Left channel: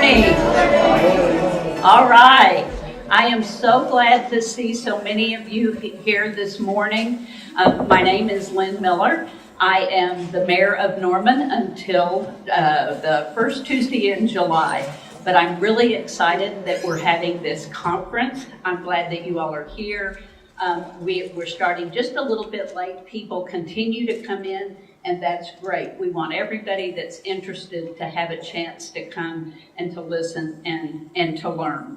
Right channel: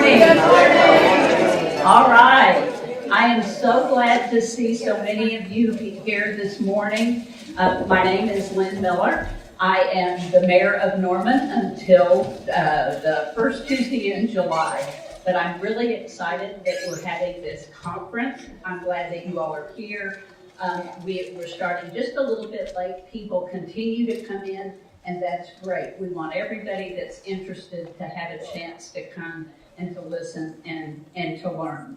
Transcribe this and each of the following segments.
morning. All right. I am so glad to see so many of you here this morning. My name is Lynne Miller. I am the mayor of Norman until the first Tuesday in July. But I'm really excited that we're having this conference. I'm glad that you all are here. We're starting just a little bit late. People continue to come in, and that's great. We want everybody that's interested to have a chance to come and to listen and to learn.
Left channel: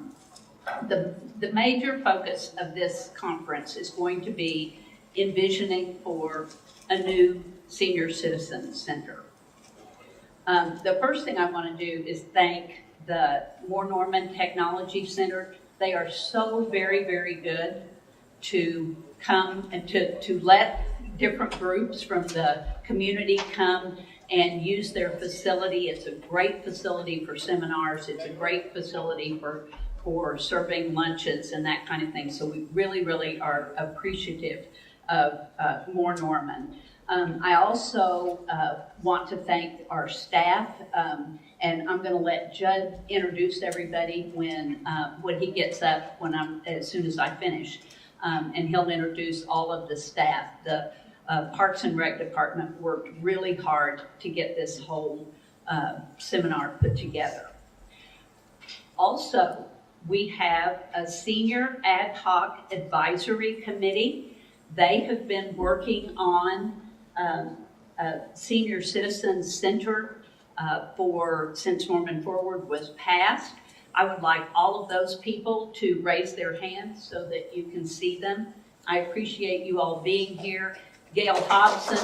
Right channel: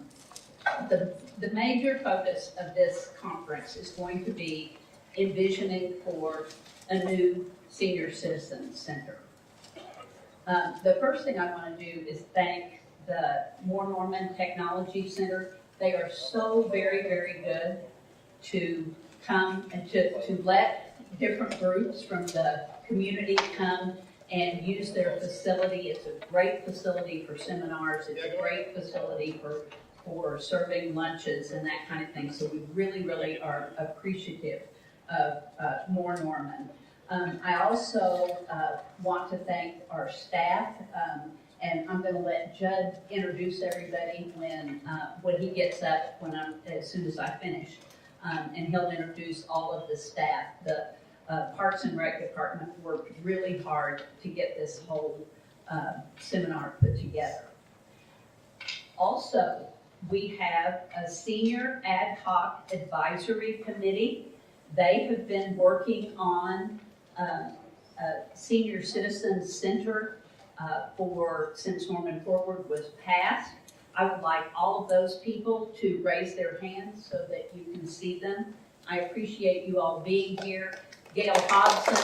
The major focus of this conference is going to be envisioning for a new senior citizen center. The first thing I want to do is thank the More Norman Technology Center. They are so very, very good to come and to let different groups from the community come and use their facility. It's a great facility for seminars. It's a great facility for serving lunches and that kind of thing. So we really, really are appreciative of More Norman. I also want to thank our staff, and I'm going to let Judd introduce everybody when he gets up as soon as I finish. And he'll introduce all of the staff. The Parks and Rec Department worked really hard to get this whole seminar put together. Also, we have a senior ad hoc advisory committee. They have been working on a senior citizen center since Norman Forward was passed. I would like all of those people to raise their hands so that you can see them. I appreciate you all being here. Gail Hobson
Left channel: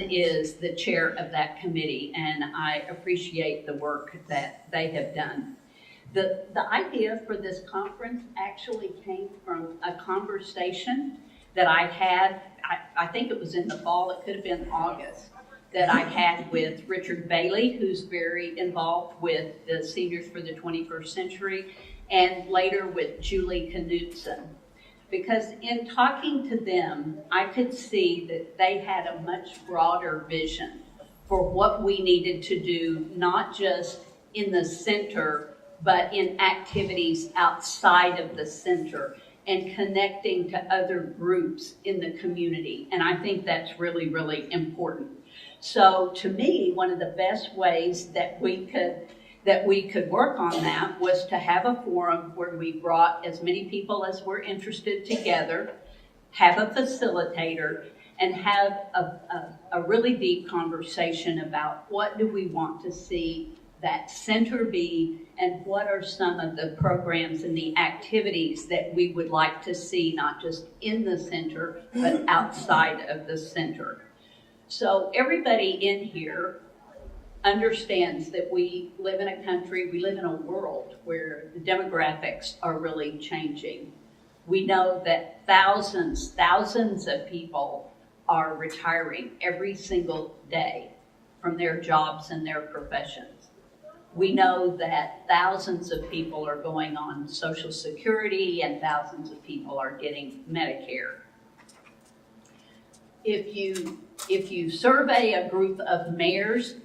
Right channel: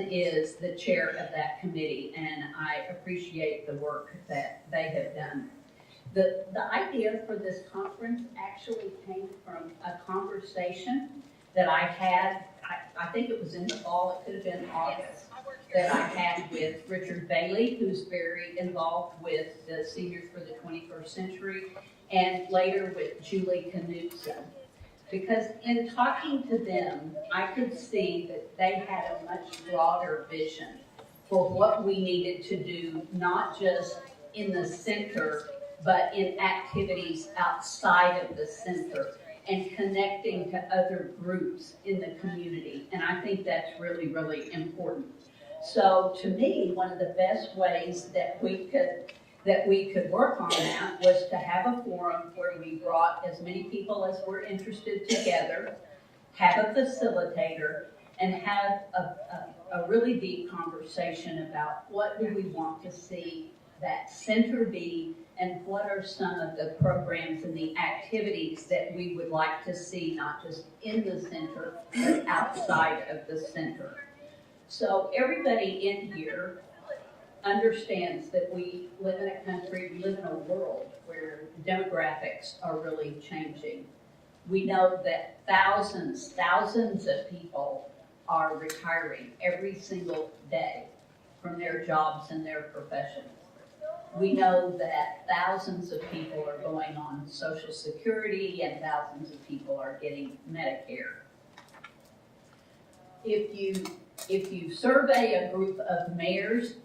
is the chair of that committee, and I appreciate the work that they have done. The idea for this conference actually came from a conversation that I had, I think it was in the fall, it could have been August, that I had with Richard Bailey, who's very involved with the Seniors for the 21st Century, and later with Julie Knutson. Because in talking to them, I could see that they had a much broader vision for what we needed to do, not just in the center, but in activities outside of the center and connecting to other groups in the community. And I think that's really, really important. So to me, one of the best ways that we could work on that was to have a forum where we brought as many people as were interested together, have a facilitator, and have a really deep conversation about what do we want to see that center be, and what are some of the programs and the activities that we would like to see, not just in the center, but outside of the center. So everybody in here understands that we live in a country, we live in a world where the demographics are really changing. We know that thousands of people are retiring every single day from their jobs and their professions. We know that thousands of people are going on Social Security and thousands of people are getting Medicare. If you survey a group of mayors,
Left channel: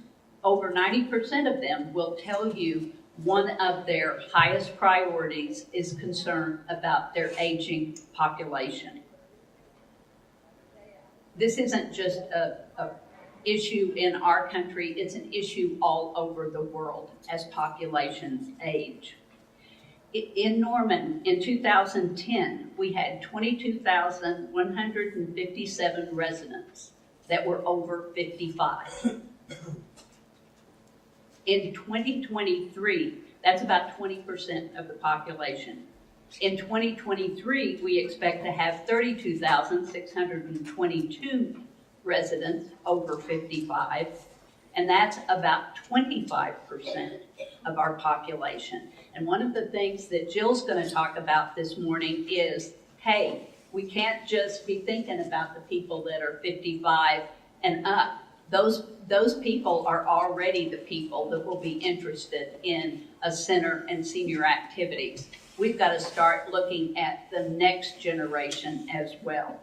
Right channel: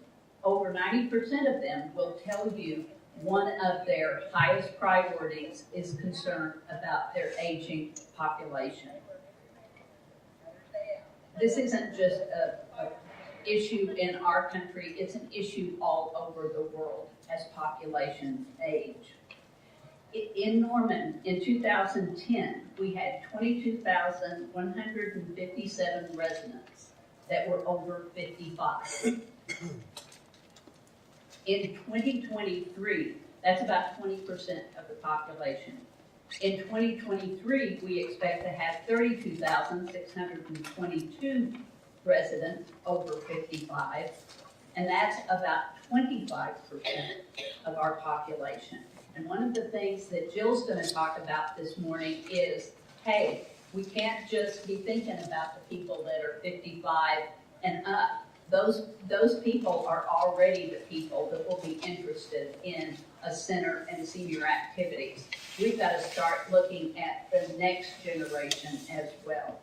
over 90% of them will tell you one of their highest priorities is concern about their aging population. This isn't just a issue in our country, it's an issue all over the world as populations age. In Norman, in 2010, we had 22,157 residents that were over 55. In 2023, that's about 20% of the population. In 2023, we expect to have 32,622 residents over 55, and that's about 25% of our population. And one of the things that Jill's going to talk about this morning is, hey, we can't just be thinking about the people that are 55 and up. Those people are already the people that will be interested in a center and senior activities. We've got to start looking at the next generation as well.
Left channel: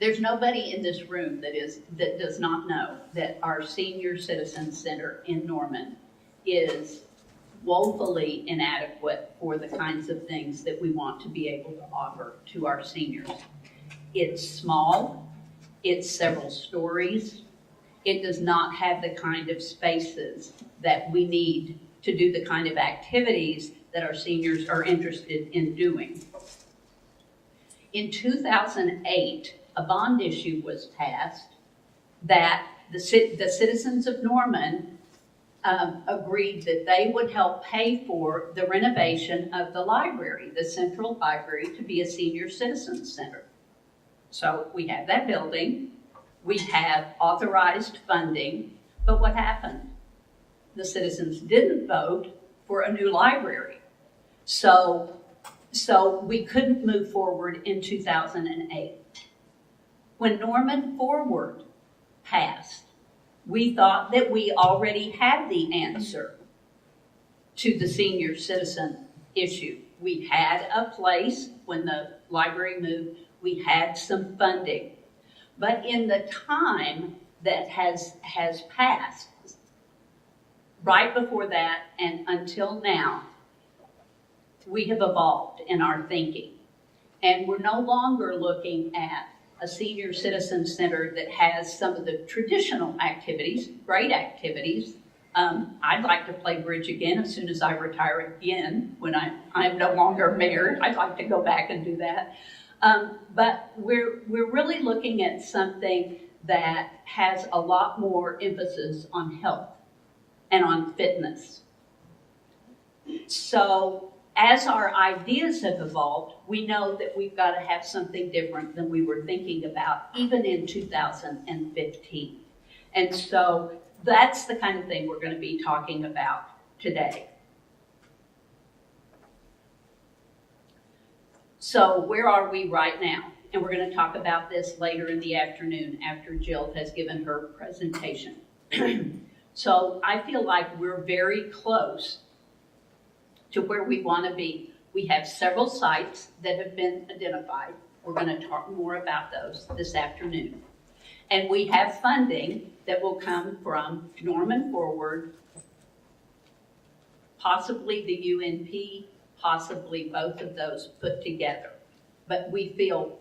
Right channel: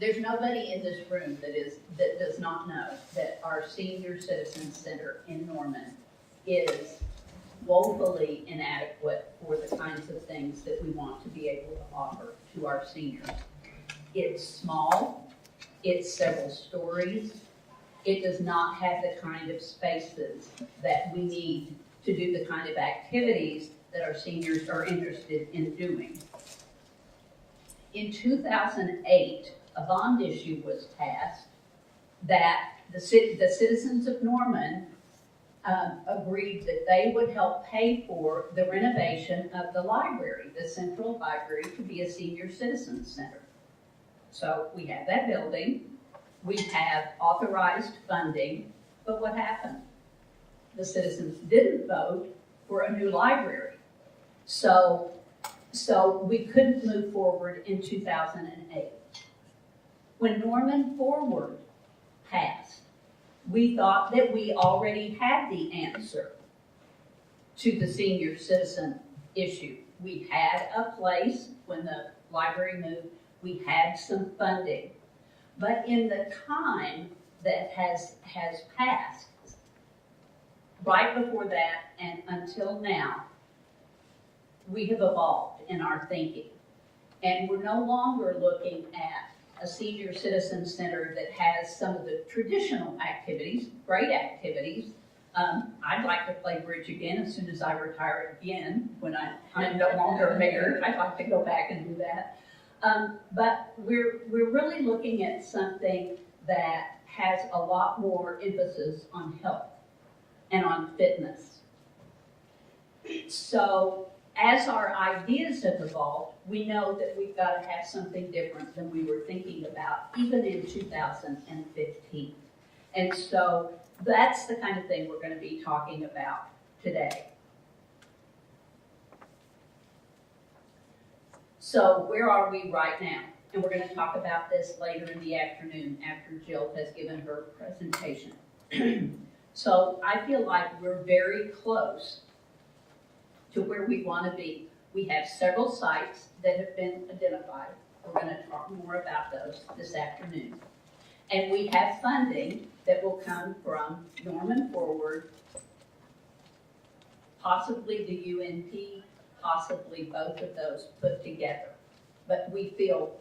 There's nobody in this room that does not know that our Senior Citizen Center in Norman is woefully inadequate for the kinds of things that we want to be able to offer to our seniors. It's small, it's several stories, it does not have the kind of spaces that we need to do the kind of activities that our seniors are interested in doing. In 2008, a bond issue was passed that the citizens of Norman agreed that they would help pay for the renovation of the library, the central library, to be a senior citizen center. So we have that building, we have authorized funding, but what happened? The citizens didn't vote for a new library. So we couldn't move forward in 2008. When Norman Forward passed, we thought that we already had the answer to the senior citizen issue. We had a place when the library moved, we had some funding. But in the time that has passed, right before that and until now, we have evolved in our thinking. And we're no longer looking at a senior citizen center that has some of the traditional activities, great activities. I'd like to play bridge again as soon as I retire again, when I am no longer mayor. I'd like to go back and do that. But we're really looking at something that has a lot more emphasis on health and on fitness. So as our ideas have evolved, we know that we've got to have something different than we were thinking about even in 2015. And so that's the kind of thing we're going to be talking about today. So where are we right now? And we're going to talk about this later in the afternoon after Jill has given her presentation. So I feel like we're very close to where we want to be. We have several sites that have been identified. We're going to talk more about those this afternoon. And we have funding that will come from Norman Forward, possibly the UNP, possibly both of those put together. But we feel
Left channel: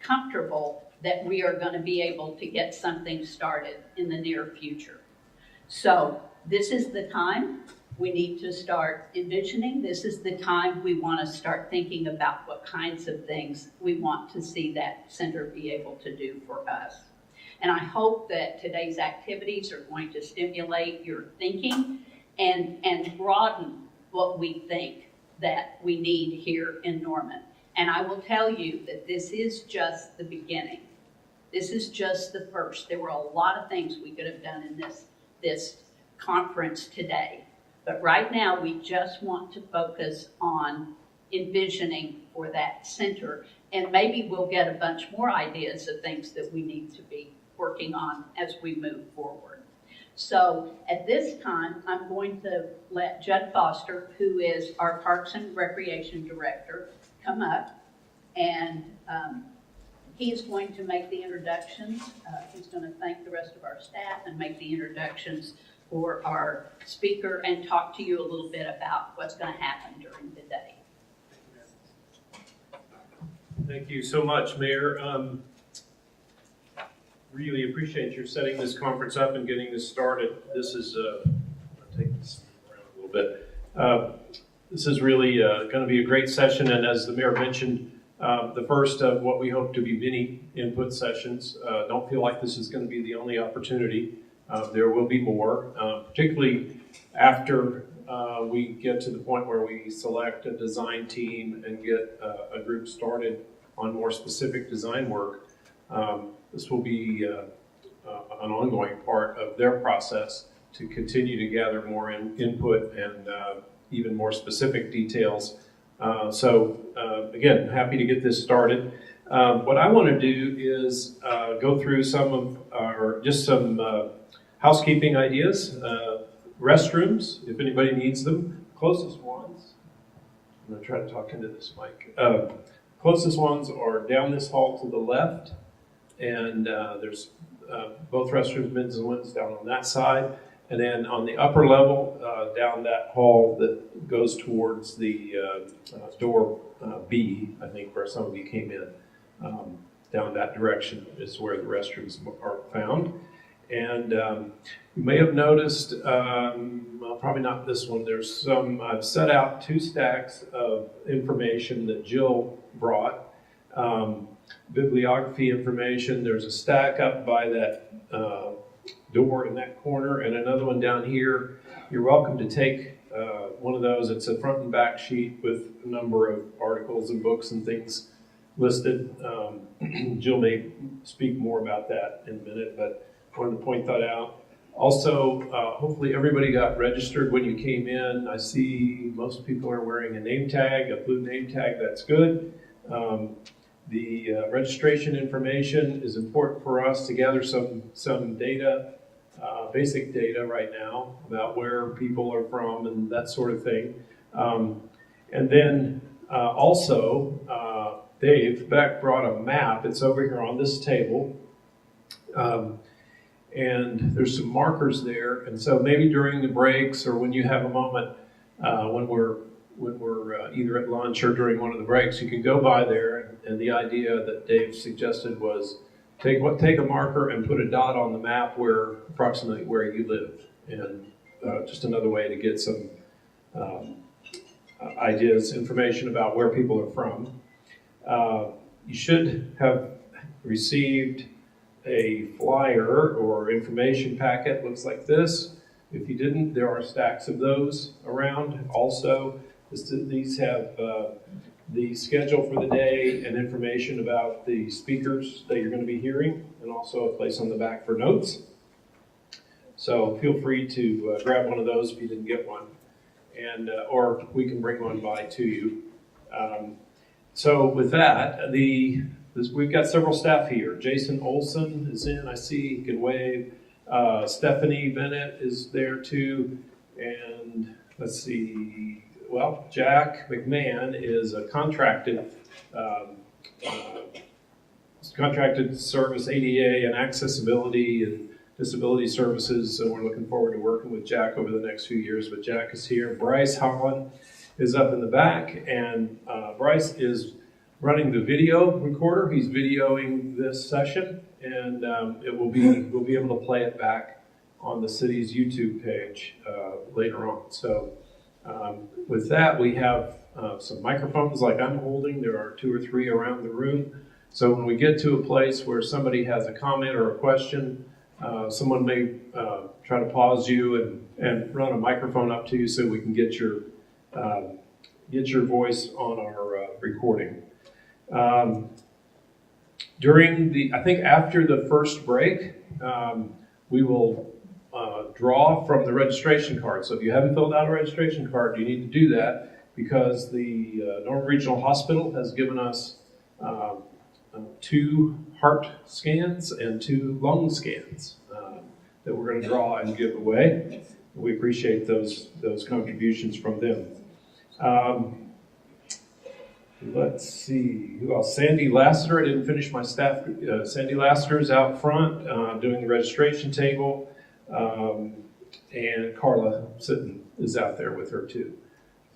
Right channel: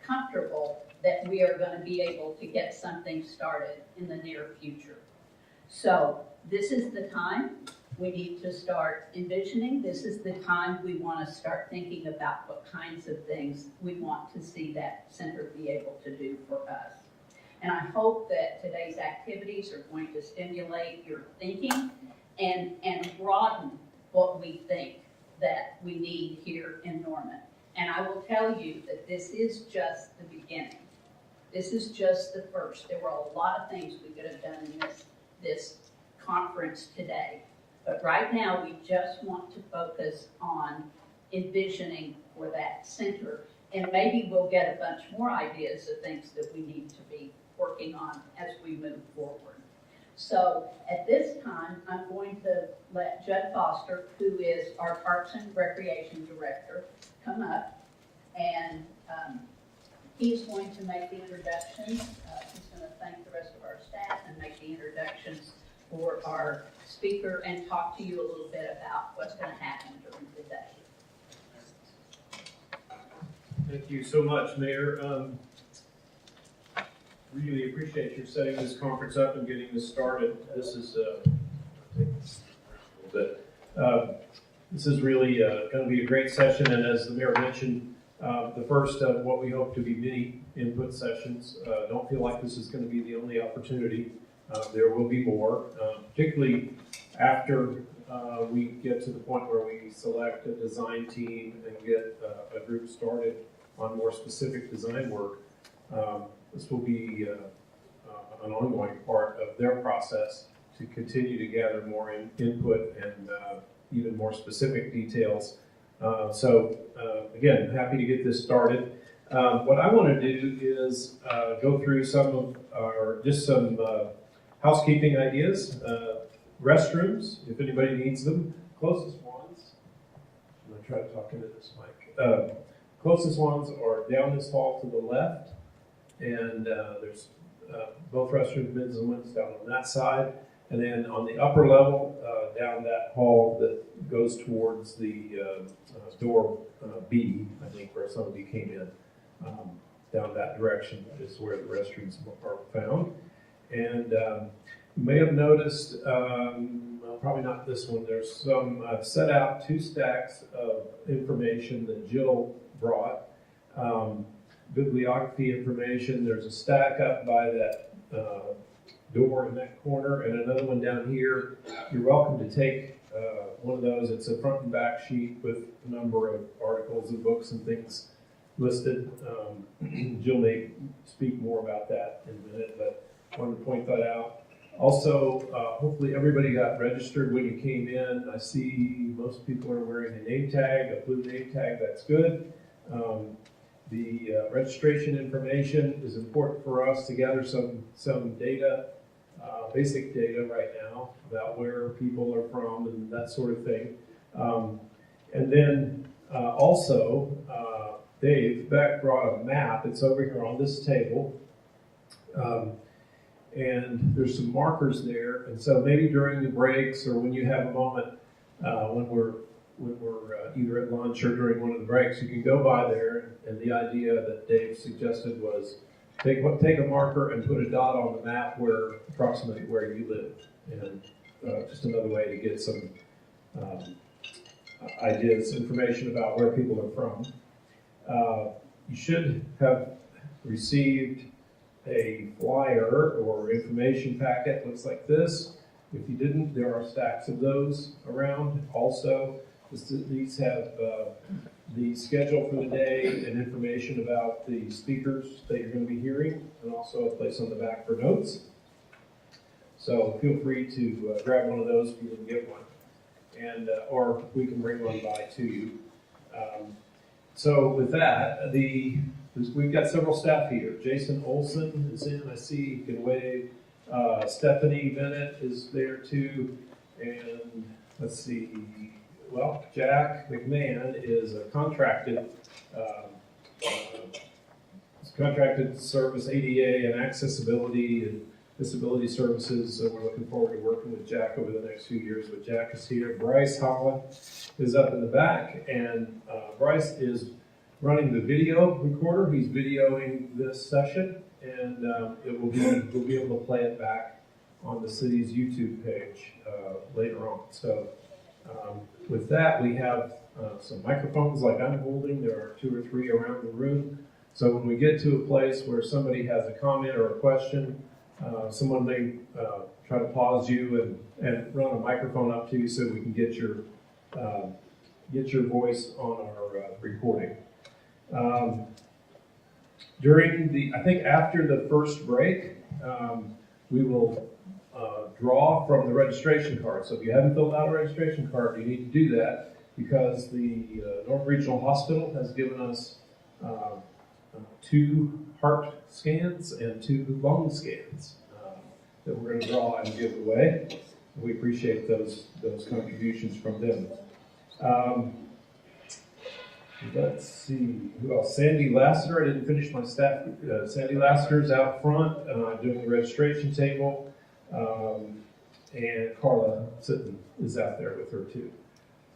comfortable that we are going to be able to get something started in the near future. So this is the time we need to start envisioning. This is the time we want to start thinking about what kinds of things we want to see that center be able to do for us. And I hope that today's activities are going to stimulate your thinking and broaden what we think that we need here in Norman. And I will tell you that this is just the beginning. This is just the first. There were a lot of things we could have done in this conference today. But right now, we just want to focus on envisioning for that center. And maybe we'll get a bunch more ideas of things that we need to be working on as we move forward. So at this time, I'm going to let Judd Foster, who is our Parks and Recreation Director, come up. And he's going to make the introductions. He's going to thank the rest of our staff and make the introductions for our speaker and talk to you a little bit about what's going to happen during the day. Thank you so much, Mayor. Really appreciate your setting this conference up and getting this started. This is, I'll take this around a little bit. This is really going to be a great session, and as the Mayor mentioned, the first of what we hope to be many input sessions. Don't feel like this is going to be the only opportunity. There will be more, particularly after we get to the point where we select a design team and get a group started on more specific design work. This will be an ongoing part of their process to continue to gather more input and even more specific details. Again, happy to get this started. What I want to do is go through some of our, just some housekeeping ideas. Restrooms, if anybody needs them. Closest ones, I'm going to try to talk into this mic. Closest ones are down this hall to the left and there's both restrooms, men's and women's, down on that side. And then on the upper level, down that hall that goes towards the door B, I think, where some of you came in, down that direction is where the restrooms are found. And you may have noticed, well, probably not this one, there's some, I've set out 2 stacks of information that Jill brought. Bibliography information. There's a stack up by that door in that corner, and another one down here. You're welcome to take one of those. It's a front and back sheet with a number of articles and books and things listed. Jill may speak more about that in a minute, but I wanted to point that out. Also, hopefully everybody got registered when you came in. I see most people are wearing a name tag, a blue name tag. That's good. The registration information is important for us to gather some data, basic data right now about where people are from and that sort of thing. And then also, Dave Beck brought a map. It's over here on this table. And there's some markers there. And so maybe during the breaks or when you have a moment when we're either at lunch or during one of the breaks, you can go by there. And the idea that Dave suggested was take a marker and put a dot on the map approximately where you live. And just another way to get some ideas, information about where people are from. You should have received a flyer or information packet, looks like this. If you didn't, there are stacks of those around also. These have the schedule for the day and information about the speakers that you're going to be hearing, and also a place on the back for notes. So feel free to grab one of those if you didn't get one, and or we can bring one by to you. So with that, we've got several staff here. Jason Olson is in, I see, he can wave. Stephanie Bennett is there too, and let's see, well, Jack McMahon is a contracted service, ADA and accessibility and disability services. So we're looking forward to working with Jack over the next few years. But Jack is here. Bryce Holland is up in the back, and Bryce is running the video recorder. He's videoing this session, and we'll be able to play it back on the city's YouTube page later on. So with that, we have some microphones like I'm holding. There are 2 or 3 around the room. So when we get to a place where somebody has a comment or a question, someone may try to pause you and run a microphone up to you so we can get your voice on our recording. I think after the first break, we will draw from the registration card. So if you haven't filled out a registration card, you need to do that because the North Regional Hospital has given us 2 heart scans and 2 lung scans that we're going to draw and give away. We appreciate those contributions from them. Let's see, who else? Sandy Lassiter, I didn't finish my staff. Sandy Lassiter is out front doing the registration table. And Carla Sitton is out there with her too.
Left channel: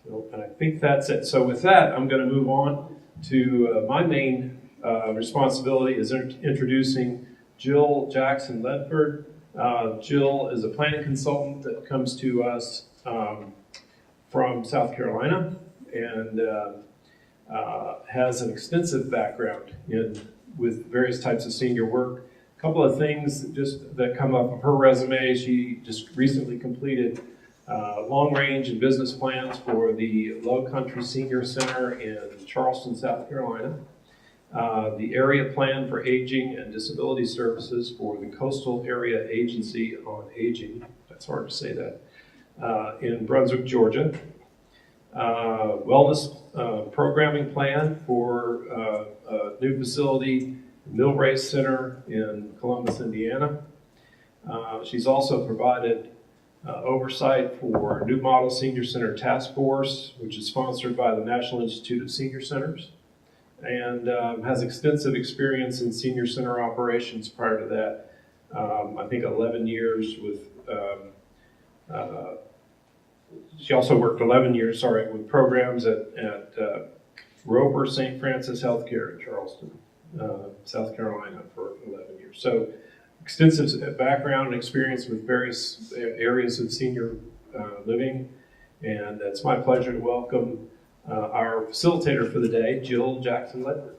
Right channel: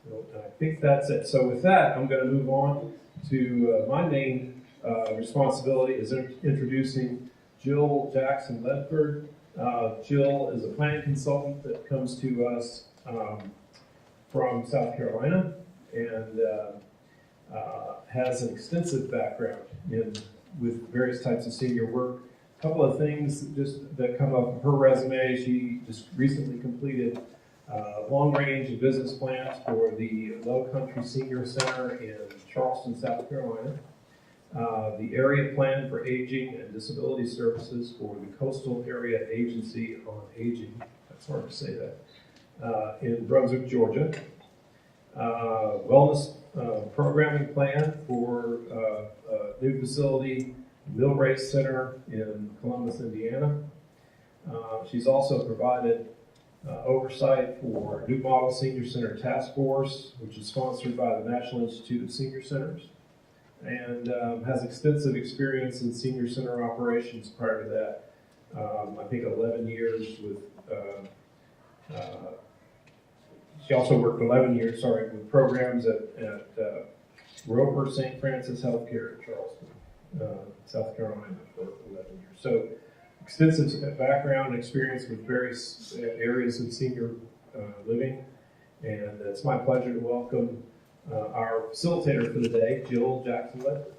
So, and I think that's it. So with that, I'm going to move on to my main responsibility is introducing Jill Jackson-Ledford. Jill is a planning consultant that comes to us from South Carolina and has an extensive background with various types of senior work. A couple of things that come up of her resume. She just recently completed long-range and business plans for the Low Country Senior Center in Charleston, South Carolina. The area plan for aging and disability services for the Coastal Area Agency on Aging, that's hard to say that, in Brunswick, Georgia. Wellness programming plan for a new facility, Millbrae Center in Columbus, Indiana. She's also provided oversight for New Model Senior Center Task Force, which is sponsored by the National Institute of Senior Centers. and has extensive experience in senior center operations prior to that. I think 11 years with, she also worked 11 years, with programs at Roper St. Francis Healthcare in Charleston, South Carolina for 11 years. So extensive background and experience with various areas of senior living. And it's my pleasure to welcome our facilitator for the day, Jill Jackson-Ledford.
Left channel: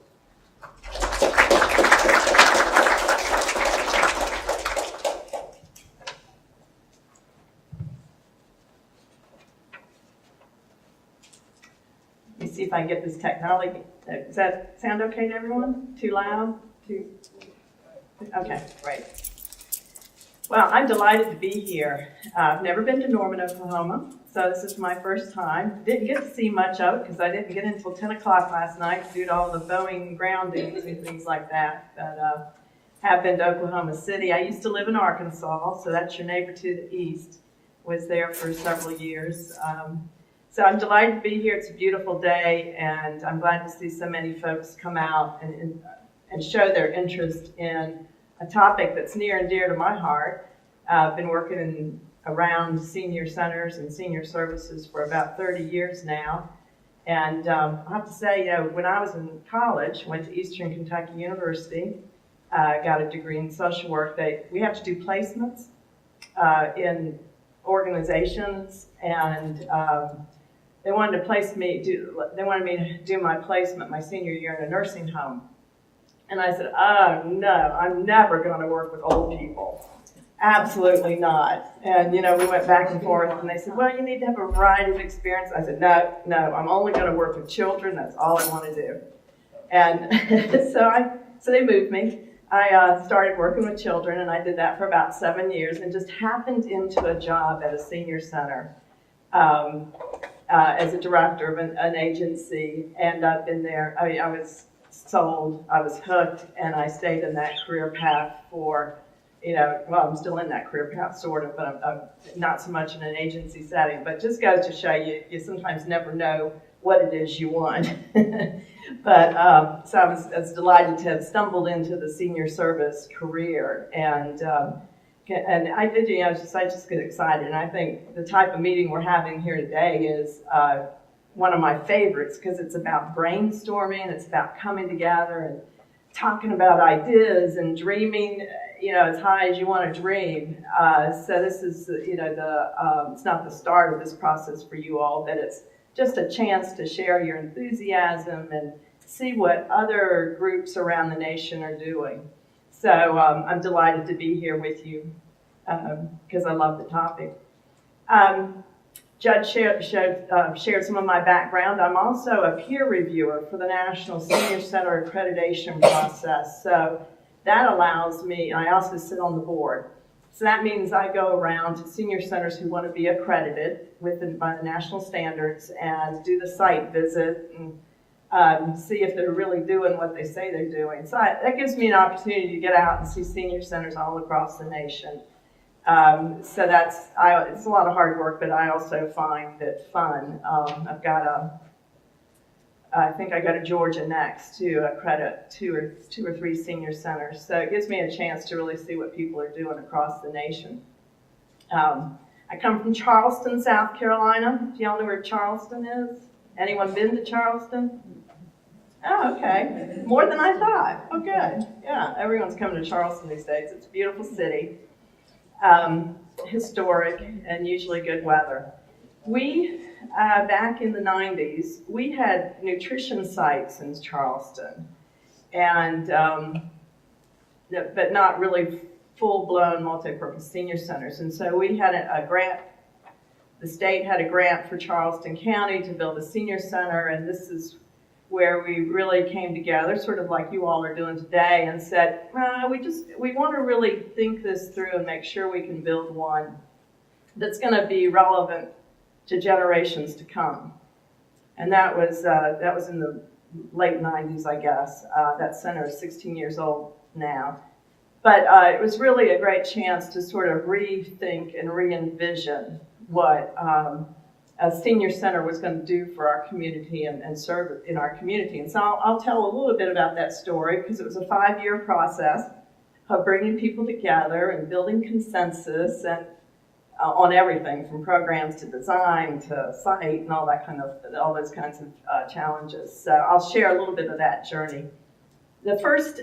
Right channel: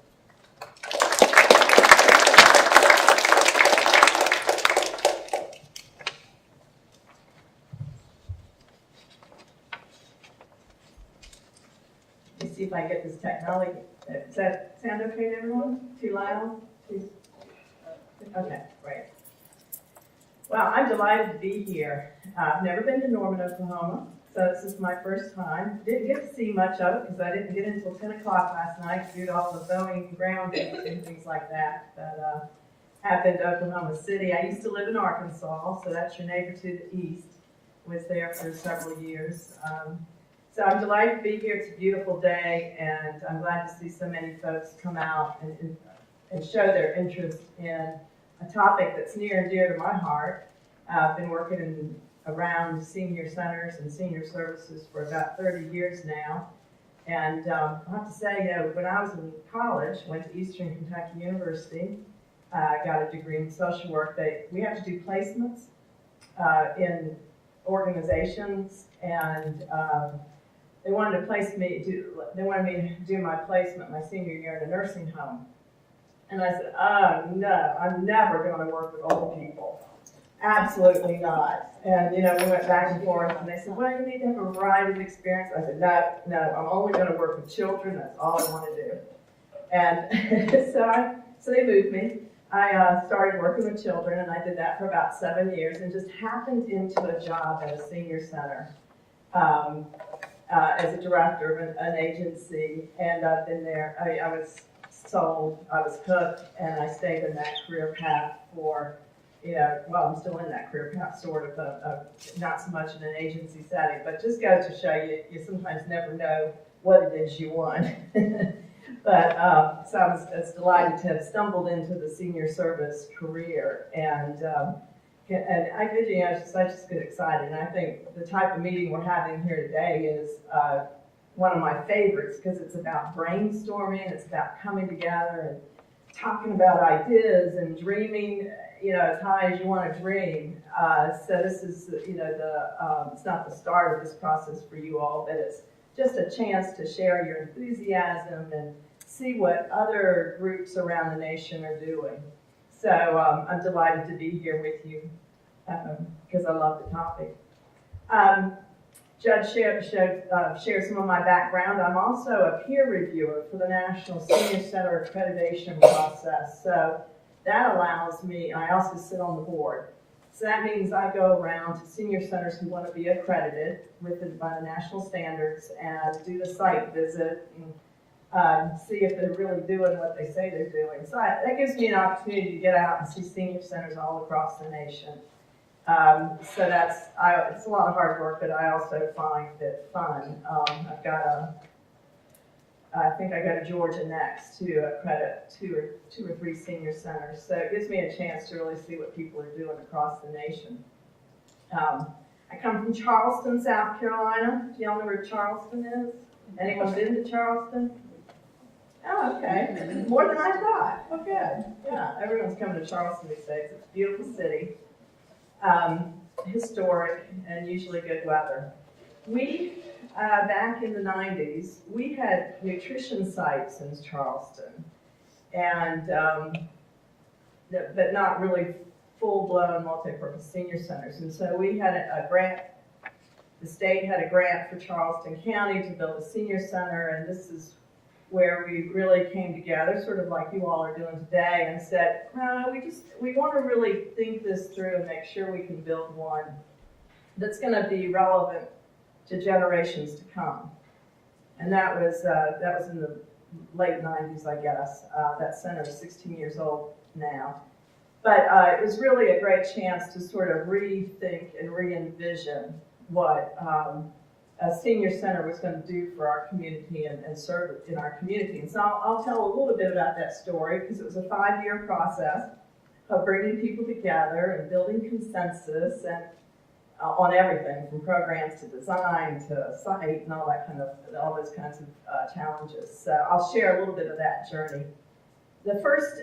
Let me see if I get this technology. Does that sound okay to everyone? Too loud? Okay, great. Well, I'm delighted to be here. I've never been to Norman, Oklahoma, so this is my first time. Didn't get to see much of it because I didn't get in until 10 o'clock last night due to all the Boeing groundings and things like that. But have been to Oklahoma City. I used to live in Arkansas, so that's your neighbor to the east. Was there for several years. So I'm delighted to be here. It's a beautiful day, and I'm glad to see so many folks come out and show their interest in a topic that's near and dear to my heart. I've been working around senior centers and senior services for about 30 years now. And I have to say, when I was in college, went to Eastern Kentucky University, got a degree in social work. We have to do placements in organizations, and they wanted me to do my placement my senior year in a nursing home. And I said, oh, no, I'm never going to work with old people. Absolutely not. And, we went back and forth, and they said, well, you need to have a variety of experience. I said, no, I'm only going to work with children. That's all I want to do. And so they moved me. I started working with children, and I did that for about 7 years and just happened into a job at a senior center as a director of an agency. And I've been there. I was sold, I was hooked, and I stayed in that career path for, I'm still in that career path sort of, but I'm not so much in an agency setting, but just goes to show you sometimes never know what it is you want. But so I was delighted to have stumbled into the senior service career, and I did, I just get excited, and I think the type of meeting we're having here today is one of my favorites because it's about brainstorming, it's about coming together and talking about ideas and dreaming, as high as you want to dream. So this is, it's not the start of this process for you all, but it's just a chance to share your enthusiasm and see what other groups around the nation are doing. So I'm delighted to be here with you because I love the topic. Judge shared some of my background. I'm also a peer reviewer for the National Senior Center Accreditation process. So that allows me, I also sit on the board. So that means I go around to senior centers who want to be accredited by the national standards and do the site visit and see if they're really doing what they say they're doing. So that gives me an opportunity to get out and see senior centers all across the nation. So it's a lot of hard work, but I also find it fun. I think I go to Georgia next to accredit two or three senior centers. So it gives me a chance to really see what people are doing across the nation. I come from Charleston, South Carolina. Do y'all know where Charleston is? Anyone been to Charleston? Oh, okay. More than I thought. Oh, good. Yeah, everyone's coming to Charleston these days. It's a beautiful city. Historic and usually good weather. We, back in the 90s, we had nutrition sites in Charleston, and but not really full-blown multi-purpose senior centers. And so we had a grant, the state had a grant for Charleston County to build a senior center, and this is where we really came together, sort of like you all are doing today, and said, we want to really think this through and make sure we can build one that's going to be relevant to generations to come. And that was in the late 90s, I guess. That center is 16 years old now. But it was really a great chance to sort of rethink and re-envision what a senior center was going to do for our community and serve in our community. And so I'll tell a little bit about that story because it was a 5-year process of bringing people together and building consensus and on everything from programs to design to site and all those kinds of challenges. So I'll share a little bit of that journey. The first,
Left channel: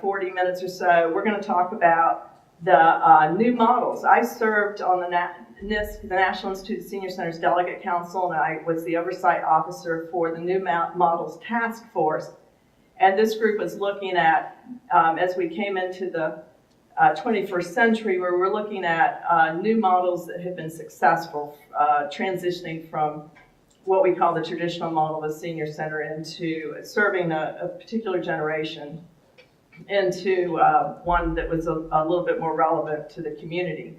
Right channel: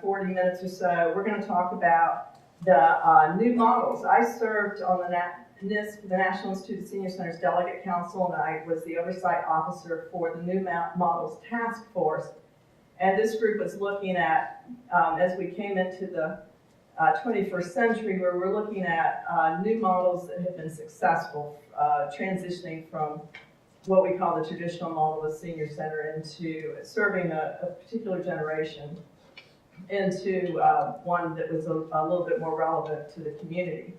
40 minutes or so, we're going to talk about the new models. I served on the National Institute of Senior Centers Delegate Council, and I was the oversight officer for the New Models Task Force. And this group was looking at, as we came into the 21st century, where we're looking at new models that have been successful, transitioning from what we call the traditional model of a senior center into serving a particular generation into one that was a little bit more relevant to the community.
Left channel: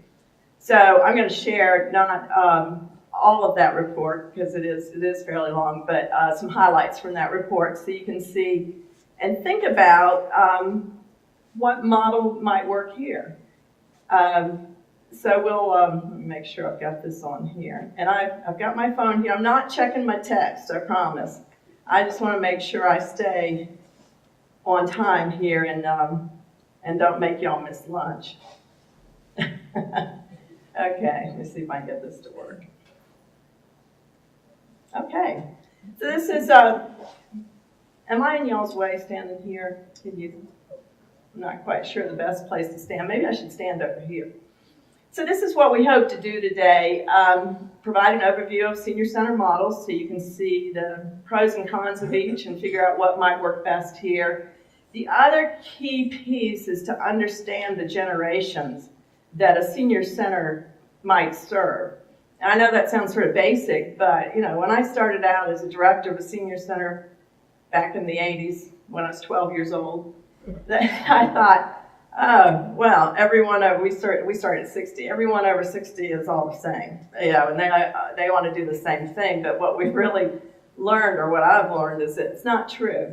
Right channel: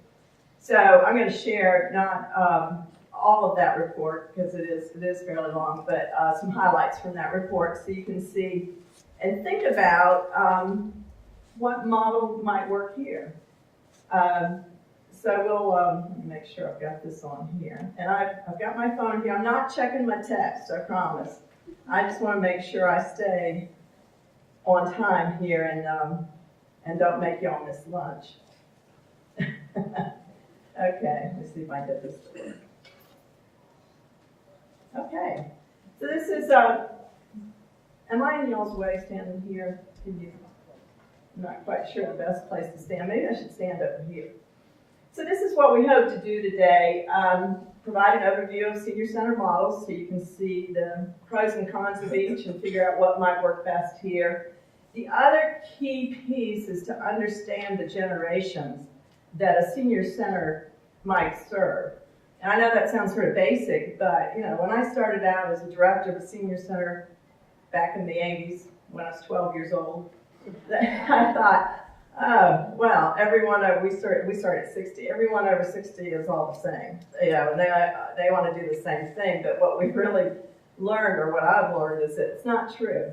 So I'm going to share not all of that report because it is fairly long, but some highlights from that report so you can see and think about what model might work here. So we'll let me make sure I've got this on here. And I've got my phone here. I'm not checking my text, I promise. I just want to make sure I stay on time here and don't make y'all miss lunch. Okay, let me see if I can get this to work. Okay, so this is, am I in y'all's way standing here? I'm not quite sure the best place to stand. Maybe I should stand over here. So this is what we hope to do today, provide an overview of senior center models so you can see the pros and cons of each and figure out what might work best here. The other key piece is to understand the generations that a senior center might serve. And I know that sounds sort of basic, but when I started out as a director of a senior center back in the 80s, when I was 12 years old, I thought, oh, well, everyone over, we started at 60. Everyone over 60 is all the same, and they want to do the same thing. But what we've really learned, or what I've learned, is that it's not true.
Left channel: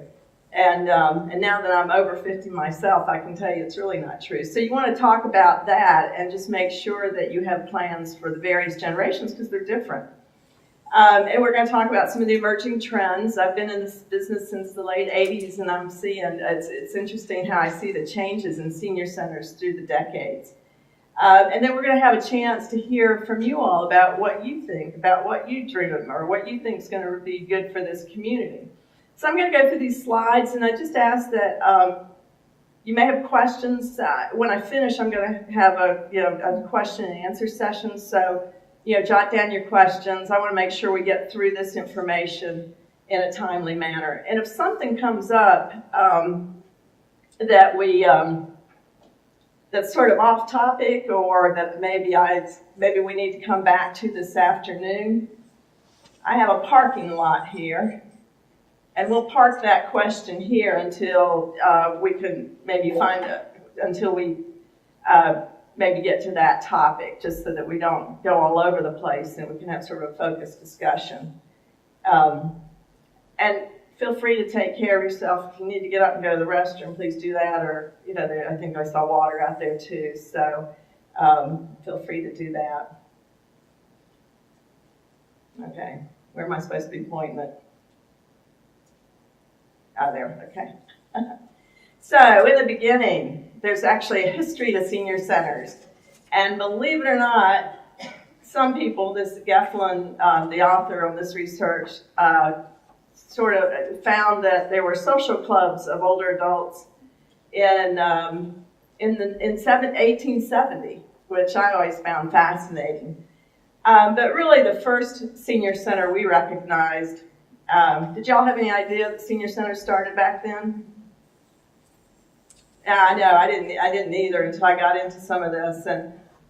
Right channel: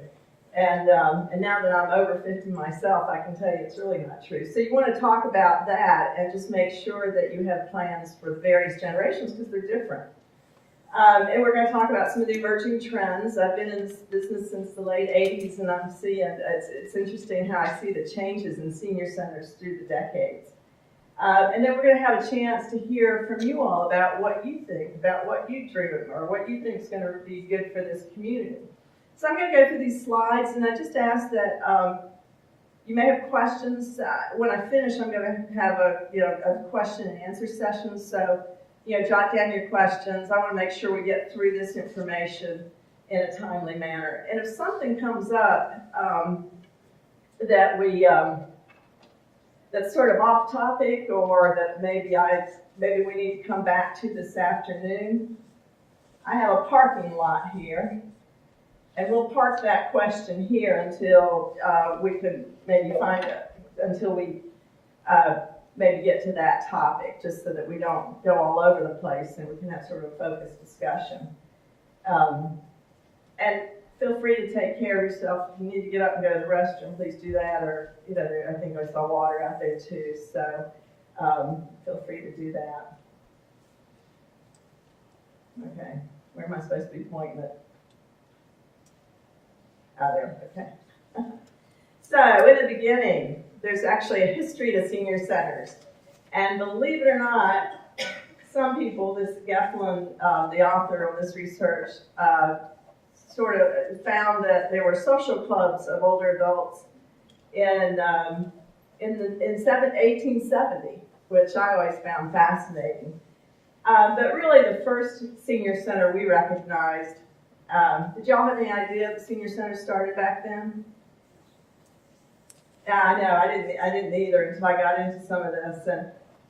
And now that I'm over 50 myself, I can tell you it's really not true. So you want to talk about that and just make sure that you have plans for the various generations because they're different. And we're going to talk about some of the emerging trends. I've been in this business since the late 80s, and I'm seeing, it's interesting how I see the changes in senior centers through the decades. And then we're going to have a chance to hear from you all about what you think, about what you dream of, or what you think is going to be good for this community. So I'm going to go through these slides, and I just ask that you may have questions. When I finish, I'm going to have a question and answer session. So jot down your questions. I want to make sure we get through this information in a timely manner. And if something comes up that that's sort of off topic, or that maybe we need to come back to this afternoon, I have a parking lot here. And we'll park that question here until we can maybe until we maybe get to that topic, just so that we don't go all over the place and we can have sort of a focused discussion. And feel free to take care of yourself. If you need to get up and go to the restroom, please do that. Or, I think I saw water out there too, so feel free to do that. Okay, where am I supposed to be pointing it? Oh, there, okay. So, in the beginning, there's actually a history to senior centers. And believe it or not, some people, this Geflin, the author of this research, sort of found that there were social clubs of older adults in 1870, which I always found fascinating. But really, the first senior center we recognized, did y'all have any idea the senior center started back then? Yeah, I know, I didn't either until I got into some of this.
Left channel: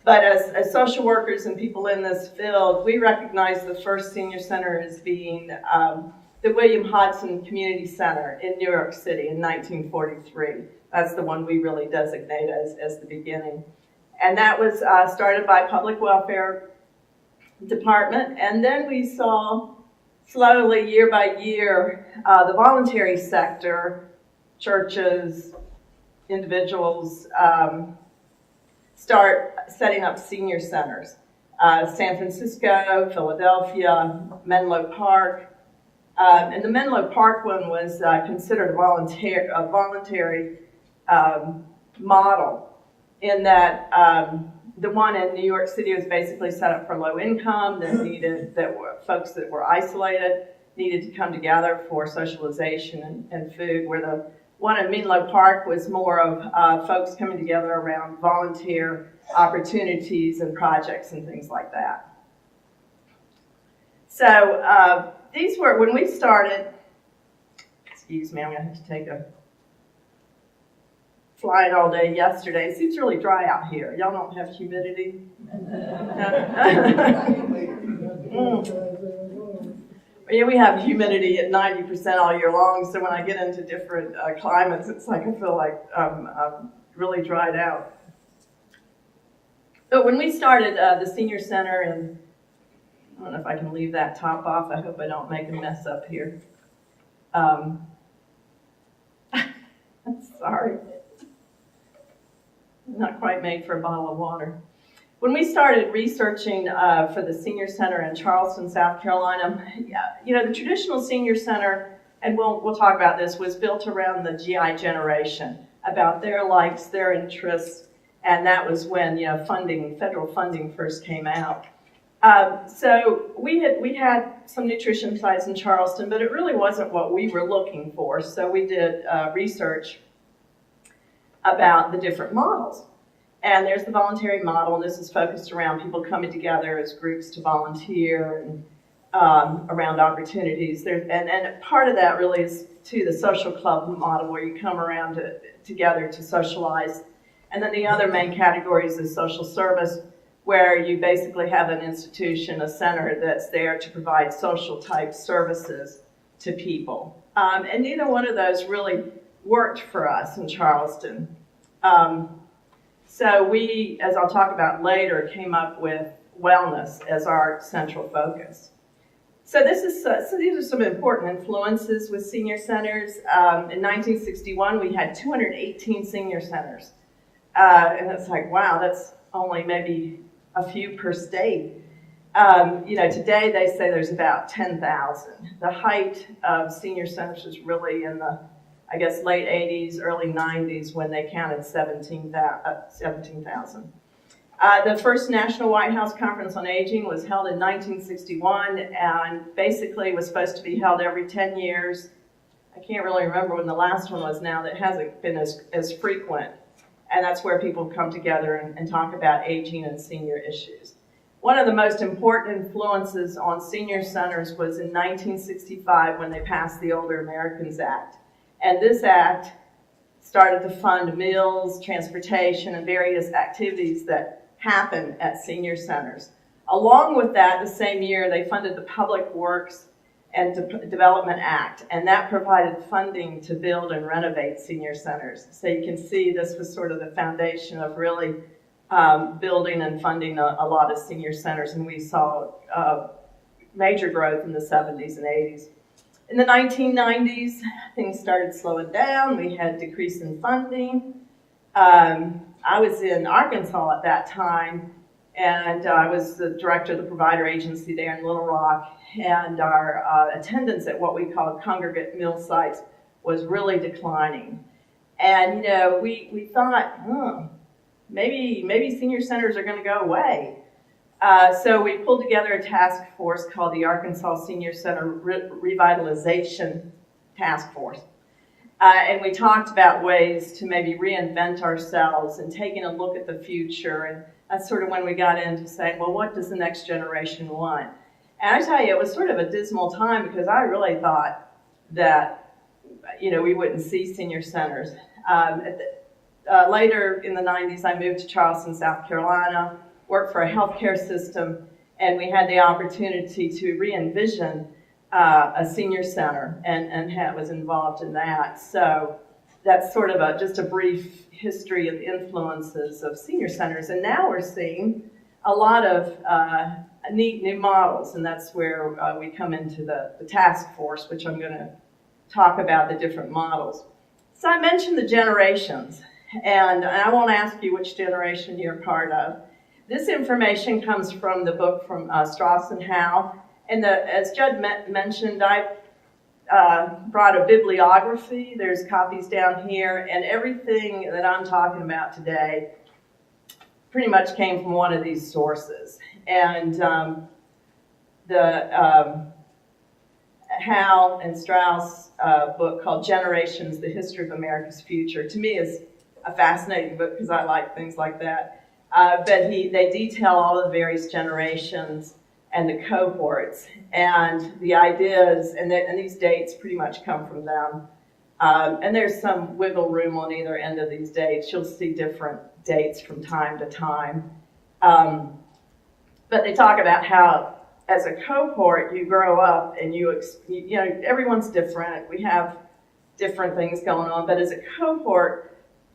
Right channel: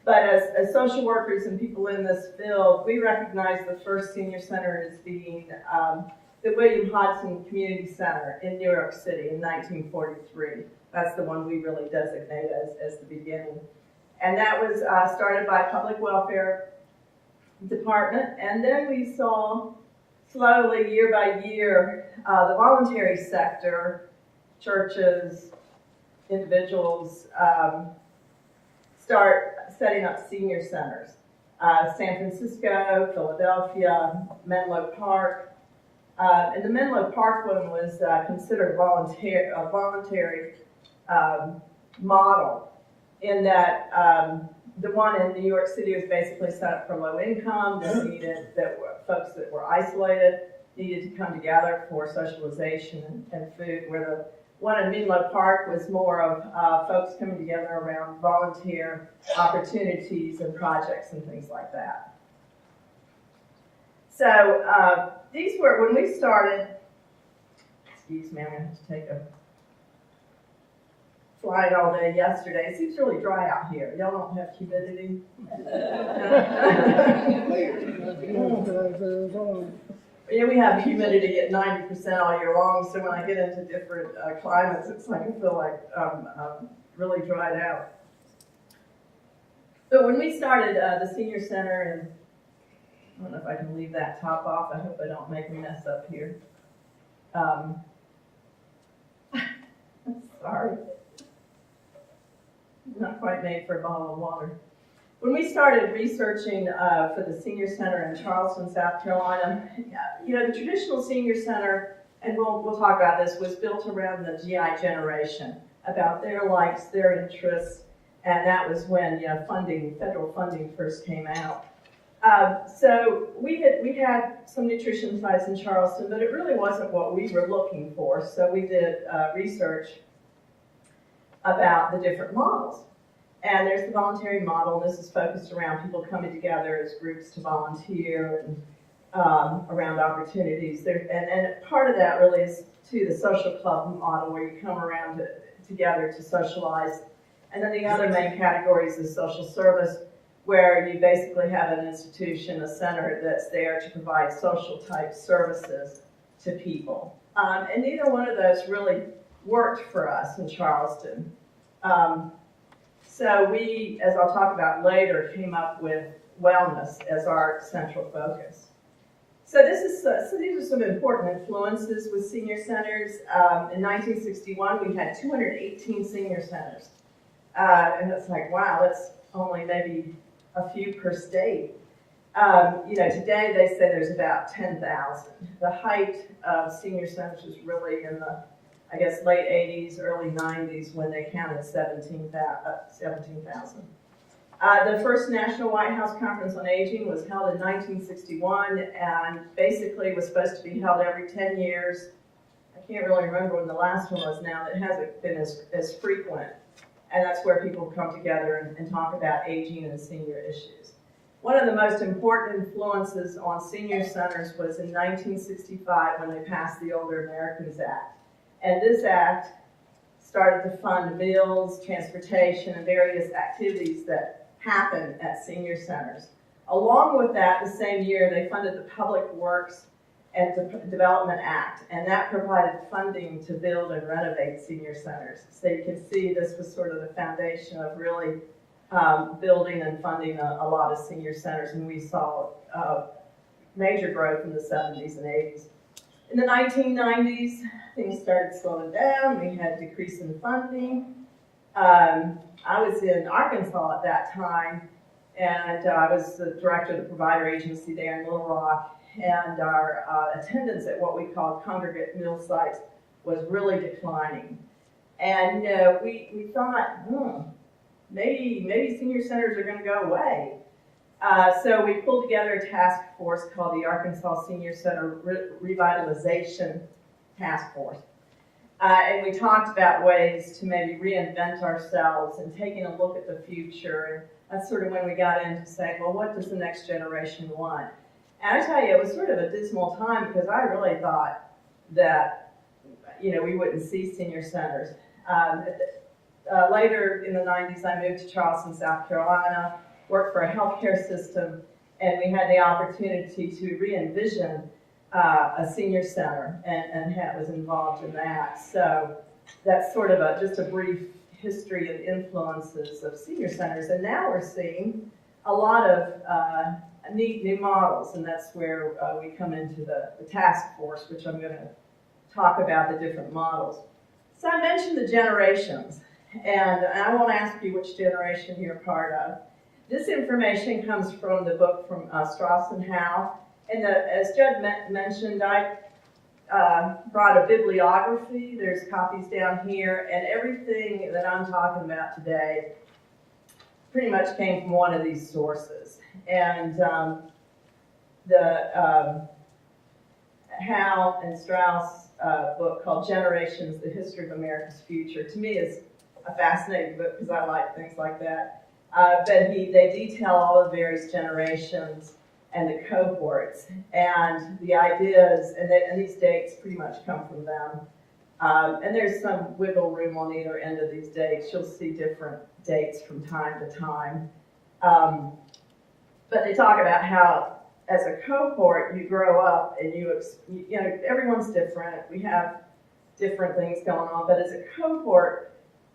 But as social workers and people in this field, we recognize the first senior center as being the William Hodson Community Center in New York City in 1943. That's the one we really designate as the beginning. And that was started by Public Welfare Department. And then we saw slowly, year by year, the voluntary sector, churches, individuals, start setting up senior centers. San Francisco, Philadelphia, Menlo Park. And the Menlo Park one was considered a voluntary model, in that the one in New York City was basically set up for low income, folks that were isolated needed to come together for socialization and food, where the one in Menlo Park was more of folks coming together around volunteer opportunities and projects and things like that. So these were, when we started, excuse me, I'm going to have to take a flying all day yesterday. It seems really dry out here. Y'all don't have humidity? Yeah, we have humidity at 90% all year long, so when I get into different climates, it's like I feel like I'm really dried out. But when we started the senior center, and I don't know if I can leave that top off. I hope I don't make a mess up here. Sorry. Not quite made for a bottle of water. When we started researching for the senior center in Charleston, South Carolina, the traditional senior center, and we'll talk about this, was built around the GI generation, about their likes, their interests, and that was when federal funding first came out. So we had some nutrition sites in Charleston, but it really wasn't what we were looking for. So we did research about the different models. And there's the voluntary model, and this is focused around people coming together as groups to volunteer and around opportunities. And part of that really is to the social club model, where you come around together to socialize. And then the other main categories is social service, where you basically have an institution, a center that's there to provide social type services to people. And neither one of those really worked for us in Charleston. So we, as I'll talk about later, came up with wellness as our central focus. So these are some important influences with senior centers. In 1961, we had 218 senior centers. And it's like, wow, that's only maybe a few per state. Today they say there's about 10,000. The height of senior centers was really in the, late 80s, early 90s, when they counted 17,000. The first National White House Conference on Aging was held in 1961, and basically was supposed to be held every 10 years. I can't really remember when the last one was now. That hasn't been as frequent. And that's where people come together and talk about aging and senior issues. One of the most important influences on senior centers was in 1965, when they passed the Older Americans Act. And this act started to fund meals, transportation, and various activities that happen at senior centers. Along with that, the same year, they funded the Public Works and Development Act, and that provided funding to build and renovate senior centers. So you can see this was sort of the foundation of really building and funding a lot of senior centers, and we saw major growth in the 70s and 80s. In the 1990s, things started slowing down. We had decrease in funding. I was in Arkansas at that time, and I was the director of the provider agency there in Little Rock, and our attendance at what we called congregate meal sites was really declining. And we thought, maybe senior centers are going to go away. So we pulled together a task force called the Arkansas Senior Center Revitalization Task Force. And we talked about ways to maybe reinvent ourselves and taking a look at the future. And that's sort of when we got into saying, well, what does the next generation want? And I tell you, it was sort of a dismal time, because I really thought that, we wouldn't see senior centers. Later in the 90s, I moved to Charleston, South Carolina, worked for a healthcare system, and we had the opportunity to re-envision a senior center, and was involved in that. So that's sort of just a brief history of influences of senior centers. And now we're seeing a lot of neat new models, and that's where we come into the task force, which I'm going to talk about the different models. So I mentioned the generations, and I won't ask you which generation you're part of. This information comes from the book from Strauss and Howe. And as Judd mentioned, I brought a bibliography. There's copies down here, and everything that I'm talking about today pretty much came from one of these sources. And the Howe and Strauss book called Generations, The History of America's Future, to me is a fascinating book because I like things like that. But they detail all the various generations and the cohorts, and the ideas, and these dates pretty much come from them. And there's some wiggle room on either end of these dates. You'll see different dates from time to time. But they talk about how, as a cohort, you grow up and you know, everyone's different. We have different things going on, but as a cohort,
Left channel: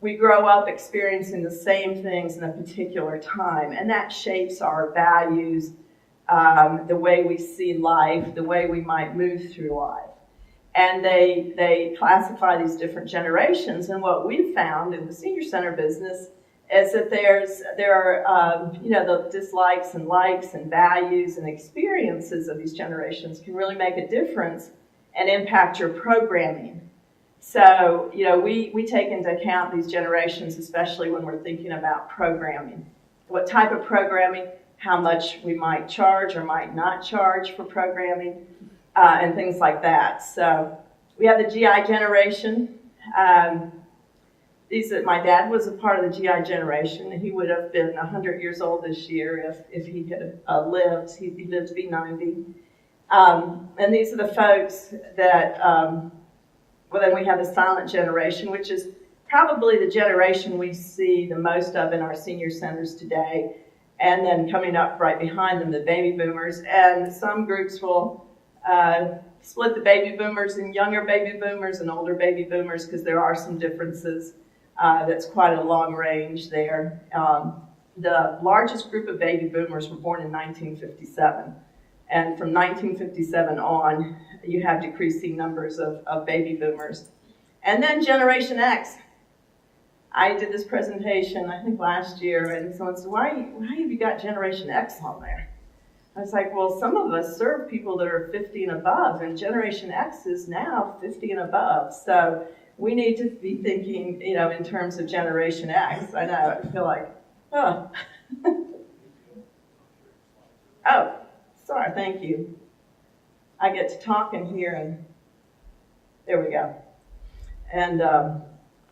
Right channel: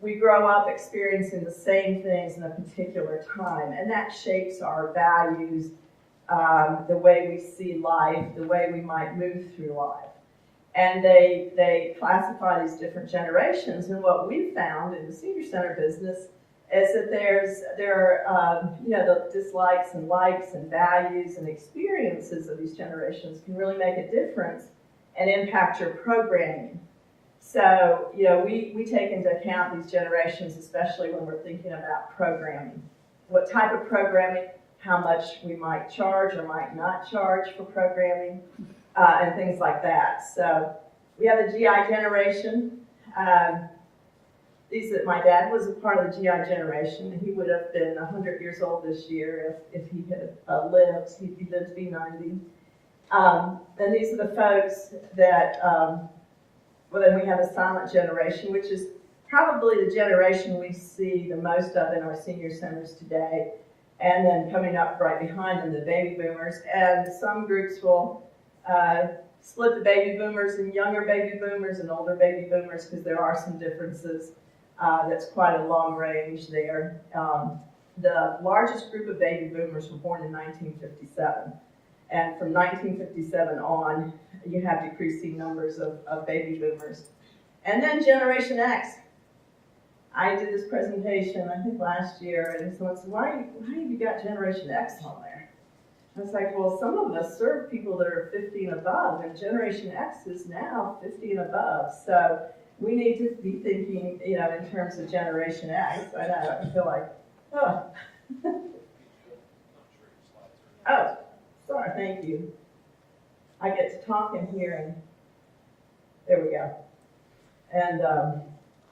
we grow up experiencing the same things in a particular time, and that shapes our values, the way we see life, the way we might move through life. And they classify these different generations, and what we found in the senior center business is that there are you know, the dislikes and likes and values and experiences of these generations can really make a difference and impact your programming. So, you know, we take into account these generations, especially when we're thinking about programming. What type of programming, how much we might charge or might not charge for programming, and things like that. So we have the GI generation. My dad was a part of the GI generation, and he would have been 100 years old this year if he had lived. He lived to be 90. And these are the folks that, well, then we have the silent generation, which is probably the generation we see the most of in our senior centers today. And then coming up right behind them, the baby boomers. And some groups will split the baby boomers in younger baby boomers and older baby boomers, because there are some differences. That's quite a long range there. The largest group of baby boomers were born in 1957. And from 1957 on, you have decreasing numbers of baby boomers. And then Generation X. I did this presentation, I think last year, and someone said, why have you got Generation X on there? I was like, well, some of us serve people that are 50 and above, and Generation X is now 50 and above. So we need to be thinking, you know, in terms of Generation X. I know, I feel like, oh. Oh, sorry, thank you. I get to talk in here, and there we go. And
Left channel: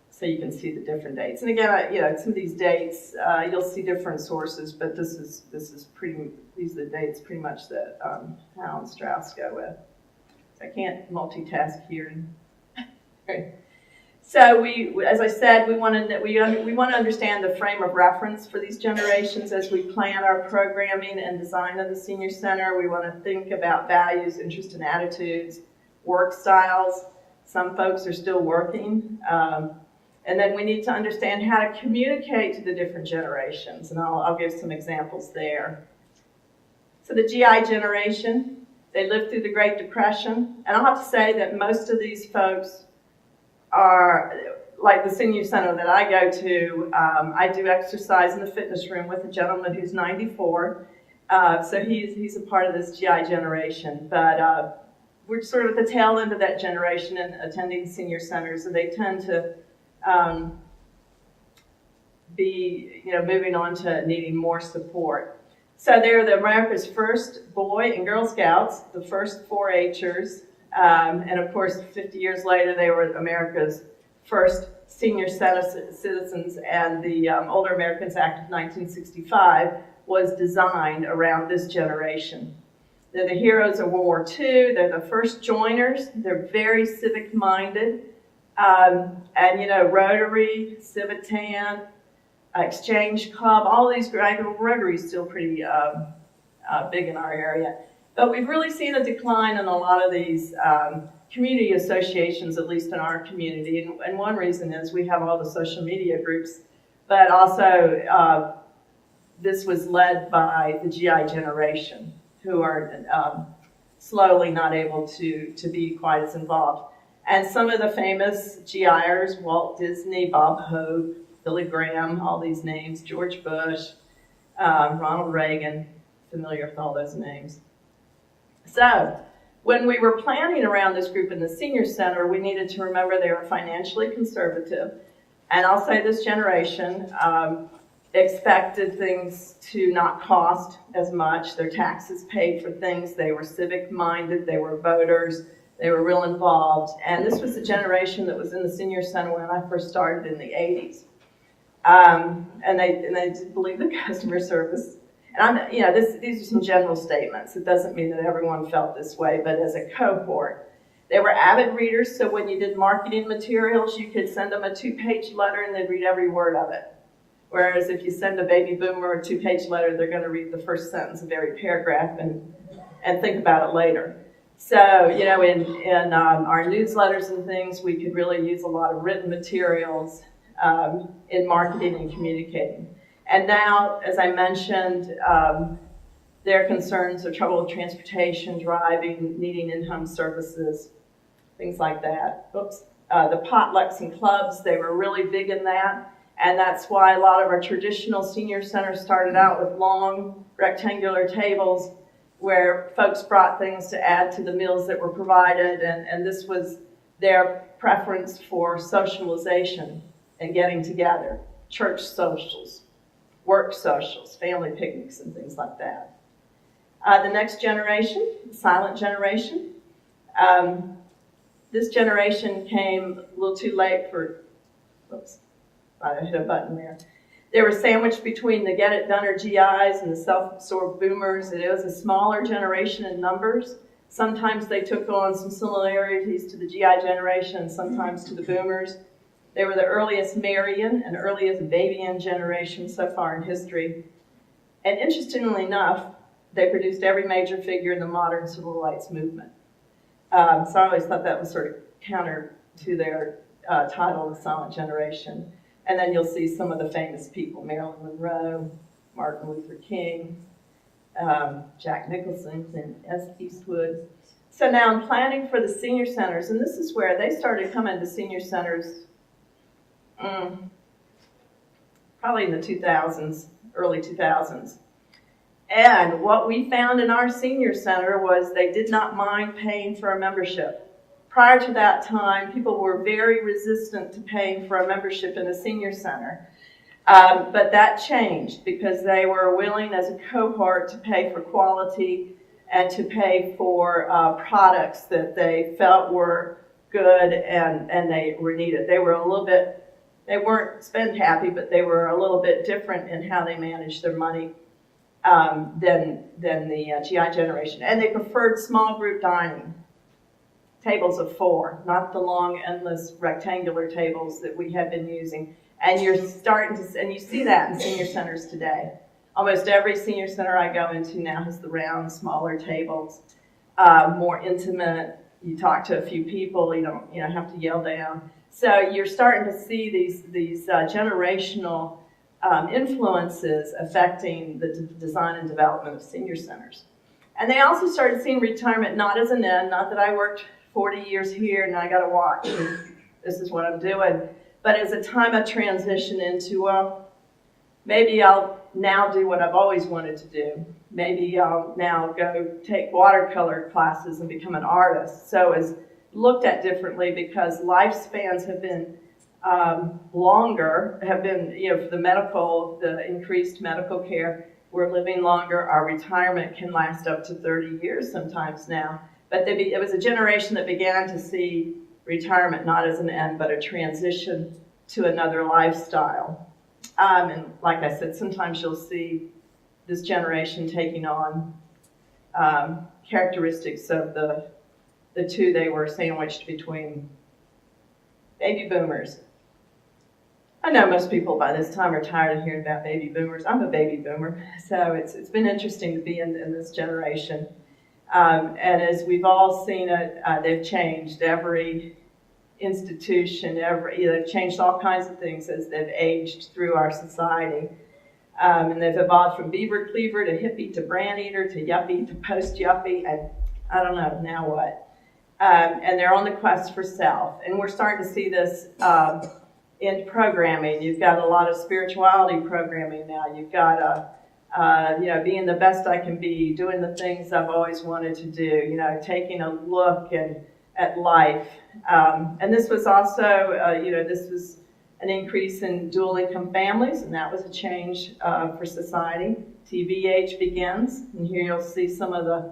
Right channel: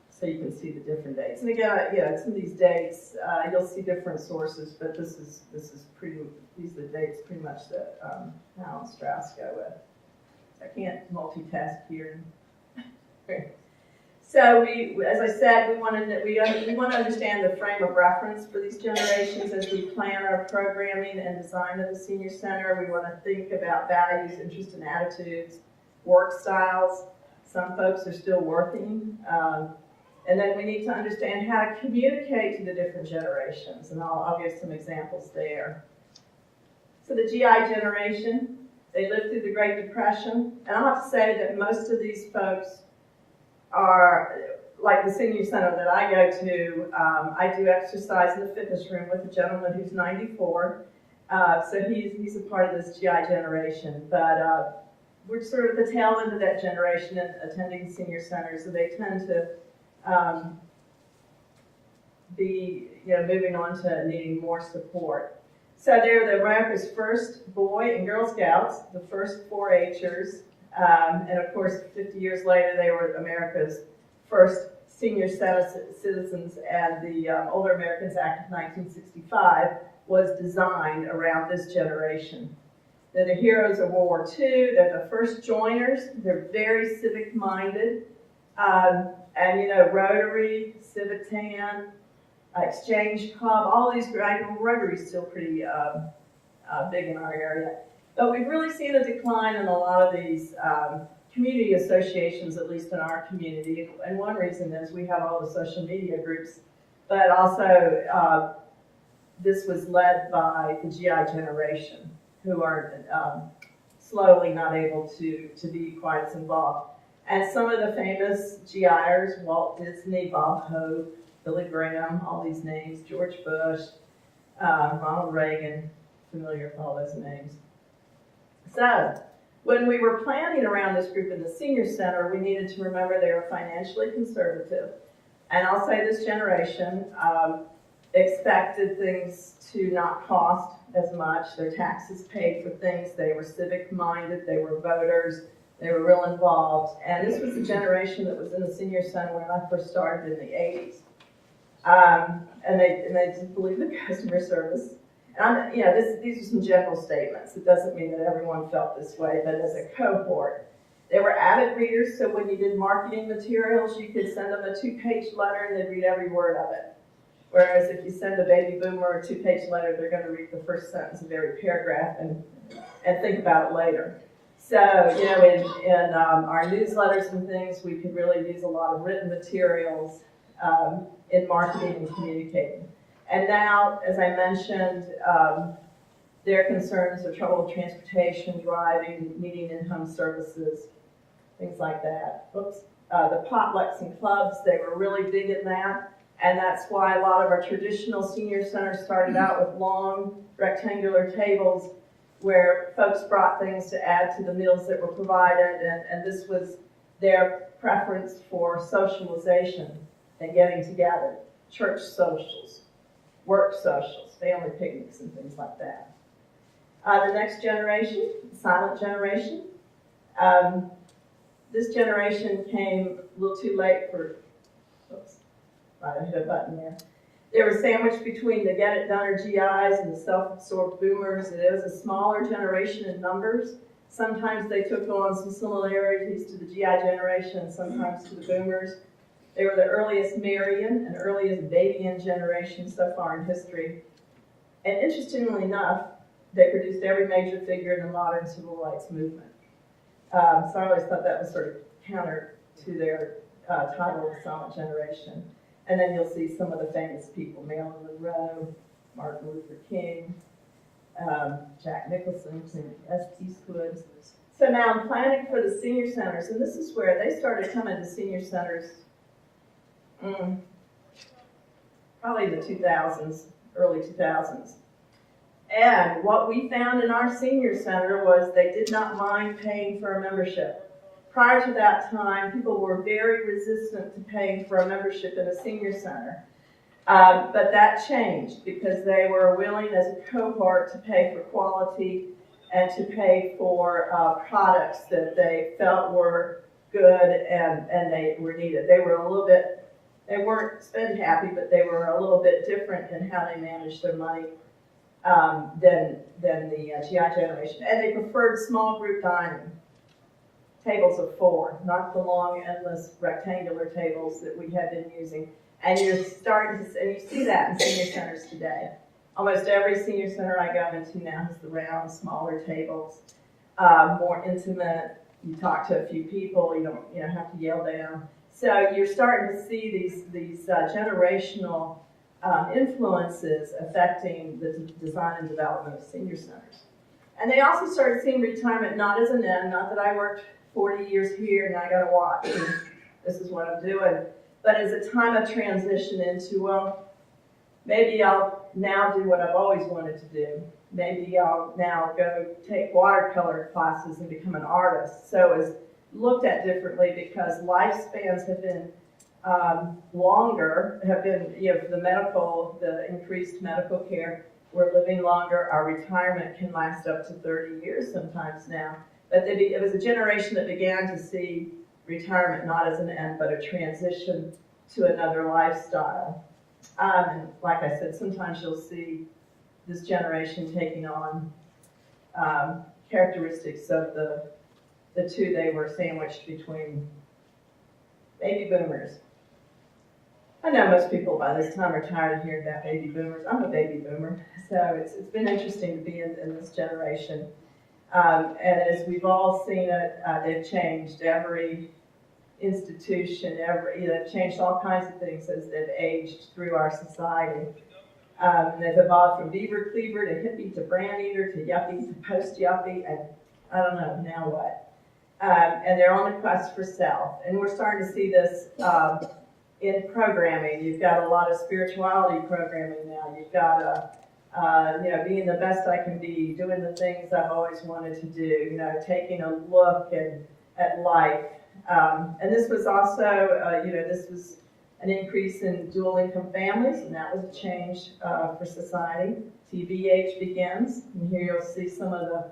so you can see the different dates. And again, some of these dates, you'll see different sources, but these are the dates pretty much that Howe and Strauss go with. I can't multitask here. So as I said, we want to understand the frame of reference for these generations as we plan our programming and design of the senior center. We want to think about values, interests, and attitudes, work styles. Some folks are still working. And then we need to understand how to communicate to the different generations, and I'll give some examples there. So the GI generation, they lived through the Great Depression, and I'll have to say that most of these folks are, like the senior center that I go to, I do exercise in the fitness room with a gentleman who's 94, so he's a part of this GI generation, but we're sort of at the tail end of that generation and attending senior centers, and they tend to be, moving on to needing more support. So they're America's first Boy and Girl Scouts, the first 4-H'ers, and of course 50 years later they were America's first senior citizens, and the Older Americans Act of 1965 was designed around this generation. They're the heroes of World War II, they're the first joiners, they're very civic-minded, and Rotary, Civitan, Exchange Club, all these, Rotary's still pretty big in our area. But we've really seen a decline in a lot of these community associations, at least in our community. And one reason is we have all the social media groups, but also this was led by the GI generation, who are slowly not able to be quite as involved. And some of the famous GIers, Walt Disney, Bob Hope, Billy Graham, all these names, George Bush, Ronald Reagan, familiar with all those names. So when we were planning around this group in the senior center, we needed to remember they were financially conservative. And I'll say this generation expected things to not cost as much. Their taxes paid for things. They were civic minded. They were voters. They were real involved. And this was the generation that was in the senior center when I first started in the 80s. And they just believed in customer service. And these are some general statements. It doesn't mean that everyone felt this way, but as a cohort, they were avid readers. So when you did marketing materials, you could send them a 2-page letter and they'd read every word of it. Whereas if you send a baby boomer a 2-page letter, they're going to read the first sentence of every paragraph and think about it later. So, in our newsletters and things, we could really use a lot of written materials in marketing and communicating. And now, as I mentioned, their concerns are trouble with transportation, driving, needing in-home services, things like that. The potlucks and clubs, they were really big in that. And that's why a lot of our traditional senior centers started out with long rectangular tables where folks brought things to add to the meals that were provided. And this was their preference for socialization and getting together, church socials, work socials, family picnics, and things like that. The next generation, the silent generation. This generation came a little too late for, I hit a button there. They were sandwiched between the get-it-done GIs and the self-absorbed boomers. It was a smaller generation in numbers. Sometimes they took on some similarities to the GI generation and sometimes to the boomers. They were the earliest Marian and earliest Babian generation so far in history. And interestingly enough, they produced every major figure in the modern civil rights movement. So I always thought that was sort of counter to their title, The Silent Generation. And then you'll see some of the famous people, Marilyn Monroe, Martin Luther King, Jack Nicholson, Clint Eastwood. So now I'm planning for the senior centers, and this is where they started coming to senior centers probably in the 2000s, early 2000s. And what we found in our senior center was they did not mind paying for a membership. Prior to that time, people were very resistant to paying for a membership in a senior center. But that changed because they were willing as a cohort to pay for quality and to pay for products that they felt were good and they were needed. They were they weren't spend happy, but they were a little bit different in how they managed their money than the GI generation. And they preferred small group dining. Tables of 4, not the long, endless rectangular tables that we have been using. And you're starting to, and you see that in senior centers today. Almost every senior center I go into now has the round, smaller tables, more intimate. You talk to a few people, you don't have to yell down. So you're starting to see these generational influences affecting the design and development of senior centers. And they also started seeing retirement not as an end, not that I worked 40 years here and I got to watch and this is what I'm doing, but as a time of transition into, well, maybe I'll now do what I've always wanted to do. Maybe I'll now go take watercolor classes and become an artist. So it's looked at differently because lifespans have been longer, have been, for the increased medical care, we're living longer. Our retirement can last up to 30 years sometimes now. But it was a generation that began to see retirement not as an end, but a transition to another lifestyle. And like I said, sometimes you'll see this generation taking on characteristics of the two they were sandwiched between. Baby boomers. I know most people by this time are tired of hearing about baby boomers. I'm a baby boomer, so it's been interesting to be in this generation. And as we've all seen it, they've changed every institution, they've changed all kinds of things as they've aged through our society. And they've evolved from beaver cleaver to hippie to brand eater to yuppie to post-yuppie, and I don't know, now what? And they're on the quest for self. And we're starting to see this in programming. You've got a lot of spirituality programming now. You've got being the best I can be, doing the things I've always wanted to do, taking a look at life. And this was also, this was an increase in dual income families, and that was a change for society. TBH begins, and here you'll see some of the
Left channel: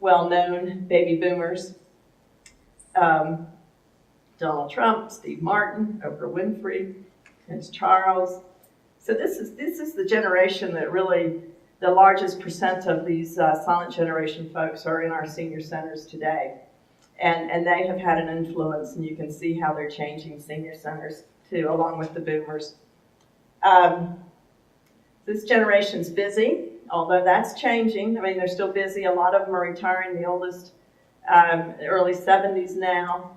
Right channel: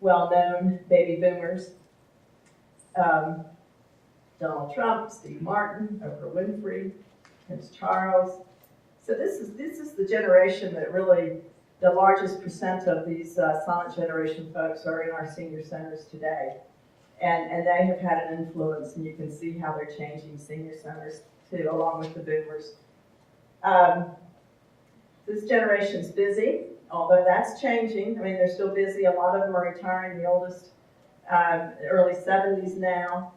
well-known baby boomers. Donald Trump, Steve Martin, Oprah Winfrey, Prince Charles. So this is the generation that really, the largest percent of these silent generation folks are in our senior centers today. And they have had an influence, and you can see how they're changing senior centers too, along with the boomers. This generation's busy, although that's changing. I mean, they're still busy. A lot of them are retiring. The oldest, early 70s now.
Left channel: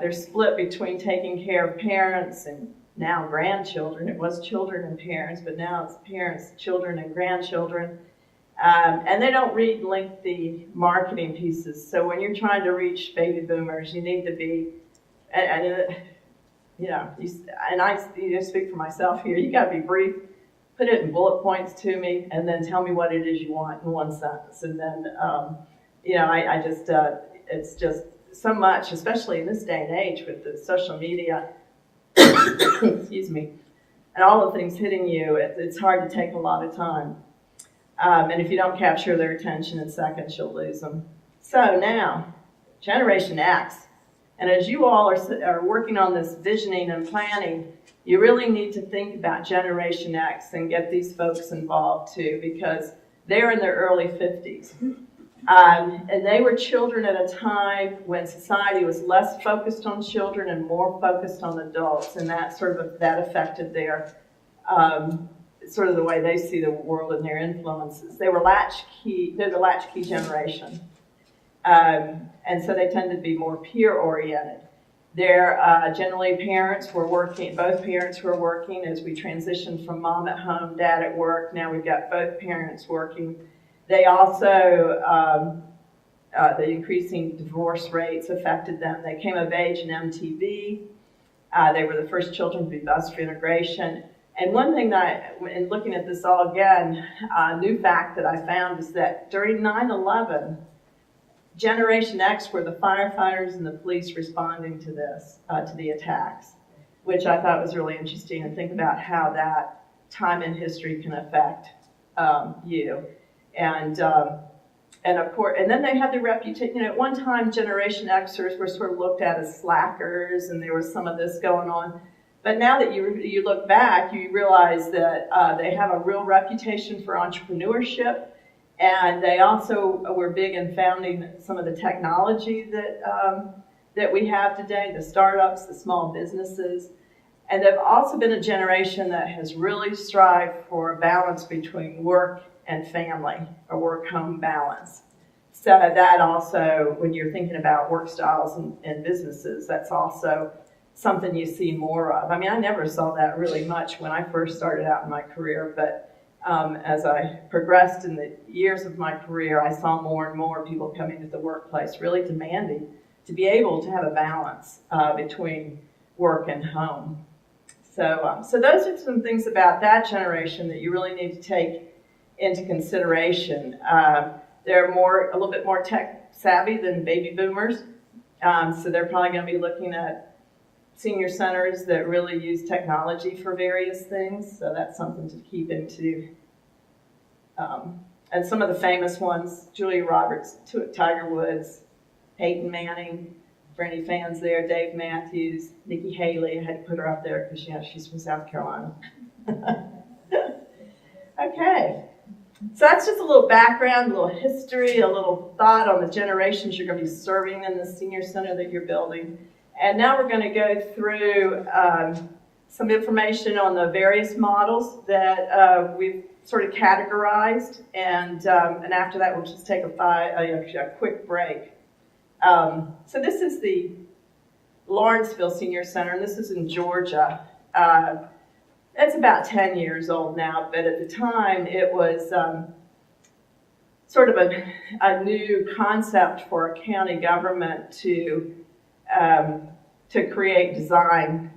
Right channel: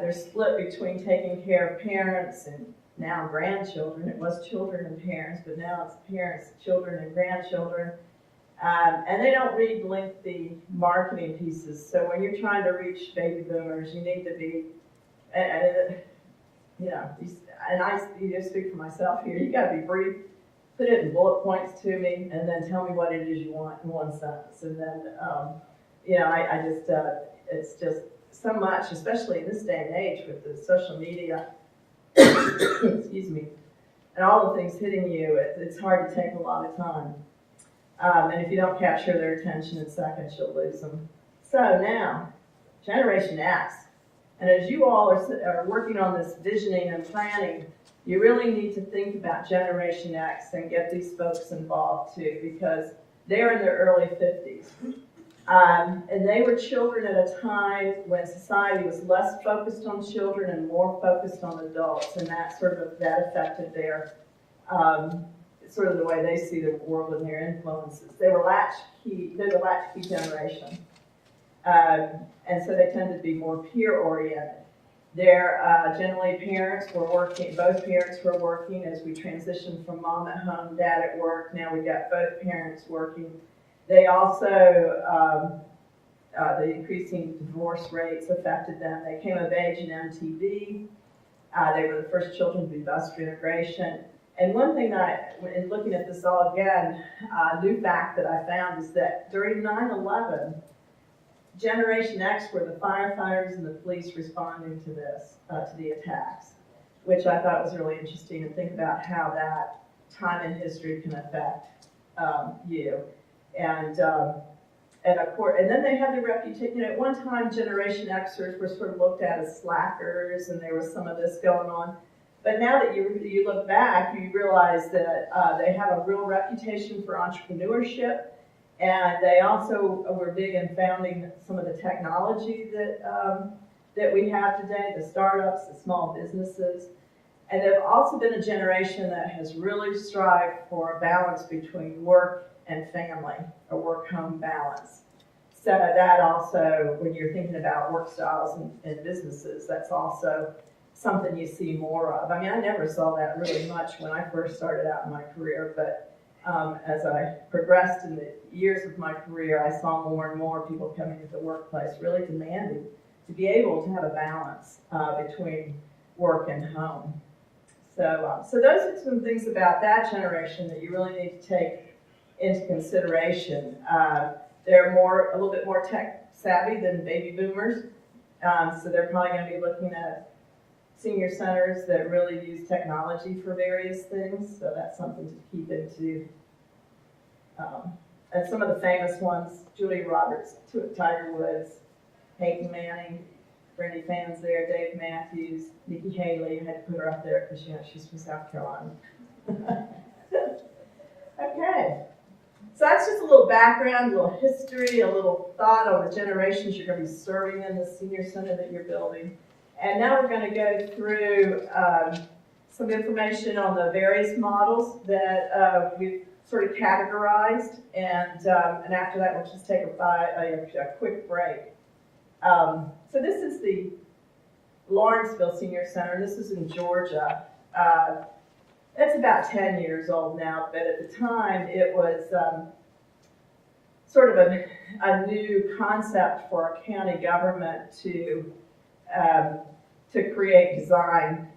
They're split between taking care of parents and now grandchildren. It was children and parents, but now it's parents, children, and grandchildren. And they don't read lengthy marketing pieces. So when you're trying to reach baby boomers, you need to be, and I speak for myself here, you got to be brief, put it in bullet points to me, and then tell me what it is you want in one sentence. And then, it's just so much, especially in this day and age with the social media, excuse me, and all the things hitting you, it's hard to take a lot of time. And if you don't capture their attention in seconds, you'll lose them. So now, Generation X. And as you all are working on this visioning and planning, you really need to think about Generation X and get these folks involved too, because they're in their early 50s. And they were children at a time when society was less focused on children and more focused on adults, and that affected their sort of the way they see the world and their influences. They're the latchkey generation, and so they tended to be more peer-oriented. Generally parents were working, both parents were working as we transitioned from mom at home, dad at work. Now we've got both parents working. They also, the increasing divorce rates affected them. They came of age in MTV. They were the first children to be bused for integration. And one thing that in looking at this all again, a new fact that I found is that during 9/11, Generation X were the firefighters and the police responding to this, to the attacks, which I thought was really interesting, and think about how that time in history can affect you. And of course, and then they had the reputation, at one time Generation Xers were sort of looked at as slackers, and there was some of this going on. But now that you look back, you realize that they have a real reputation for entrepreneurship, and they also were big in founding some of the technology that we have today, the startups, the small businesses. And they've also been a generation that has really strived for a balance between work and family, a work-home balance. So that also, when you're thinking about work styles and businesses, that's also something you see more of. I mean, I never saw that really much when I first started out in my career, but as I progressed in the years of my career, I saw more and more people coming to the workplace really demanding to be able to have a balance between work and home. So those are some things about that generation that you really need to take into consideration. They're a little bit more tech savvy than baby boomers, so they're probably going to be looking at senior centers that really use technology for various things, so that's something to keep into. And some of the famous ones, Julia Roberts, Tiger Woods, Peyton Manning, for any fans there, Dave Matthews, Nikki Haley. I had to put her up there because she's from South Carolina. Okay, so that's just a little background, a little history, a little thought on the generations you're going to be serving in the senior center that you're building. And now we're going to go through some information on the various models that we've sort of categorized, and after that we'll just take a quick break. So this is the Lawrenceville Senior Center, and this is in Georgia. It's about 10 years old now, but at the time it was sort of a new concept for a county government to create design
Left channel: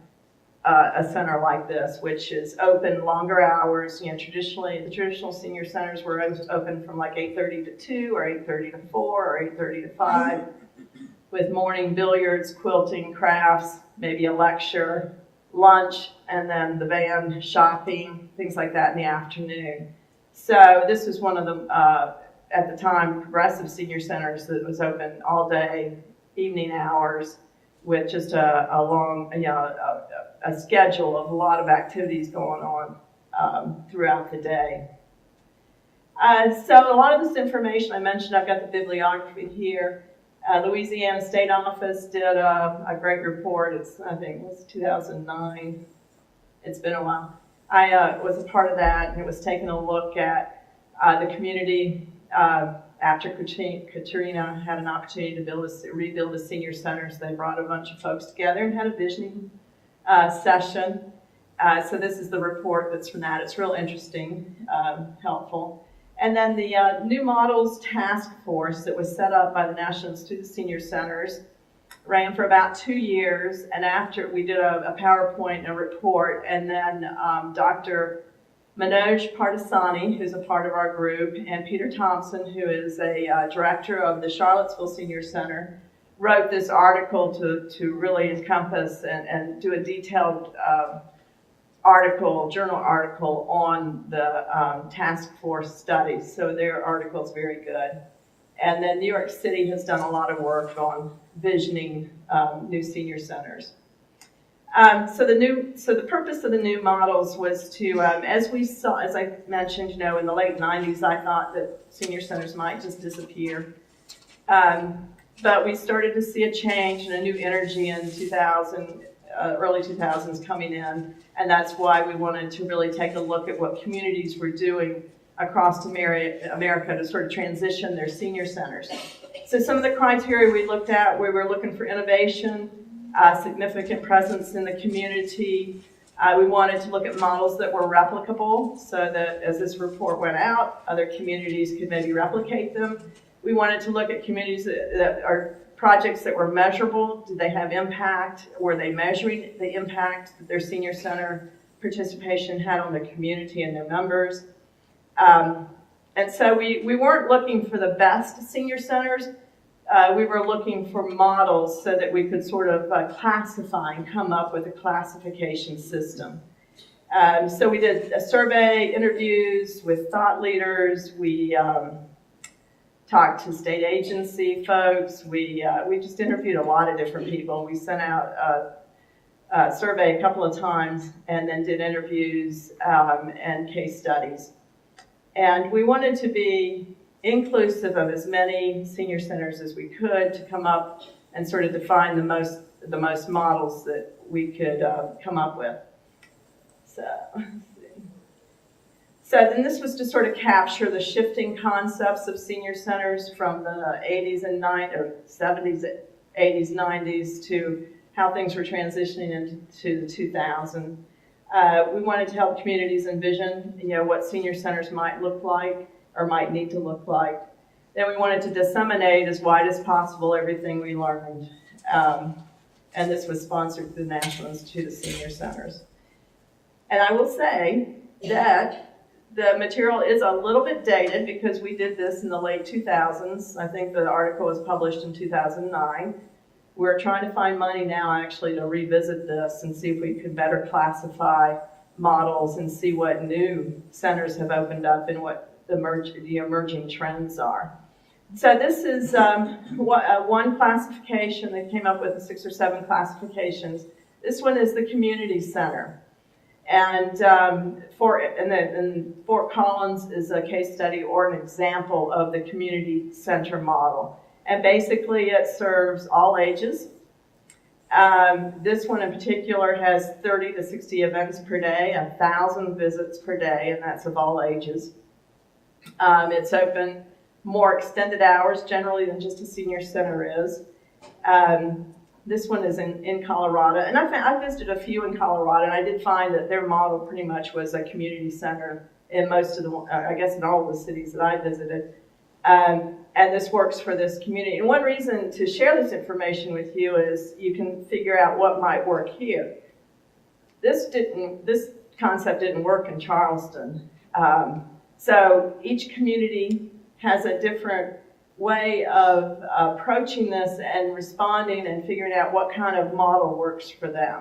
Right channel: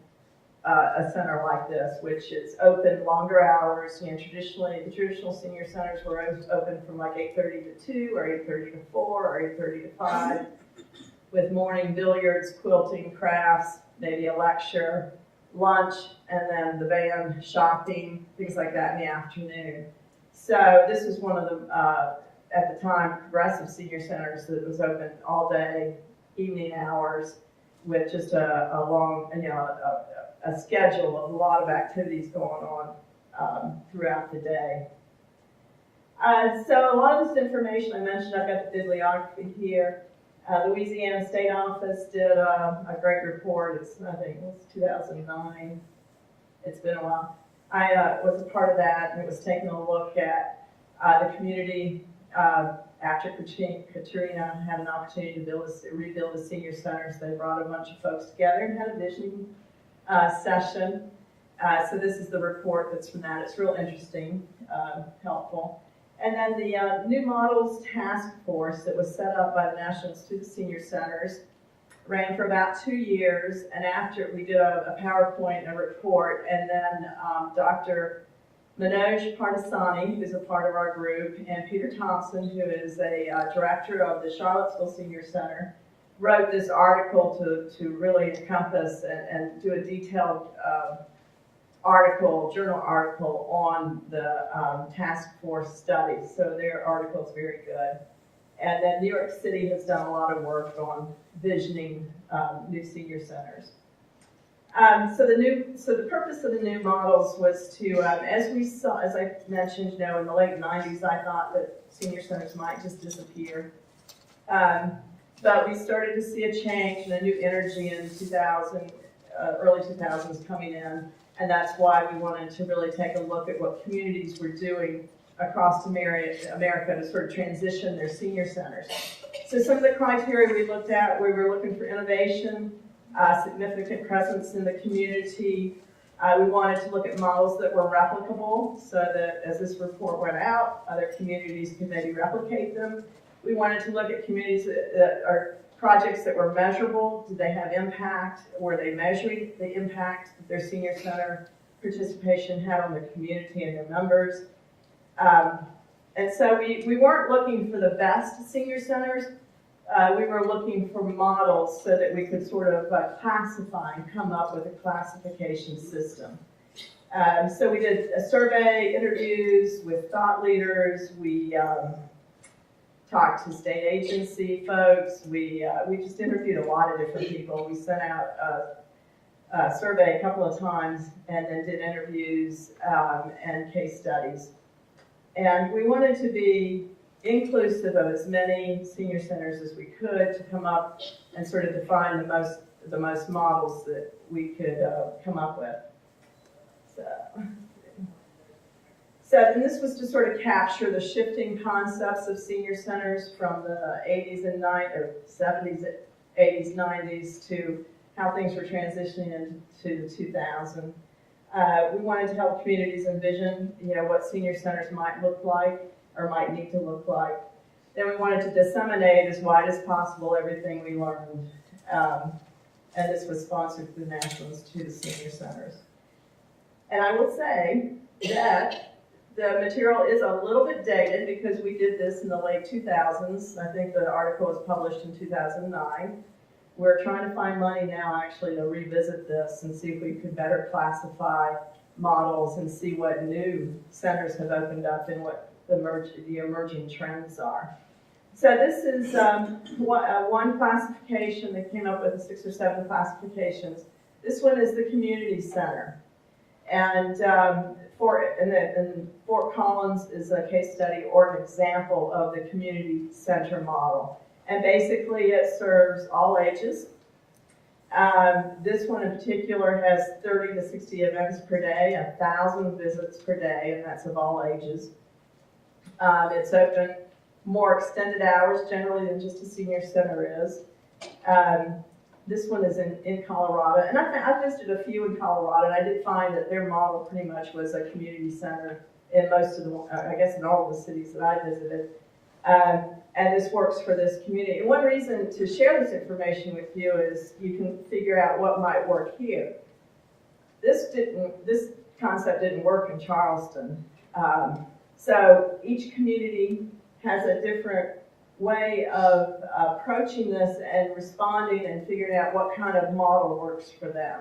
a center like this, which is open longer hours. You know, traditionally, the traditional senior centers were open from like 8:30 to 2 or 8:30 to 4 or 8:30 to 5 with morning billiards, quilting, crafts, maybe a lecture, lunch, and then the band, shopping, things like that in the afternoon. So this was one of the, at the time, progressive senior centers that was open all day, evening hours, with just a long, you know, a schedule of a lot of activities going on throughout the day. So a lot of this information I mentioned, I've got the bibliography here. Louisiana State Office did a great report. I think it was 2009. It's been a while. I was a part of that, and it was taking a look at the community after Katrina had an opportunity to rebuild the senior centers. They brought a bunch of folks together and had a visioning session. So this is the report that's from that. It's real interesting, helpful. And then the New Models Task Force that was set up by the National Institute of Senior Centers ran for about 2 years, and after we did a PowerPoint and a report, and then Dr. Manoj Pardesani, who's a part of our group, and Peter Thompson, who is a director of the Charlottesville Senior Center, wrote this article to really encompass and do a detailed journal article on the task force studies. So their article is very good. And then New York City has done a lot of work on visioning new senior centers. So the purpose of the new models was to, as I mentioned, you know, in the late 90s, I thought that senior centers might just disappear. But we started to see a change and a new energy in early 2000s coming in. And that's why we wanted to really take a look at what communities were doing across America to sort of transition their senior centers. So some of the criteria we looked at, we were looking for innovation, significant presence in the community. We wanted to look at models that were replicable so that as this report went out, other communities could maybe replicate them. We wanted to look at communities that are projects that were measurable. Did they have impact? Were they measuring the impact that their senior center participation had on the community and their members? And so we weren't looking for the best senior centers. We were looking for models so that we could sort of classify and come up with a classification system. So we did a survey, interviews with thought leaders. We talked to state agency folks. We just interviewed a lot of different people. We sent out a survey a couple of times and then did interviews and case studies. And we wanted to be inclusive of as many senior centers as we could to come up and sort of define the most models that we could come up with. So then this was to sort of capture the shifting concepts of senior centers from the 80s and 90s, or 70s, 80s, 90s to how things were transitioning into 2000. We wanted to help communities envision, you know, what senior centers might look like or might need to look like. Then we wanted to disseminate as wide as possible everything we learned. And this was sponsored through the National Institute of Senior Centers. And I will say that the material is a little bit dated because we did this in the late 2000s. I think the article was published in 2009. We're trying to find money now actually to revisit this and see if we could better classify models and see what new centers have opened up and what the emerging trends are. So this is one classification. They came up with 6 or 7 classifications. This one is the community center. And Fort Collins is a case study or an example of the community center model. And basically it serves all ages. This one in particular has 30 to 60 events per day, 1,000 visits per day, and that's of all ages. It's open more extended hours generally than just a senior center is. This one is in Colorado, and I visited a few in Colorado, and I did find that their model pretty much was a community center in most of the, I guess in all of the cities that I visited. And this works for this community. And one reason to share this information with you is you can figure out what might work here. this concept didn't work in Charleston. So each community has a different way of approaching this and responding and figuring out what kind of model works for them.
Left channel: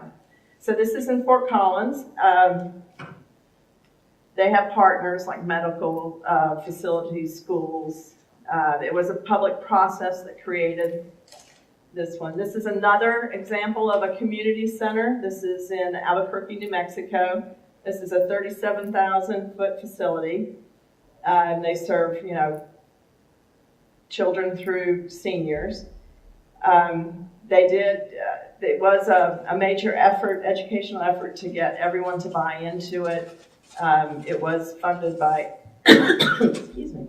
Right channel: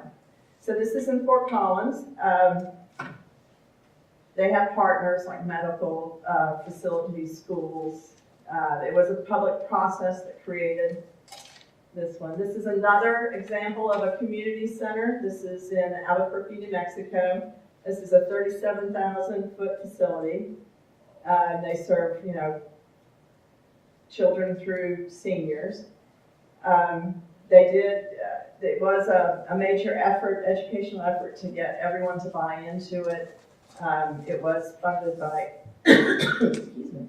So this is in Fort Collins. They have partners like medical facilities, schools. It was a public process that created this one. This is another example of a community center. This is in Albuquerque, New Mexico. This is a 37,000-foot facility. They serve, children through seniors. It was a major effort, educational effort, to get everyone to buy into it. It was funded by, excuse me,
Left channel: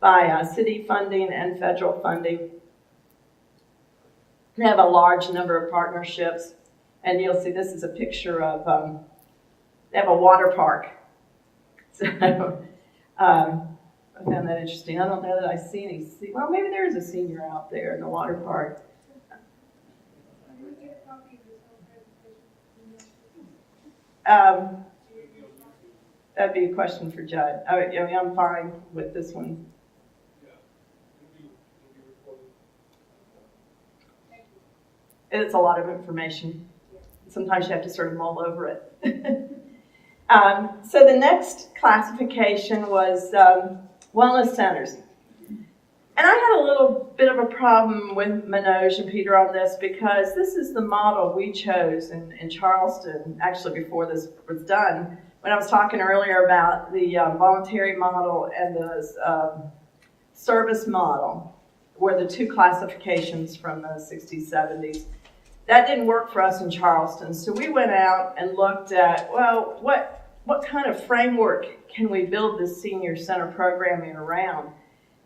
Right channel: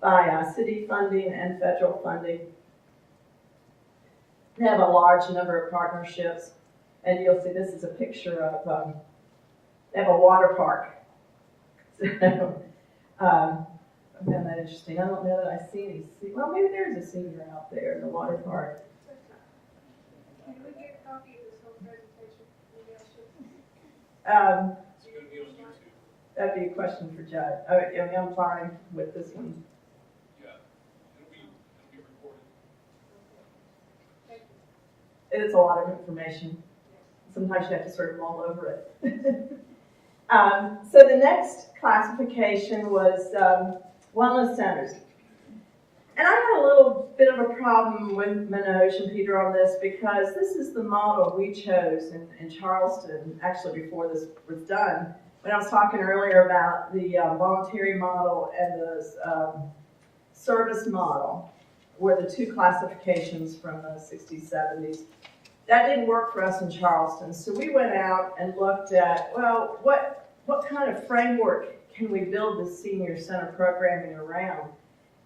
by city funding and federal funding. We have a large number of partnerships, and you'll see this is a picture of, they have a water park. So, I found that interesting. I don't know that I see any, well, maybe there is a senior out there in the water park. That'd be a question for Judd. I'm fine with this one. Yeah, it'll be recorded. It's a lot of information. Sometimes you have to sort of mull over it. So the next classification was wellness centers. And I had a little bit of a problem with Manoj and Peter on this because this is the model we chose in Charleston, actually before this was done. When I was talking earlier about the voluntary model and the service model were the two classifications from the 60s, 70s. That didn't work for us in Charleston, so we went out and looked at, well, what kind of framework can we build this senior center programming around?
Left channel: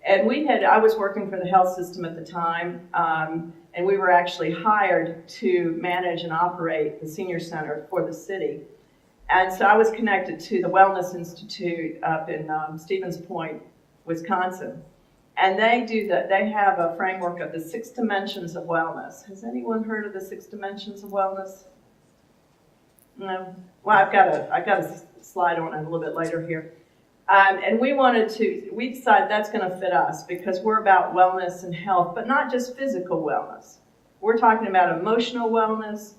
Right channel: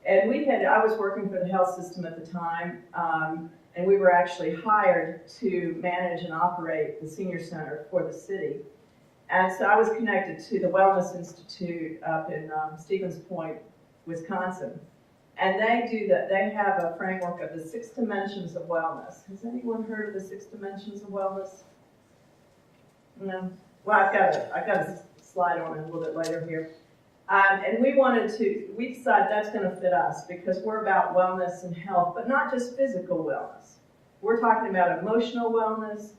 And I was working for the health system at the time, and we were actually hired to manage and operate the senior center for the city. And so I was connected to the Wellness Institute up in Stevens Point, Wisconsin. And they have a framework of the 6 dimensions of wellness. Has anyone heard of the 6 dimensions of wellness? No? Well, I've got a slide on it a little bit later here. And we decided that's going to fit us because we're about wellness and health, but not just physical wellness. We're talking about emotional wellness,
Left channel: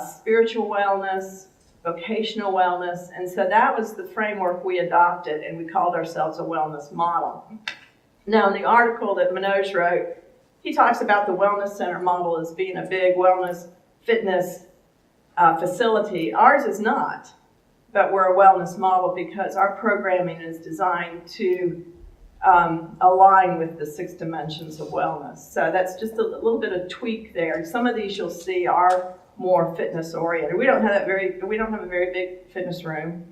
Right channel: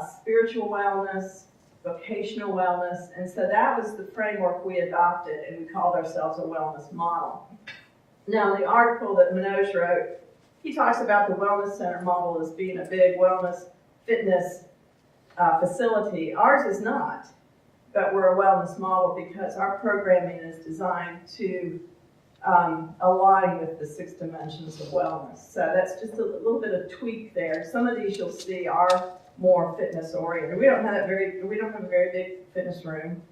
spiritual wellness, vocational wellness, and so that was the framework we adopted, and we called ourselves a wellness model. Now, in the article that Manoj wrote, he talks about the wellness center model as being a big wellness fitness facility. Ours is not, but we're a wellness model because our programming is designed to align with the 6 dimensions of wellness. So that's just a little bit of tweak there. Some of these you'll see are more fitness oriented. We don't have a very big fitness room.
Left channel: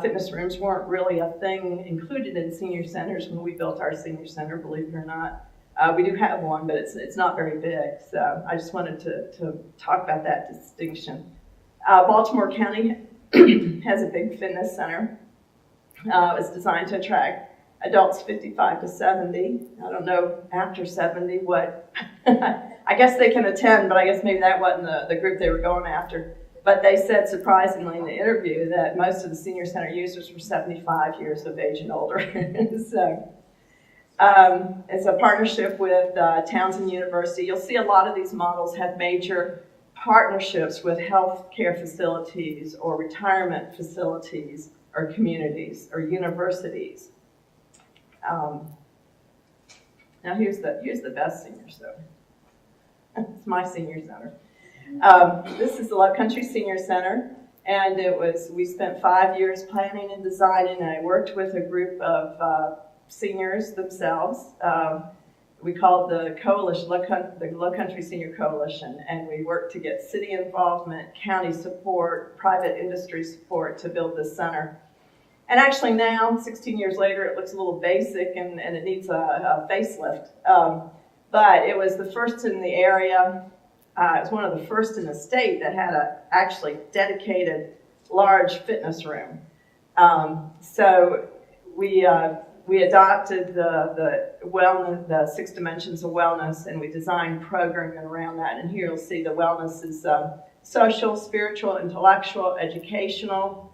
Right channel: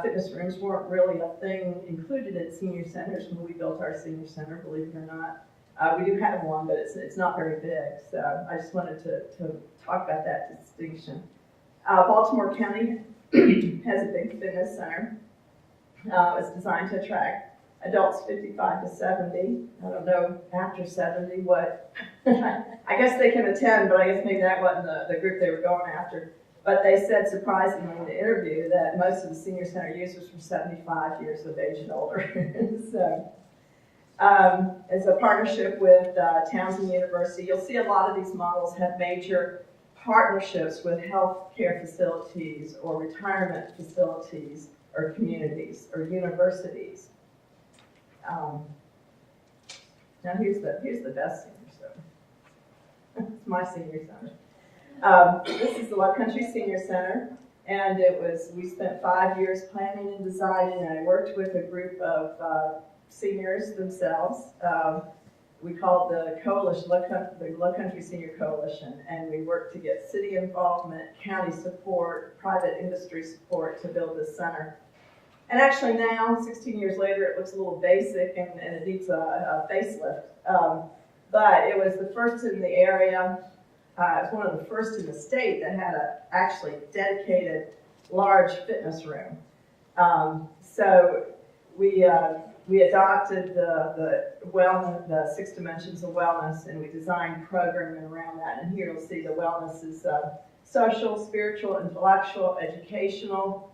Fitness rooms weren't really a thing included in senior centers when we built our senior center, believe it or not. We do have one, but it's not very big. So I just wanted to talk about that distinction. Baltimore County has a big fitness center. It's designed to attract adults 55 to 70. I don't know after 70 what. I guess they can attend, but I guess maybe that wasn't the group they were going after. But they said, surprisingly, in the interview that most of the senior center users were 75 years of age and older. So it's a partnership with Townsend University. You'll see a lot of these models have major partnerships with healthcare facilities or retirement facilities or communities or universities. Now here's the best senior center. It's my senior center. This is the Love Country Senior Center, and we spent 5 years planning and designing, and I worked with a group of seniors themselves. We called the coalition, the Love Country Senior Coalition, and we worked to get city involvement, county support, private industry support to build this center. And actually now, 16 years later, it looks a little basic and it needs a facelift. But it was the first in the area. It was one of the first in the state that had a actually dedicated large fitness room. So we adopted the wellness, the 6 dimensions of wellness, and we designed programming around that. And here you'll see the wellness is social, spiritual, intellectual, educational,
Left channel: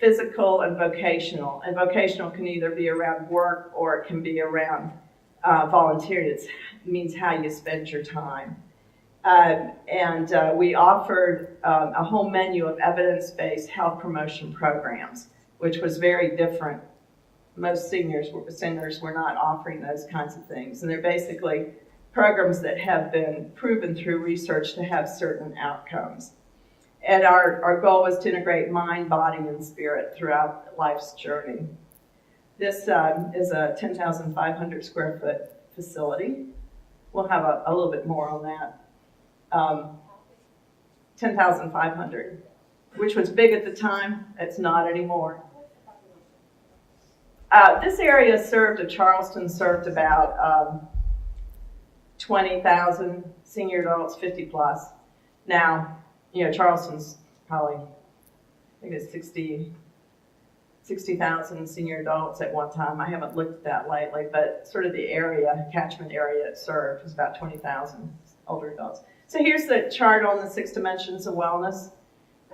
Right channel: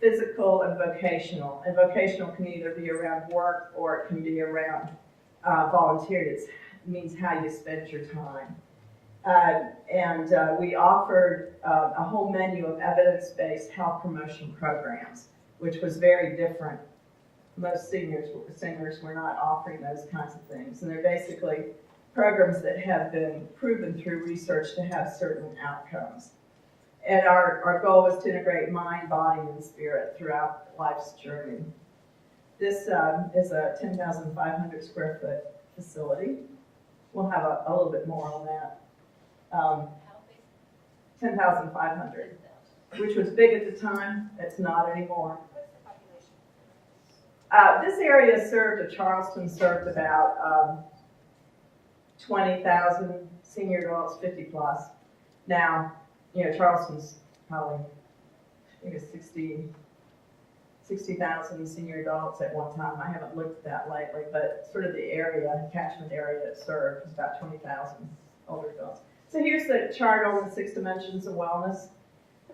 physical, and vocational. And vocational can either be around work or it can be around volunteering. It means how you spend your time. We offered a whole menu of evidence-based health promotion programs, which was very different. Most centers were not offering those kinds of things. And they're basically programs that have been proven through research to have certain outcomes. And our goal was to integrate mind, body, and spirit throughout life's journey. This is a 10,500 square foot facility. We'll have a little bit more on that. 10,500, which was big at the time. It's not anymore. This area Charleston served about 20,000 senior adults, 50 plus. Now, Charleston's probably, I think it's 60,000 senior adults at one time. I haven't looked at that lately, but sort of the catchment area it served was about 20,000 older adults. So here's the chart on the 6 dimensions of wellness.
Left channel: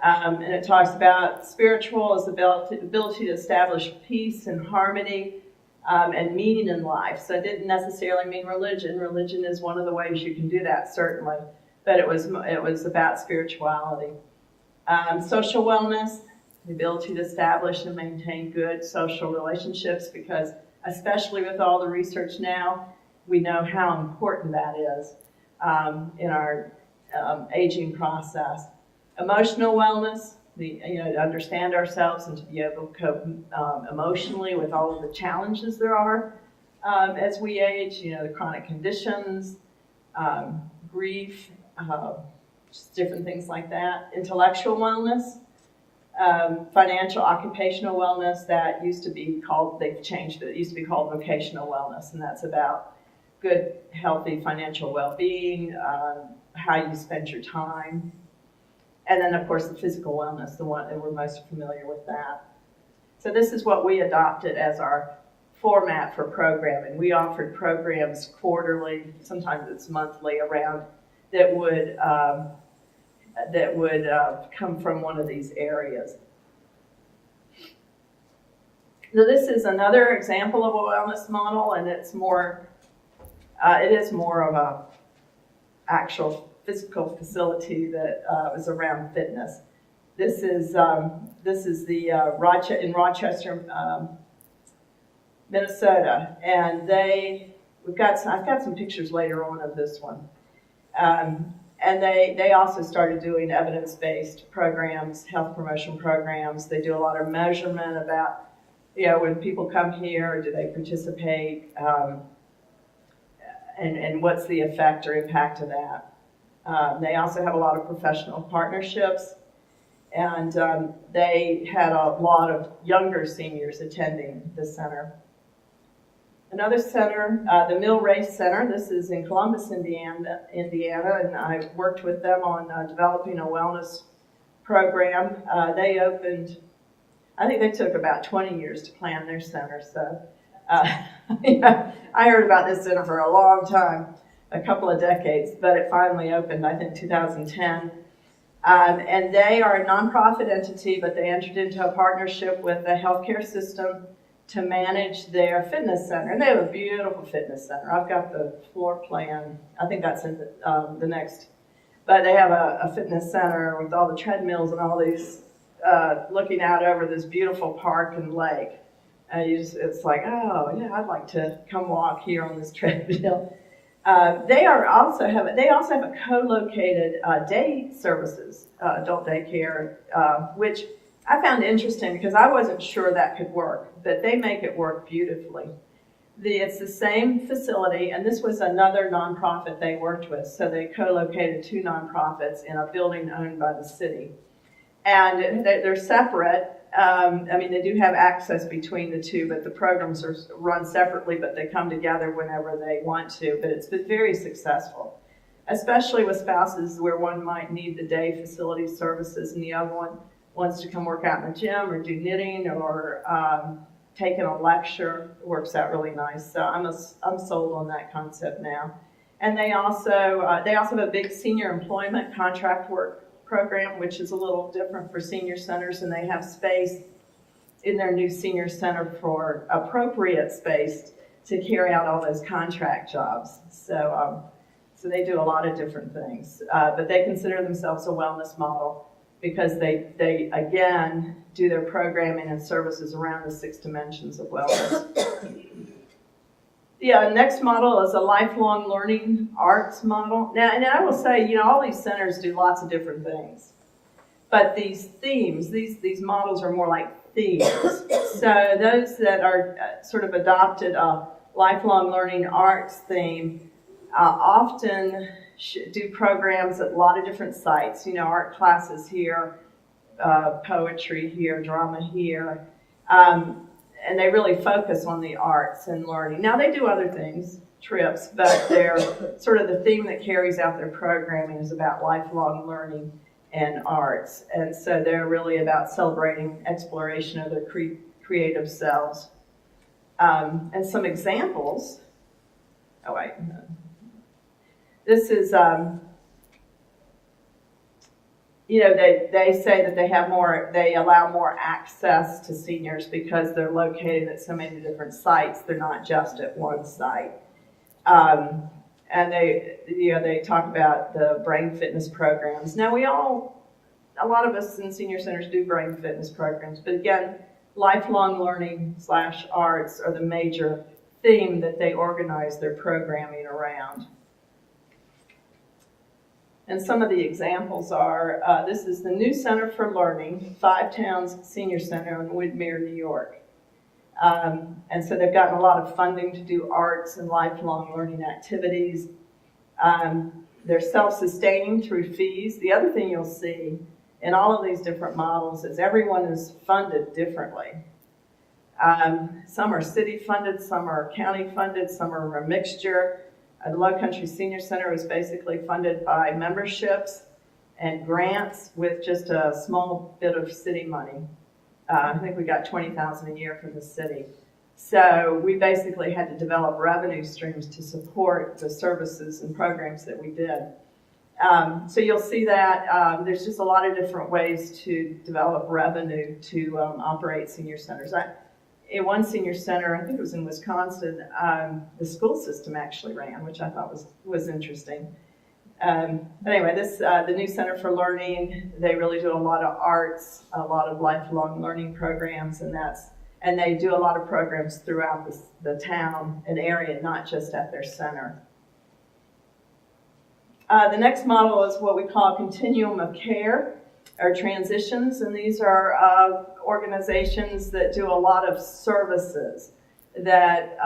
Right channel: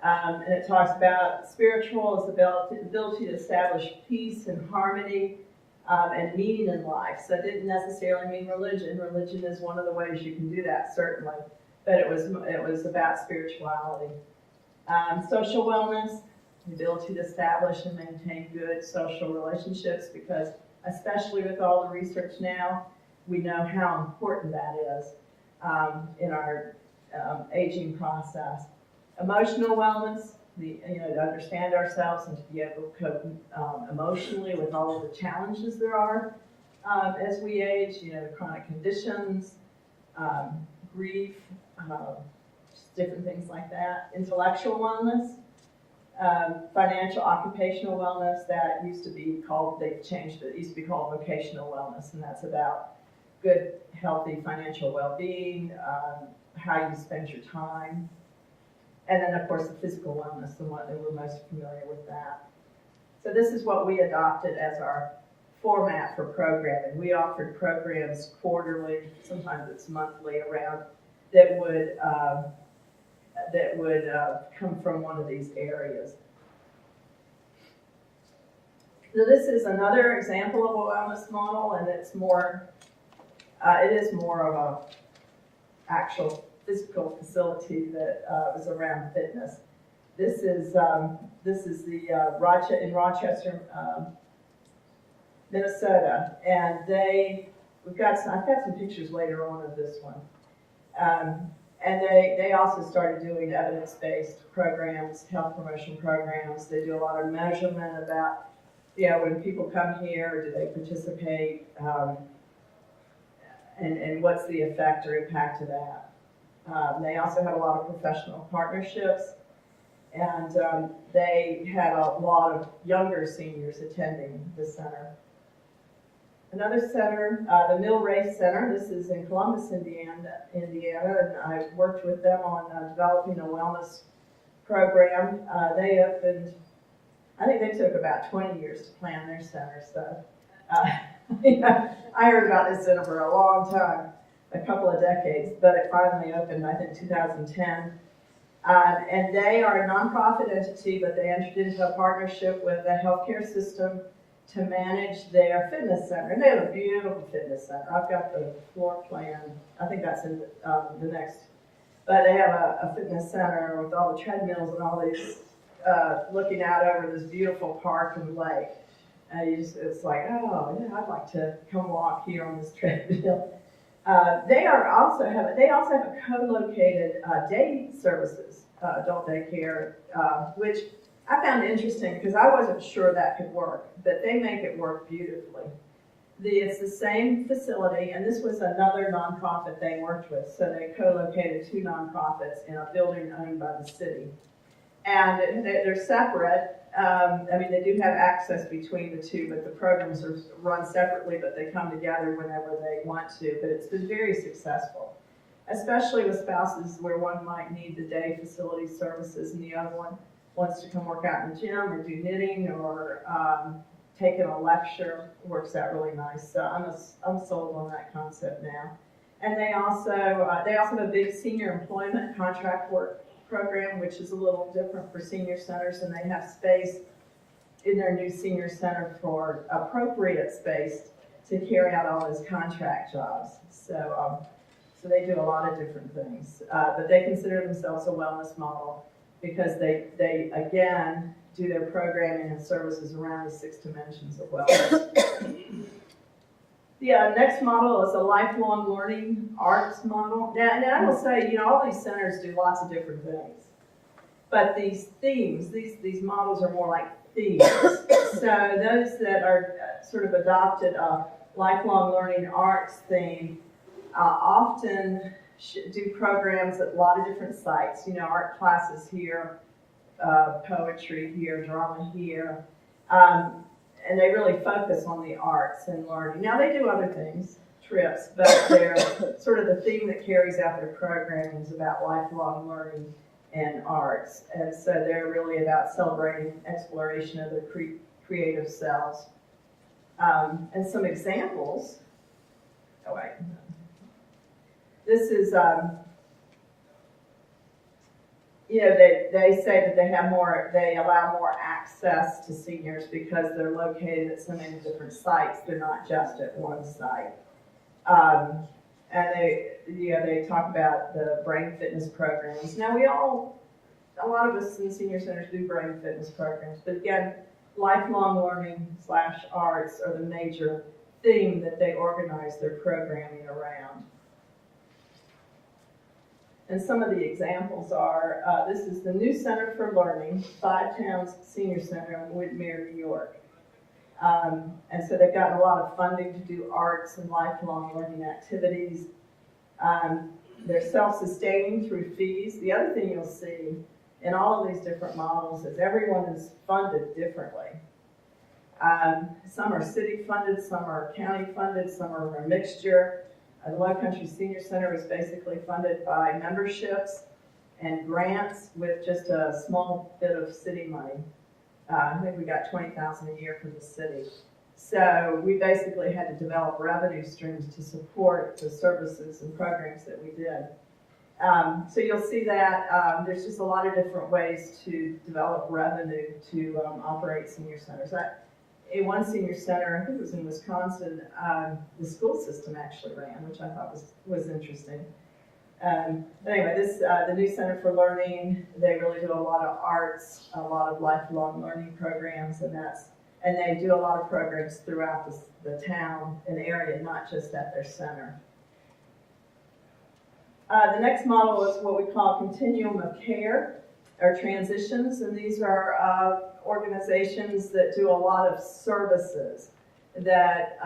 And it talks about spiritual as the ability to establish peace and harmony and meaning in life. So it didn't necessarily mean religion. Religion is one of the ways you can do that, certainly. But it was about spirituality. Social wellness, the ability to establish and maintain good social relationships, because especially with all the research now, we know how important that is in our aging process. Emotional wellness, to understand ourselves and to be able to cope emotionally with all of the challenges there are as we age, the chronic conditions, grief, just different things like that. Intellectual wellness, financial, occupational wellness, that used to be called, they've changed it, it used to be called vocational wellness, and that's about good, healthy financial well-being, how you spend your time. And then, of course, the physical wellness, the one that we're most familiar with that. So this is what we adopted as our format for programming. We offered programs quarterly, sometimes it's monthly, around that would come from one of these areas. Now, this is another example of a wellness model, and it is more of a actual physical facility that is around fitness. This is the in Rochester, Minnesota, and I've got some pictures later on of this one. And they also started doing evidence-based programs, health promotion programs. They do a lot of measurement about, when people come here, do they participate, and what's the effect or impact of that. They also have a lot of professional partnerships, and they had a lot of younger seniors attending the center. Another center, the Mill Race Center, this is in Columbus, Indiana, and I worked with them on developing a wellness program. They opened, I think they took about 20 years to plan their center, so I heard about this center for a long time, a couple of decades, but it finally opened, I think, 2010. And they are a nonprofit entity, but they entered into a partnership with the healthcare system to manage their fitness center. And they have a beautiful fitness center. I've got the floor plan. I think that's in the next. But they have a fitness center with all the treadmills and all these, looking out over this beautiful park and lake. It's like, oh, yeah, I'd like to come walk here on this treadmill. They also have a co-located day services, adult daycare, which I found interesting because I wasn't sure that could work, but they make it work beautifully. It's the same facility, and this was another nonprofit they worked with, so they co-located 2 nonprofits in a building owned by the city. And they're separate. They do have access between the 2, but the programs are run separately, but they come together whenever they want to. But it's been very successful, especially with spouses where one might need the day facility services and the other one wants to come work out in the gym or do knitting or take in a lecture. It works out really nice. So I'm sold on that concept now. And they also have a big senior employment contract work program, which is a little different for senior centers, and they have space in their new senior center for appropriate space to carry out all those contract jobs. So they do a lot of different things, but they consider themselves a wellness model because they again do their programming and services around the 6 dimensions of wellness. The next model is a lifelong learning arts model. Now, and I will say, all these centers do lots of different things, but these themes, these models are more like themes. So those that are sort of adopted a lifelong learning arts theme often do programs at a lot of different sites. Art classes here, poetry here, drama here. And they really focus on the arts and learning. Now they do other things, trips, but they're sort of the theme that carries out their programming is about lifelong learning and arts. And so they're really about celebrating exploration of their creative selves. And some examples, this is, they say that they allow more access to seniors because they're located at so many different sites. They're not just at one site. And they talk about the brain fitness programs. Now a lot of us in senior centers do brain fitness programs, but again, lifelong learning / arts are the major theme that they organize their programming around. And some of the examples are, this is the New Center for Learning, 5 Towns Senior Center in Woodmere, New York. And so they've gotten a lot of funding to do arts and lifelong learning activities. They're self-sustaining through fees. The other thing you'll see in all of these different models is everyone is funded differently. Some are city funded, some are county funded, some are a mixture. The Low Country Senior Center is basically funded by memberships and grants with just a small bit of city money. I think we got $20,000 a year from the city. So we basically had to develop revenue streams to support the services and programs that we did. So you'll see that there's just a lot of different ways to develop revenue to operate senior centers. In one senior center, I think it was in Wisconsin, the school system actually ran, which I thought was interesting. But anyway, the New Center for Learning, they really do a lot of arts, a lot of lifelong learning programs, and they do a lot of programs throughout the town and area, not just at their center. The next model is what we call a continuum of care, or transitions, and these are organizations that do a lot of services that,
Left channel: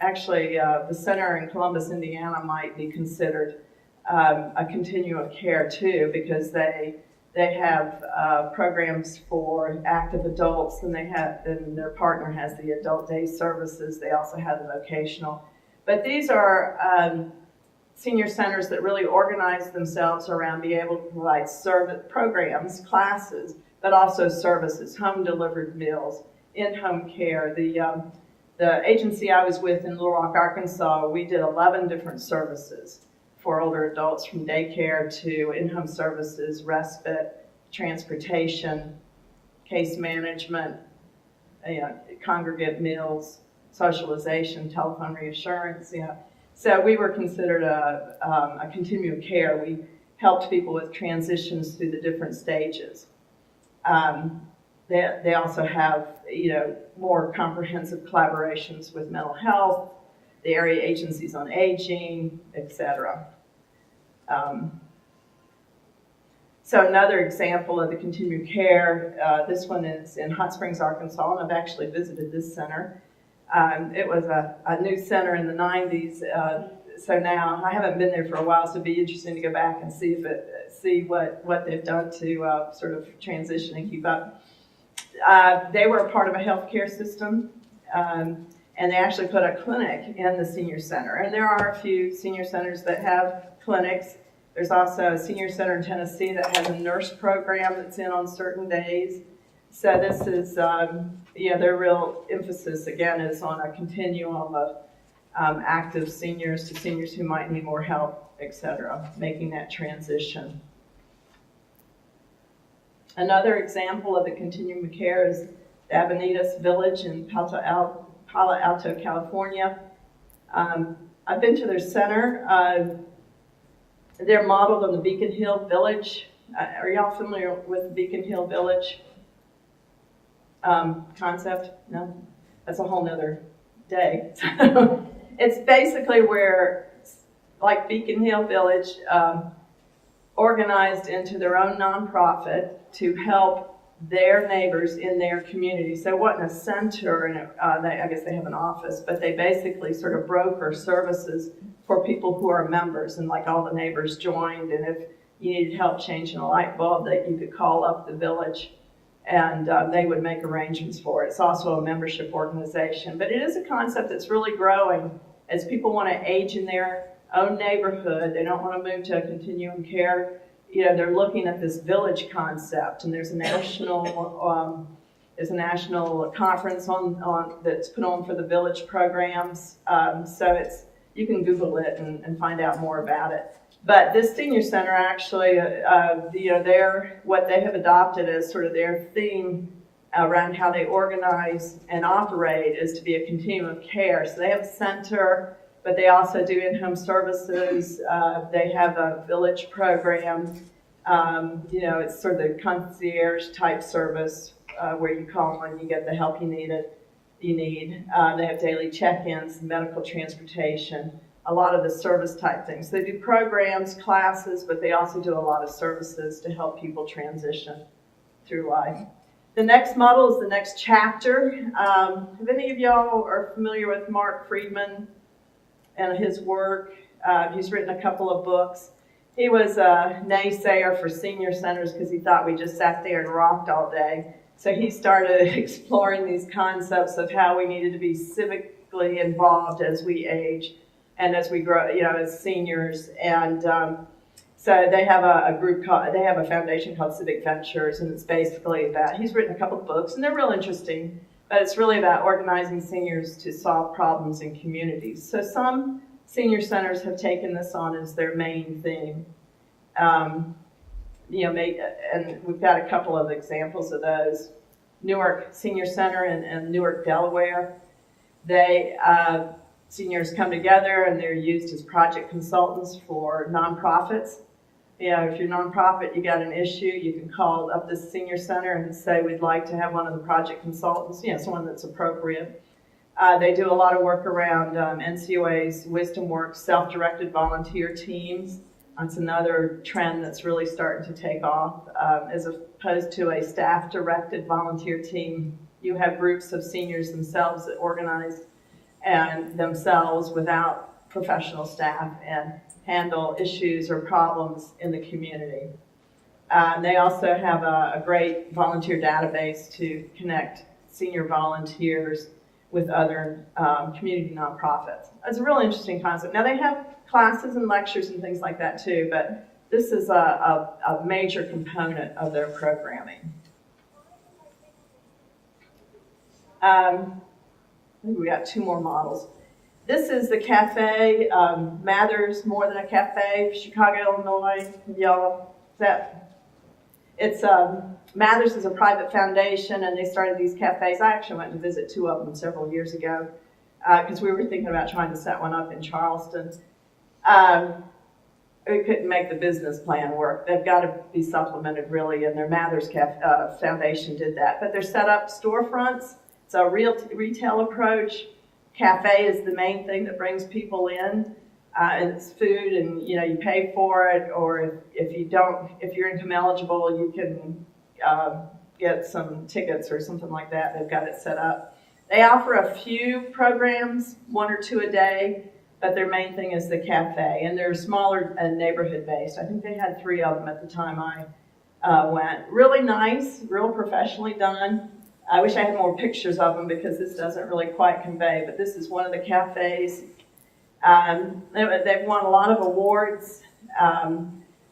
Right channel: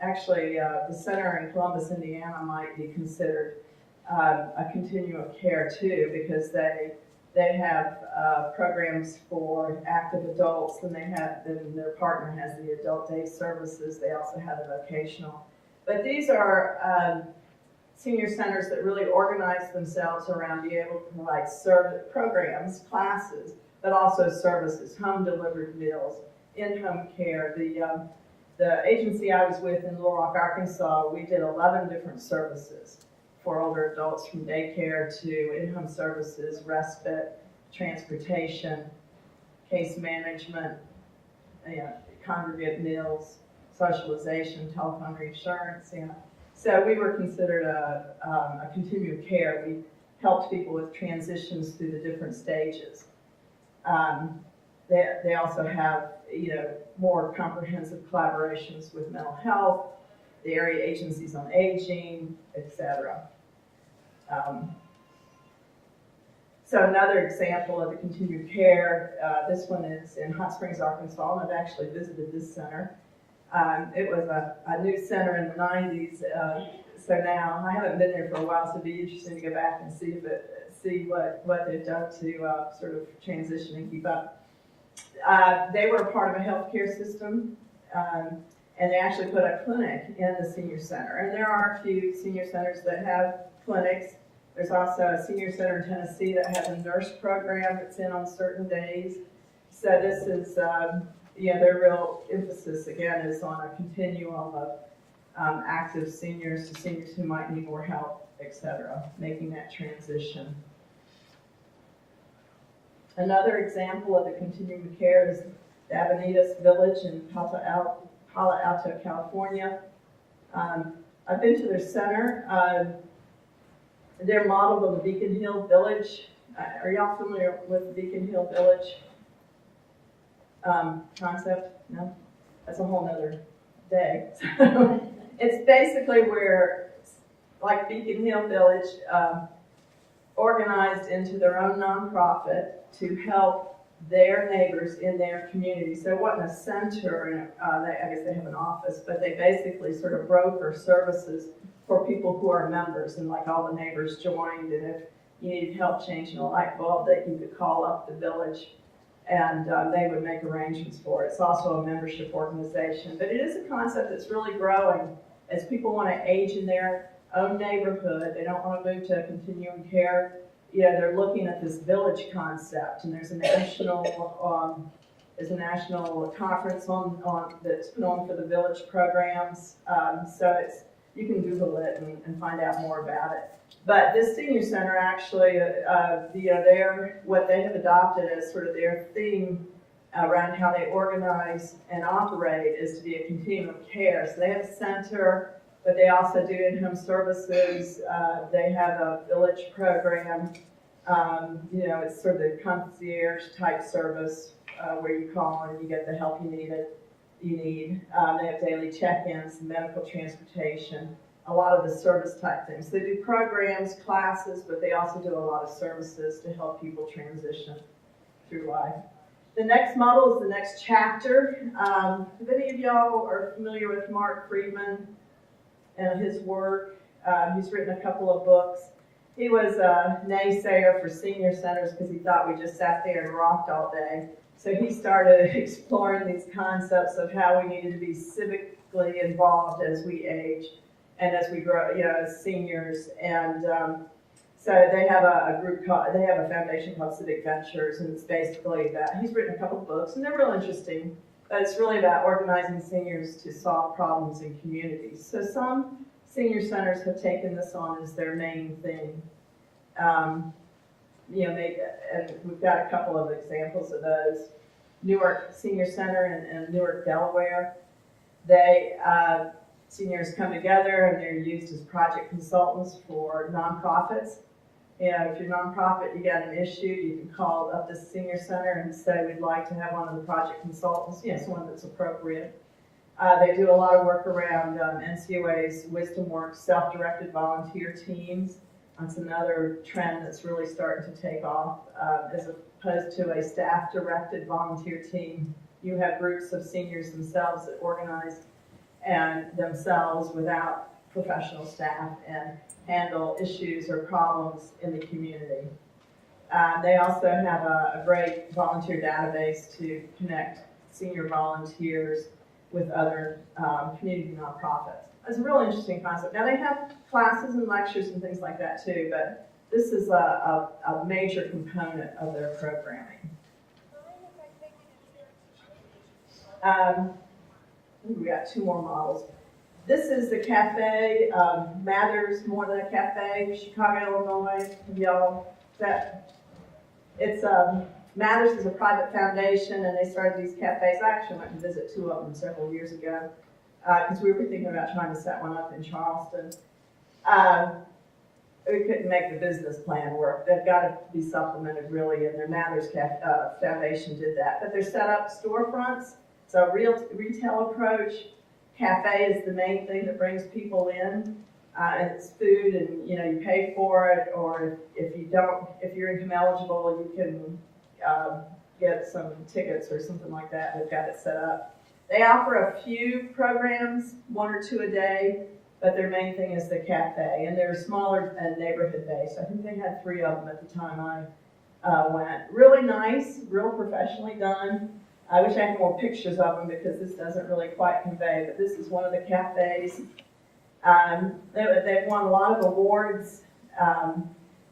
the center in Columbus, Indiana might be considered a continuum of care too, because they have programs for active adults, and their partner has the adult day services. They also have the vocational. But these are senior centers that really organize themselves around being able to provide programs, classes, but also services, home-delivered meals, in-home care. The agency I was with in Little Rock, Arkansas, we did 11 different services for older adults, from daycare to in-home services, respite, transportation, case management, congregate meals, socialization, telephone reassurance. So we were considered a continuum of care. We helped people with transitions through the different stages. They also have, more comprehensive collaborations with mental health, the area agencies on aging, etc. So another example of the continuum care, this one is in Hot Springs, Arkansas, and I've actually visited this center. It was a new center in the 90s, so now I haven't been there for a while, so it'd be interesting to go back and see what they've done to sort of transition and keep up. They were a part of a healthcare system, and they actually put a clinic in the senior center. And there are a few senior centers that have clinics. There's also a senior center in Tennessee that has a nurse program that's in on certain days. So this is, their real emphasis, again, is on a continuum of active seniors to seniors who might need more help, etc., making that transition. Another example of the continuum of care is the Abonitas Village in Palo Alto, California. I've been to their center. They're modeled on the Beacon Hill Village. Are y'all familiar with the Beacon Hill Village concept? No? That's a whole nother day. It's basically where, like Beacon Hill Village, organized into their own nonprofit to help their neighbors in their community. So it wasn't a center, and I guess they have an office, but they basically sort of broker services for people who are members, and like all the neighbors joined, and if you needed help changing a light bulb, that you could call up the village, and they would make arrangements for it. It's also a membership organization, but it is a concept that's really growing as people want to age in their own neighborhood. They don't want to move to a continuum care. You know, they're looking at this village concept, and there's a national conference on that's put on for the village programs. So you can Google it and find out more about it. But this senior center actually, what they have adopted as sort of their theme around how they organize and operate is to be a continuum of care. So they have a center, but they also do in-home services. They have a village program. It's sort of the concierge type service where you call when you get the help you need. They have daily check-ins, medical transportation, a lot of the service type things. They do programs, classes, but they also do a lot of services to help people transition through life. The next model is the next chapter. If any of y'all are familiar with Mark Friedman and his work, he's written a couple of books. He was a naysayer for senior centers because he thought we just sat there and rocked all day. So he started exploring these concepts of how we needed to be civically involved as we age and as we grow, as seniors. And so they have they have a foundation called Civic Ventures, and it's basically about, he's written a couple of books, and they're real interesting, but it's really about organizing seniors to solve problems in communities. So some senior centers have taken this on as their main thing. And we've got a couple of examples of those. Newark Senior Center in Newark, Delaware. Seniors come together and they're used as project consultants for nonprofits. If you're a nonprofit, you got an issue, you can call up the senior center and say, we'd like to have one of the project consultants, someone that's appropriate. They do a lot of work around NCOA's Wisdom Works self-directed volunteer teams. That's another trend that's really starting to take off. As opposed to a staff-directed volunteer team, you have groups of seniors themselves that organize and themselves without professional staff and handle issues or problems in the community. They also have a great volunteer database to connect senior volunteers with other community nonprofits. It's a really interesting concept. Now they have classes and lectures and things like that too, but this is a major component of their programming. We got two more models. This is the cafe, Mathers More Than a Cafe, Chicago, Illinois. Mathers is a private foundation, and they started these cafes. I actually went to visit two of them several years ago because we were thinking about trying to set one up in Charleston. We couldn't make the business plan work. They've got to be supplemented, really, and their Mathers Foundation did that. But they're set up storefronts. It's a real retail approach. Cafe is the main thing that brings people in. And it's food, and you pay for it, or if you're income eligible, you can get some tickets or something like that. They've got it set up. They offer a few programs, one or two a day, but their main thing is the cafe, and they're smaller and neighborhood based. I think they had 3 of them at the time I went. Really nice, real professionally done. I wish I had more pictures of them because this doesn't really quite convey, but this is one of the cafes. They've won a lot of awards.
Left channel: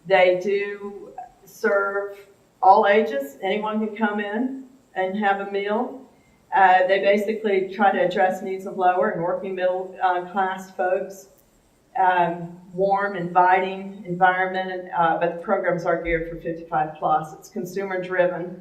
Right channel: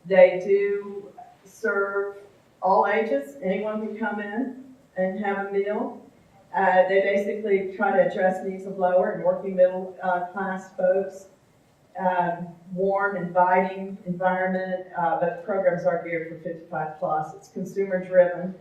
They do serve all ages. Anyone can come in and have a meal. They basically try to address needs of lower and working middle class folks. warm, inviting environment, but the programs are geared for 55 plus. It's consumer driven,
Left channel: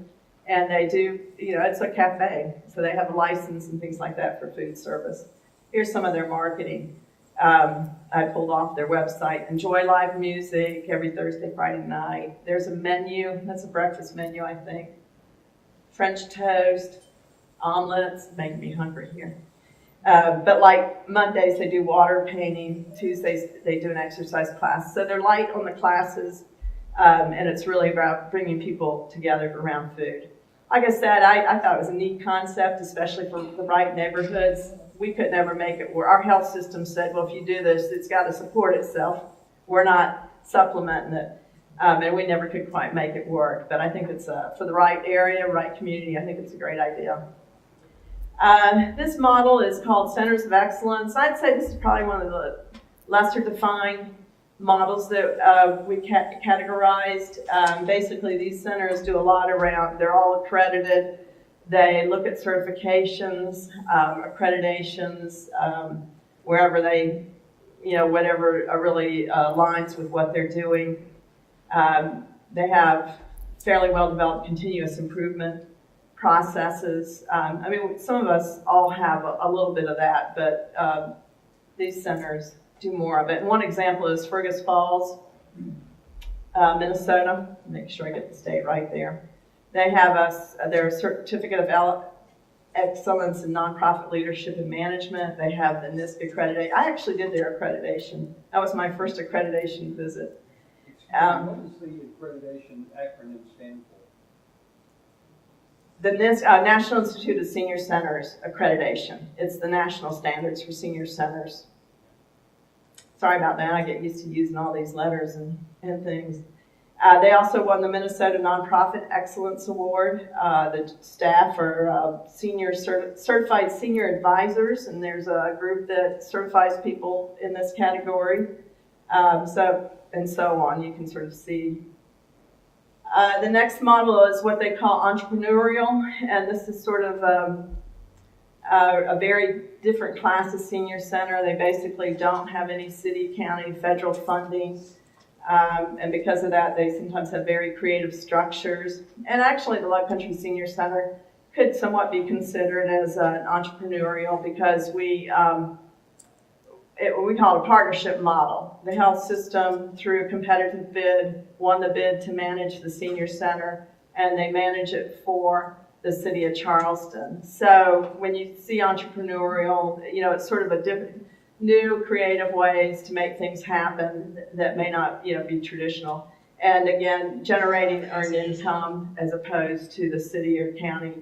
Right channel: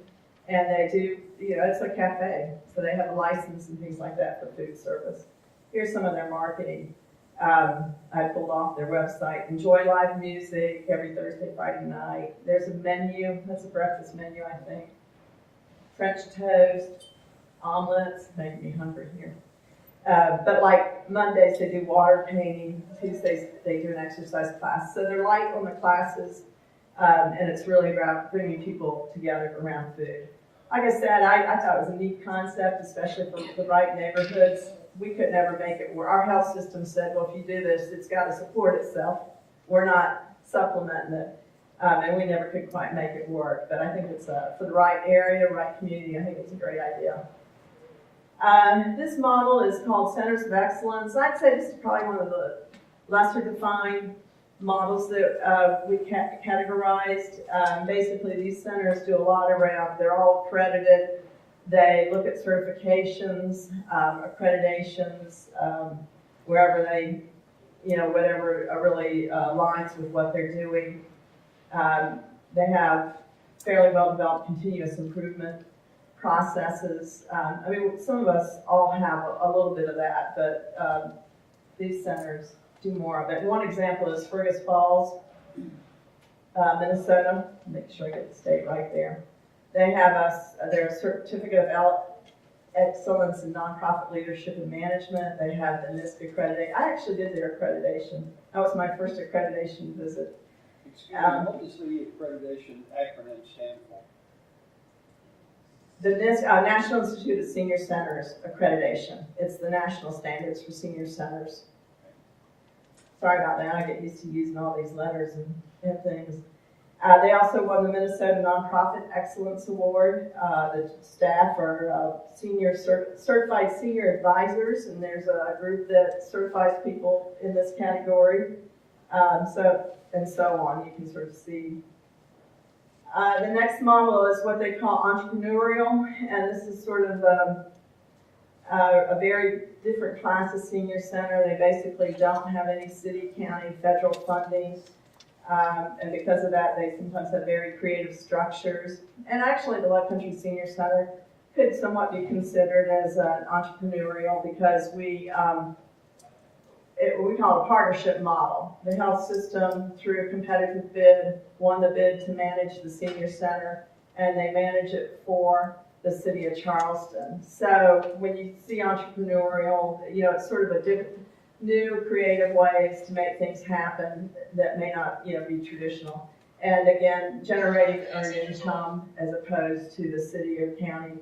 and they do, it's a cafe, so they have a license and things like that for food service. Here's some of their marketing. I pulled off their website. Enjoy live music every Thursday, Friday night. There's a menu. That's a breakfast menu, I think. French toast, omelets, making me hungry here. But like Mondays, they do water painting. Tuesdays, they do an exercise class. So they're light on the classes, and it's really about bringing people together around food. Like I said, I thought it was a neat concept, especially for the right neighborhoods. We could never make it work. Our health system said, well, if you do this, it's got to support itself. We're not supplementing it. And we never could quite make it work. But I think it's for the right area, right community, I think it's a great idea. This model is called Centers of Excellence. I'd say this is probably one of the lesser defined models that we categorized. Basically, these centers do a lot around, they're all accredited. They look at certifications, accreditations, wherever they, whatever really aligns with what they're doing. They have fairly well-developed continuous improvement processes. Some of us all have a little bit of that, but these centers do more of it. And one example is Fergus Falls, Minnesota. Make sure I get the state right there. They have their certificate of excellence in nonprofit leadership and management. They have the NISC accreditation. I actually did their accreditation. That was my first accreditation visit. Excuse me, what does the accreditation acronym stand for? The NISC, National Institute of Senior Centers accreditation. It's the national standards for senior centers. Sorry about that. I get used to using all these letters and things. They also won the Minnesota Nonprofit Excellence Award. The staff are certified senior advisors, and there's a group that certifies people in this category. And so on. You can sort of see. The next model is what they call entrepreneurial, and this is sort of a very different class of senior center. They basically don't have any city, county, federal funding. And because of that, they sometimes have very creative structures. And actually, the Low Country Senior Center could somewhat be considered as an entrepreneurial because we call it a partnership model. The health system, through a competitive bid, won the bid to manage the senior center, and they manage it for the city of Charleston. So when you see entrepreneurial, it's sort of a different, new creative ways to make things happen that may not be traditional. And again, generating earned income as opposed to the city or county.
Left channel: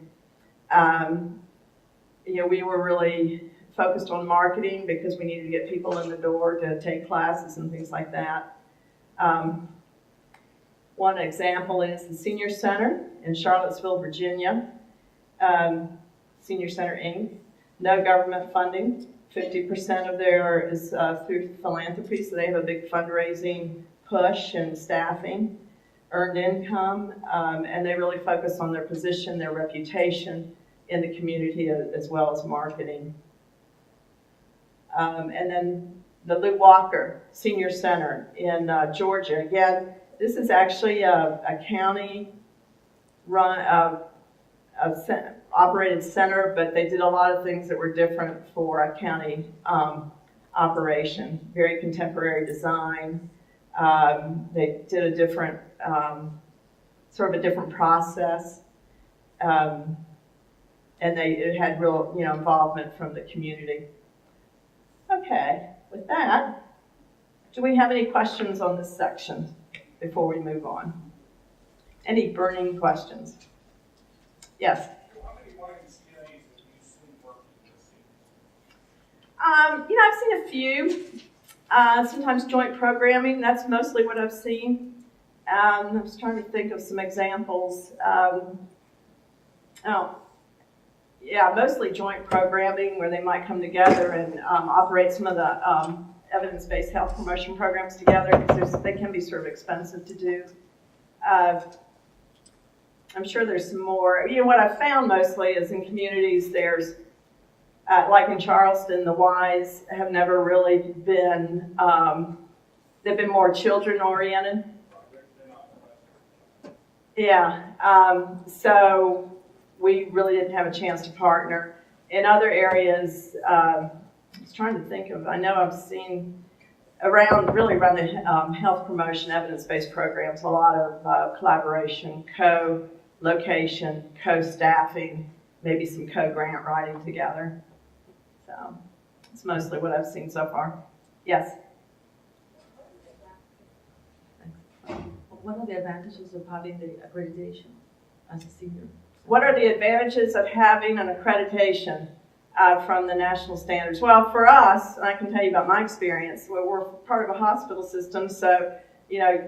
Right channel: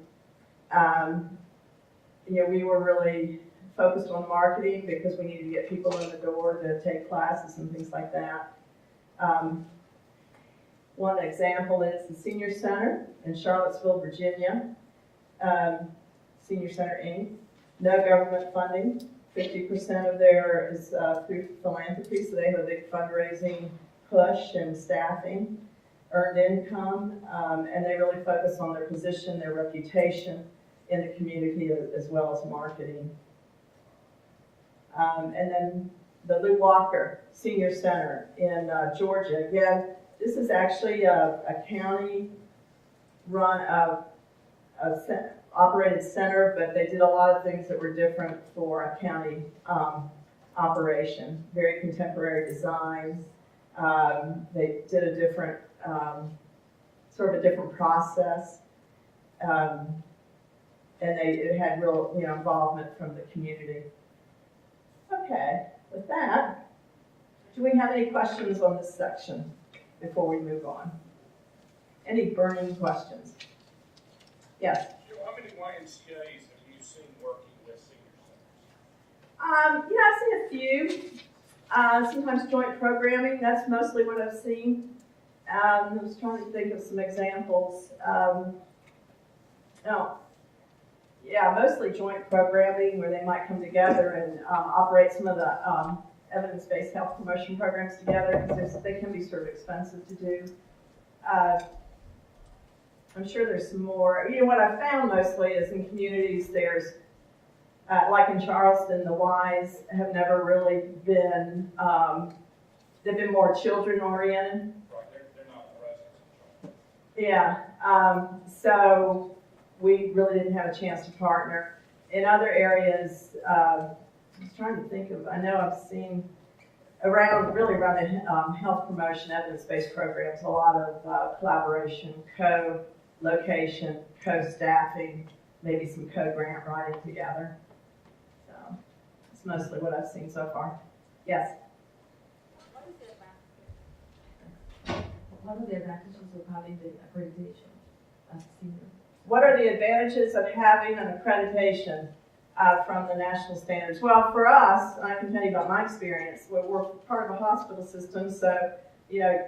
We were really focused on marketing because we needed to get people in the door to take classes and things like that. One example is the Senior Center in Charlottesville, Virginia. Senior Center Inc. No government funding. 50% of their is through philanthropy, so they have a big fundraising push and staffing, earned income, and they really focus on their position, their reputation in the community as well as marketing. And then the Lou Walker Senior Center in Georgia. Again, this is actually a county-run, operated center, but they did a lot of things that were different for a county operation. Very contemporary design. They did a different, sort of a different process, and it had real, involvement from the community. Okay, with that, do we have any questions on this section before we move on? Any burning questions? Yes. How many YMCA's have you seen working with senior centers? I've seen a few. Sometimes joint programming, that's mostly what I've seen. I was trying to think of some examples. Mostly joint programming where they might come together and operate some of the evidence-based health promotion programs together because they can be sort of expensive to do. I'm sure there's some more. What I've found mostly is in communities there's Like in Charleston, the Ys have never really been, they've been more children-oriented. They're not residents. Yeah, so we really didn't have a chance to partner. In other areas, I was trying to think of, I know I've seen around the health promotion evidence-based programs, a lot of collaboration, co-location, co-staffing, maybe some co-grant writing together. So it's mostly what I've seen so far. Yes? What are the advantages of having the accreditation as a senior? What are the advantages of having an accreditation from the national standards? Well, for us, and I can tell you about my experience, we're part of a hospital system, so, you know,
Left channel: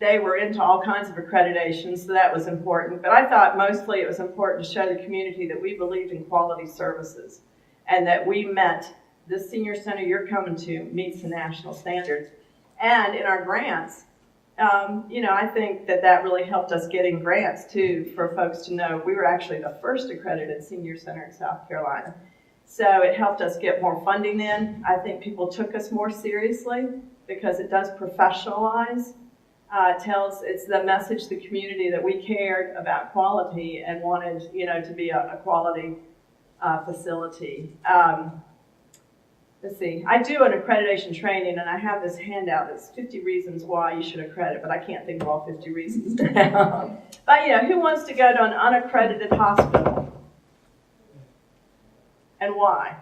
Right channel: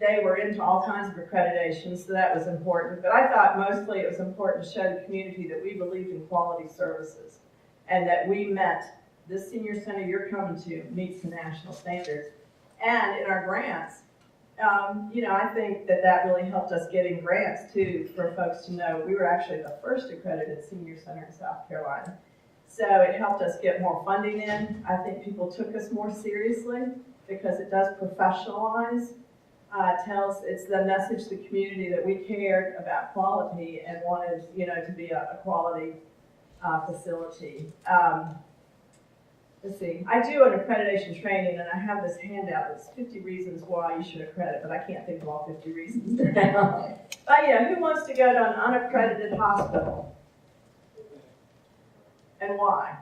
they were into all kinds of accreditations, so that was important. But I thought mostly it was important to show the community that we believed in quality services and that we met, this senior center you're coming to meets the national standards. And in our grants, you know, I think that really helped us getting grants too, for folks to know we were actually the first accredited senior center in South Carolina. So it helped us get more funding in. I think people took us more seriously because it does professionalize. It's the message to the community that we cared about quality and wanted, you know, to be a quality facility. Let's see, I do an accreditation training and I have this handout that's 50 reasons why you should accredit, but I can't think of all 50 reasons now. But you know, who wants to go to an unaccredited hospital? And why?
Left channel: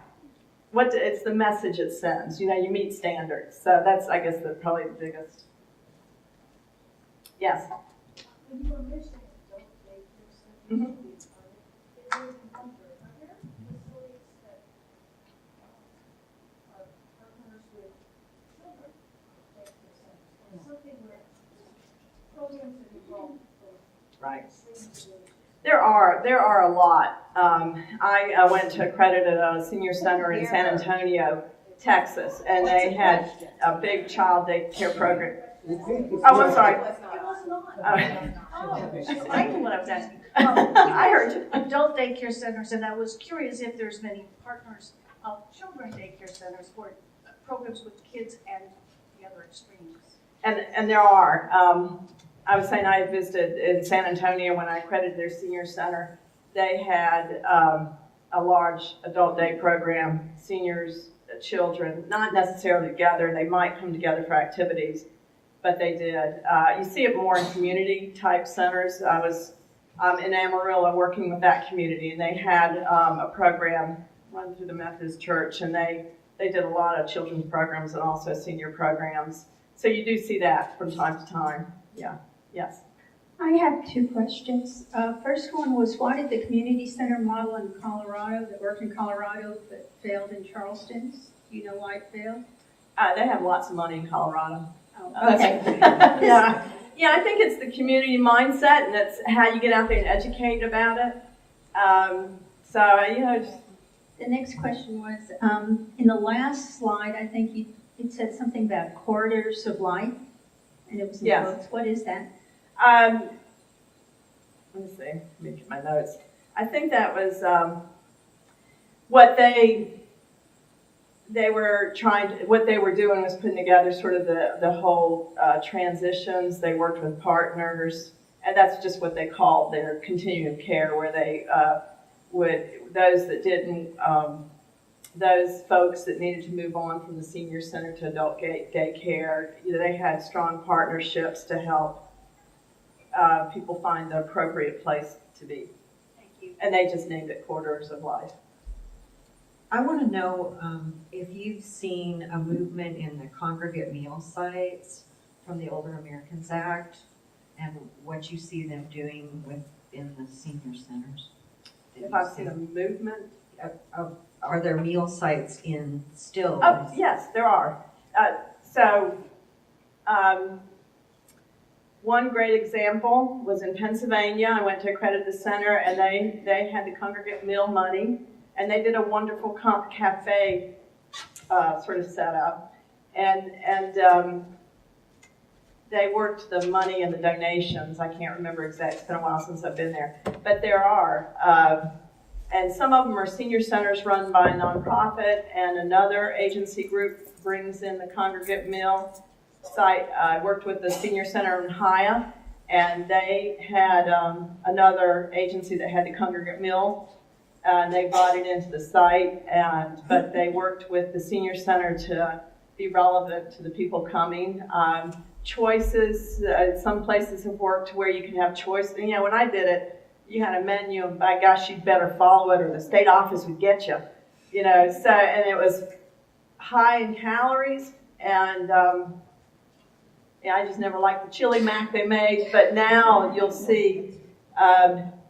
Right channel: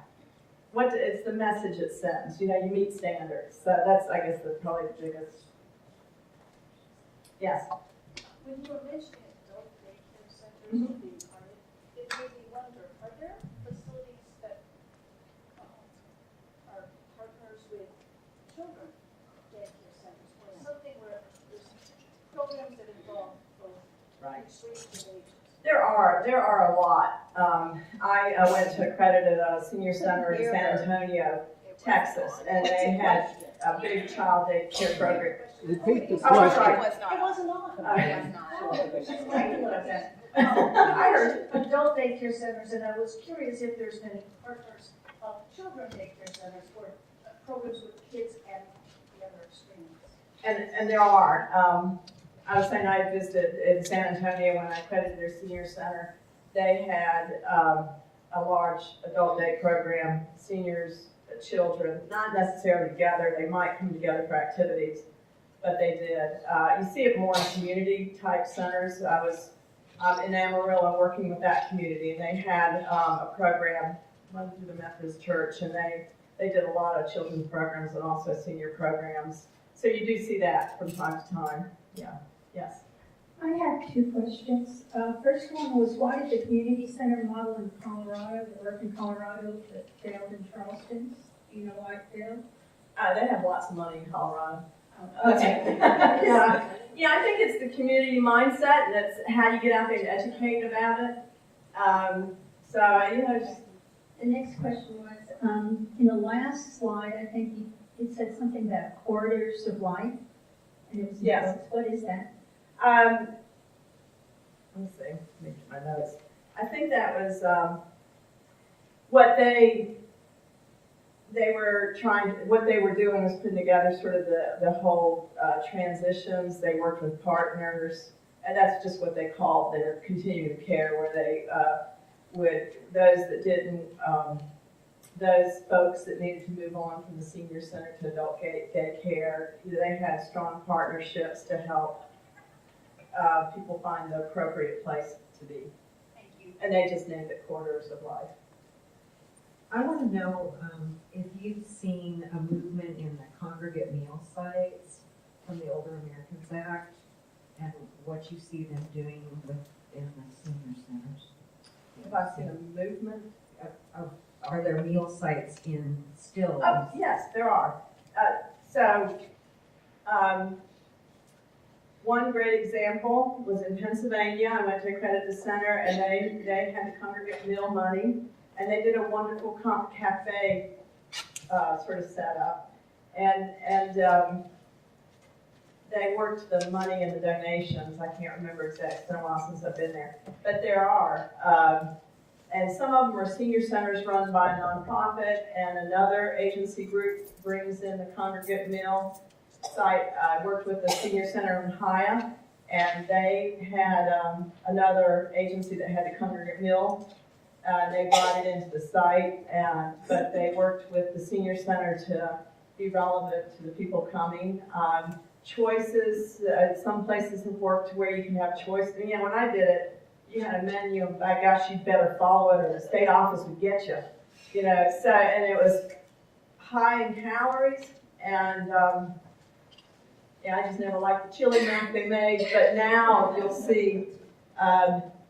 It's the message it sends. You know, you meet standards. So that's, I guess, probably the biggest. Yes? When you were mentioning adult daycare centers, it made me wonder, are there facilities that are partners with children daycare centers? Or something where there's programs that involve both Right. extremes of age? There are a lot. I went to accredited a senior center in San Antonio, Texas, and they had a big child daycare program. Repeat the Oh, I'm question. sorry. It wasn't on. I knew what I was asking. I heard you. Adult daycare centers, and I was curious if there's many partners of children daycare centers or programs with kids and the other extremes. And there are. I was saying I had visited in San Antonio when I accredited their senior center. They had a large adult day program, seniors, children, not necessarily together. They might come together for activities, but they did. You see it more in community type centers. I was in Amarillo working with that community, and they had a program run through the Methodist Church, and they did a lot of children's programs and also senior programs. So you do see that from time to time. Yeah. Yes. I have two questions. First one was, why did the community center model in Colorado, that worked in Colorado but failed in Charleston? Do you know why it failed? They have lots of money in Colorado. Oh, okay. Yeah, I think it's the community mindset, and that's how you get out there and educate about it. Just The next question was, in the last slide, I think it said something about corridors of life, and it was in Yes. quotes. What is that? let me see, let me get my notes. I think that was what they were what they were doing was putting together sort of the whole transitions. They worked with partners, and that's just what they called their continuum of care, where they would, those that didn't, those folks that needed to move on from the senior center to adult daycare, they had strong partnerships to help people find the appropriate place to be. Thank you. And they just named it Corridors of Life. I want to know if you've seen a movement in the congregate meal sites from the Older Americans Act and what you see them doing within the senior centers. If I've seen a movement. Are there meal sites still? Oh, yes, there are. One great example was in Pennsylvania. I went to accredit the center, and they had the congregate meal money, and they did a wonderful cafe sort of setup, and they worked the money and the donations. I can't remember exactly. It's been a while since I've been there, but there are. And some of them are senior centers run by a nonprofit, and another agency group brings in the congregate meal site. I worked with the senior center in Haya, and they had another agency that had the congregate meal, and they brought it into the site, but they worked with the senior center to be relevant to the people coming. Choices, some places have worked where you can have choice. You know, when I did it, you had a menu, and by gosh, you'd better follow it or the state office would get you. You know, so, and it was high in calories, and yeah, I just never liked the chili mac they made, but now you'll see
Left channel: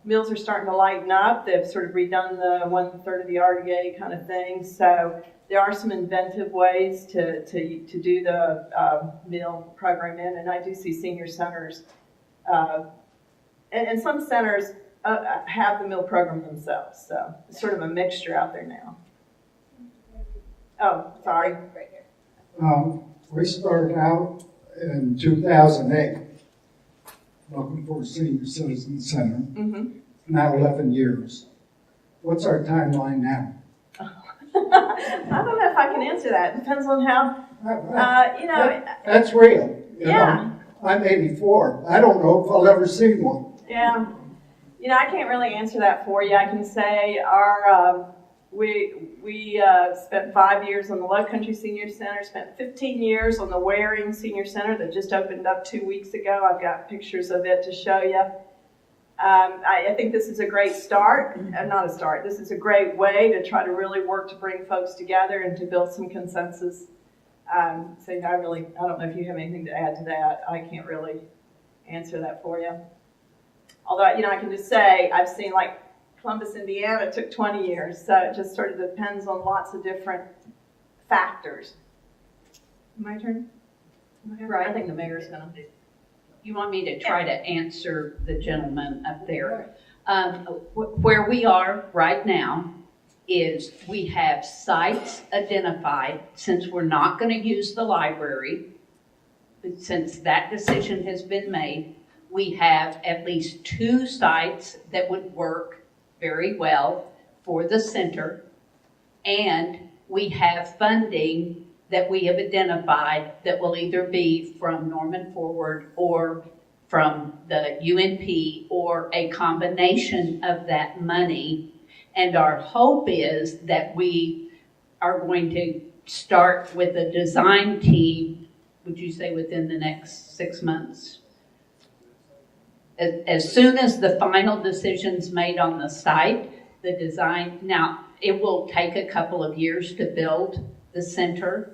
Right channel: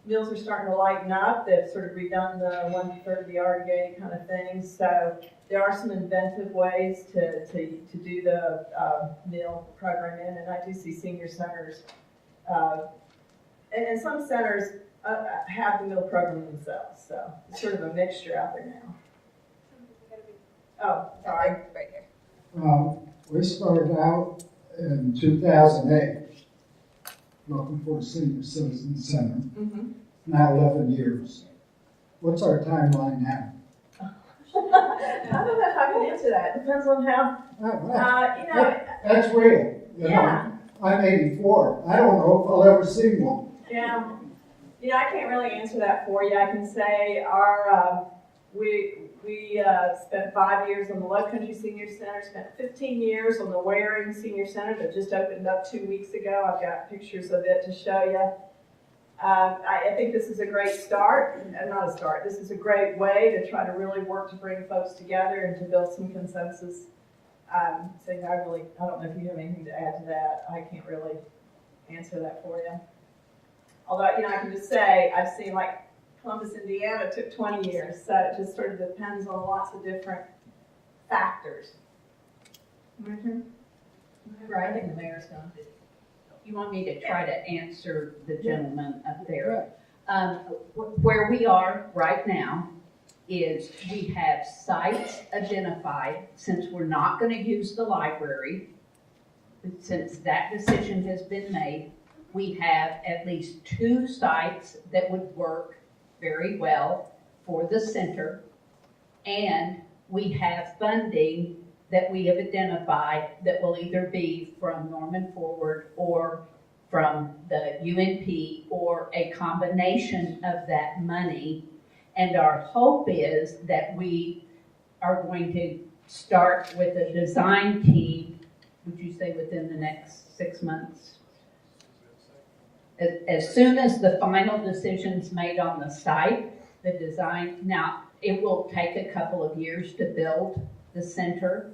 meals are starting to lighten up. They've sort of redone the 1/3 of the RDA kind of thing, so there are some inventive ways to do the meal program in, and I do see senior centers, and some centers have the meal program themselves, so it's sort of a mixture out there now. Oh, sorry. Right here. We started out in 2008 looking for a senior citizen center, Mm-hmm. now 11 years. What's our timeline now? I don't know if I can answer that. Depends on how, you know. That's real. You Yeah. know, I'm 84. I don't know if I'll ever see one. Yeah. You know, I can't really answer that for you. I can say we spent 5 years on the Low Country Senior Center, spent 15 years on the Waring Senior Center that just opened up 2 weeks ago. I've got pictures of it to show you. I think this is a great start, not a start, this is a great way to try to really work to bring folks together and to build some consensus. So I don't know if you have anything to add to that. I can't really answer that for you. Although, you know, I can just say, I've seen like Columbus, Indiana took 20 years, so it just sort of depends on lots of different factors. My turn? Right. I think the mayor's gonna. You want me to try to answer the gentleman up there? Where we are right now is we have sites identified, since we're not going to use the library, since that decision has been made, we have at least 2 sites that would work very well for the center, and we have funding that we have identified that will either be from Norman Forward or from the UNP or a combination of that money. And our hope is that we are going to start with a design team, would you say within the next 6 months? As soon as the final decision's made on the site, the design, now it will take a couple of years to build the center,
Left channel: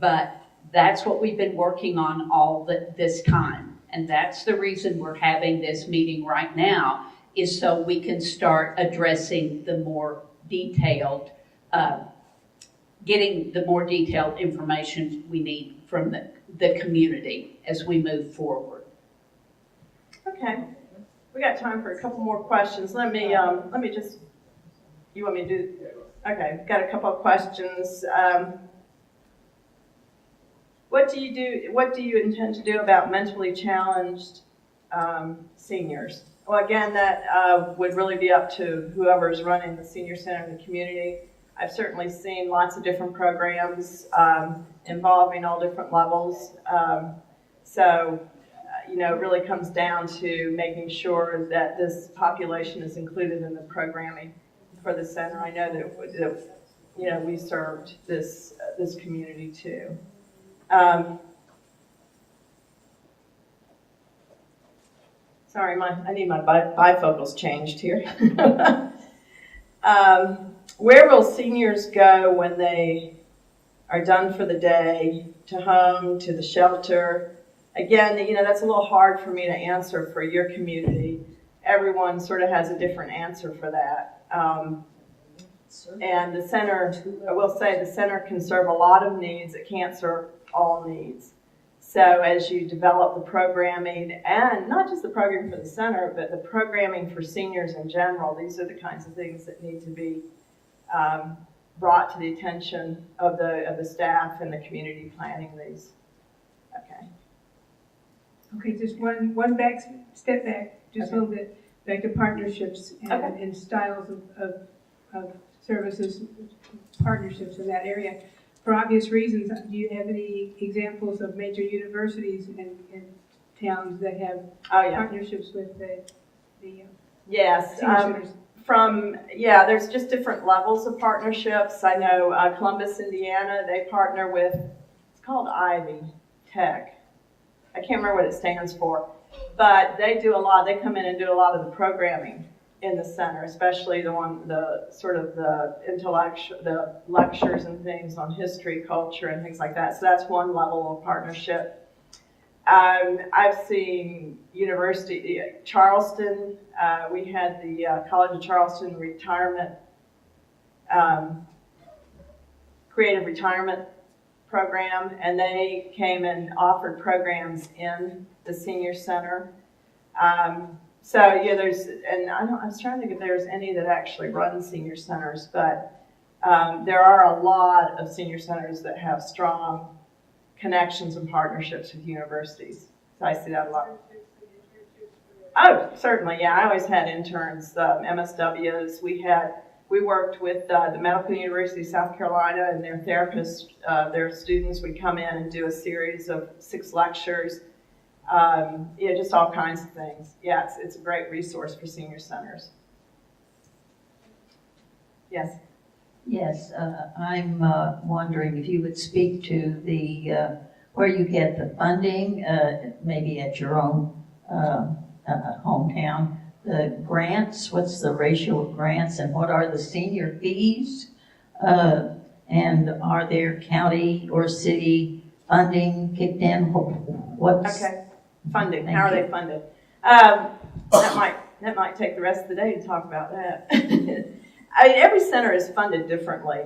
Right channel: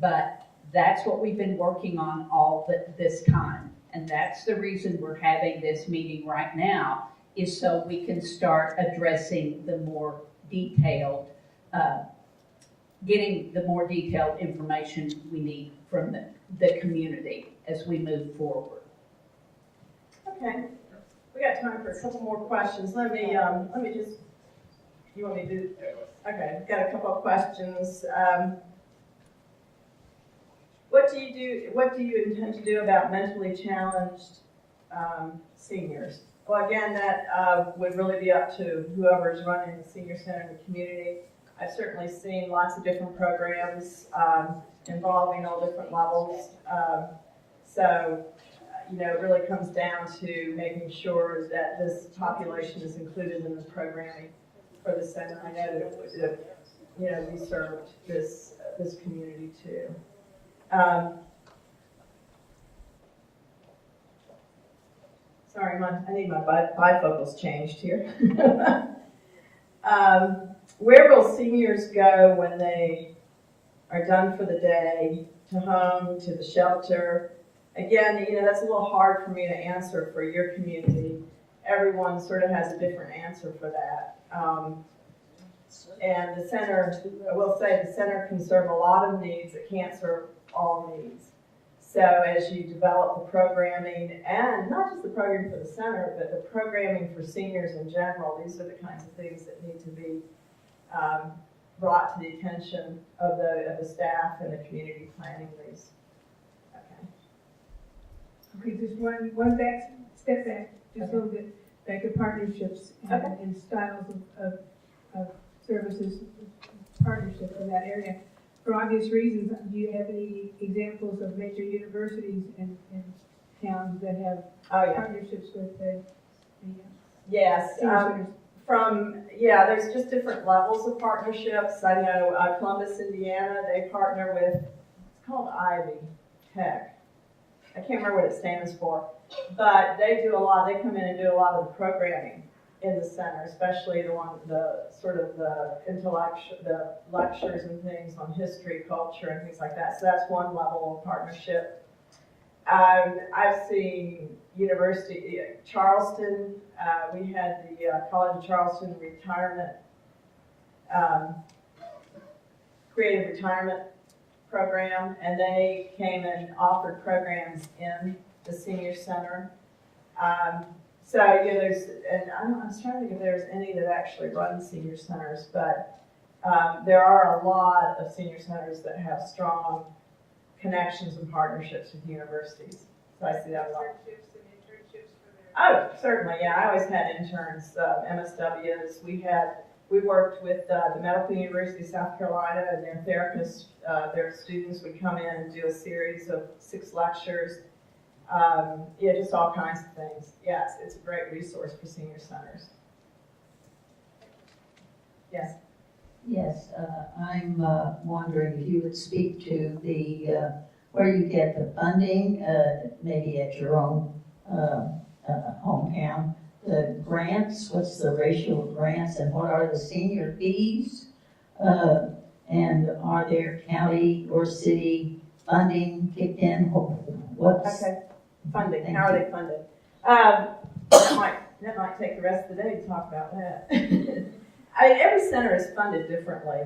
but that's what we've been working on all this time. And that's the reason we're having this meeting right now, is so we can start addressing the more detailed, getting the more detailed information we need from the community as we move forward. Okay, we got time for a couple more questions. Let me just, you want me to do, okay, got a couple of questions. What do you intend to do about mentally challenged seniors? Well, again, that would really be up to whoever's running the senior center in the community. I've certainly seen lots of different programs involving all different levels. You know, it really comes down to making sure that this population is included in the programming for the center. I know that you know, we served this community too. Sorry, I need my bifocals changed here. Where will seniors go when they are done for the day? To home, to the shelter? Again, you know, that's a little hard for me to answer for your community. Everyone sort of has a different answer for that. And the center, I will say, the center can serve a lot of needs. It can't serve all needs. So as you develop the programming, and not just the programming for the center, but the programming for seniors in general, these are the kinds of things that need to be brought to the attention of the staff and the community planning these. Okay. Okay, just one step back, just a little bit. like partnerships Okay. and styles of services, partnerships in that area. For obvious reasons, do you have any examples of major universities in towns that have Oh, yeah. partnerships with the Yes. senior centers? There's just different levels of partnerships. I know Columbus, Indiana, they partner with, it's called Ivy Tech. I can't remember what it stands for, but they do a lot. They come in and do a lot of the programming in the center, especially the lectures and things on history, culture, and things like that. So that's one level of partnership. I've seen University, Charleston, we had the College of Charleston retirement, creative retirement program, and they came and offered programs in the senior center. I was trying to think if there's any that actually run senior centers, but there are a lot of senior centers that have strong connections and partnerships with universities. So I see that a lot. Oh, certainly, yeah. I always had interns, MSWs. We worked with the Medical University of South Carolina and their therapists, their students would come in and do a series of 6 lectures. Just all kinds of things. Yeah, it's a great resource for senior centers. Yes. Yes, I'm wondering if you would speak to the where you get the funding, maybe at your own hometown. The grants, what's the ratio of grants, and what are the senior fees? And are there county or city funding kicked in? What's Okay. Funding. How are they funded? That might take the rest of the day to talk about that. I mean, every center is funded differently.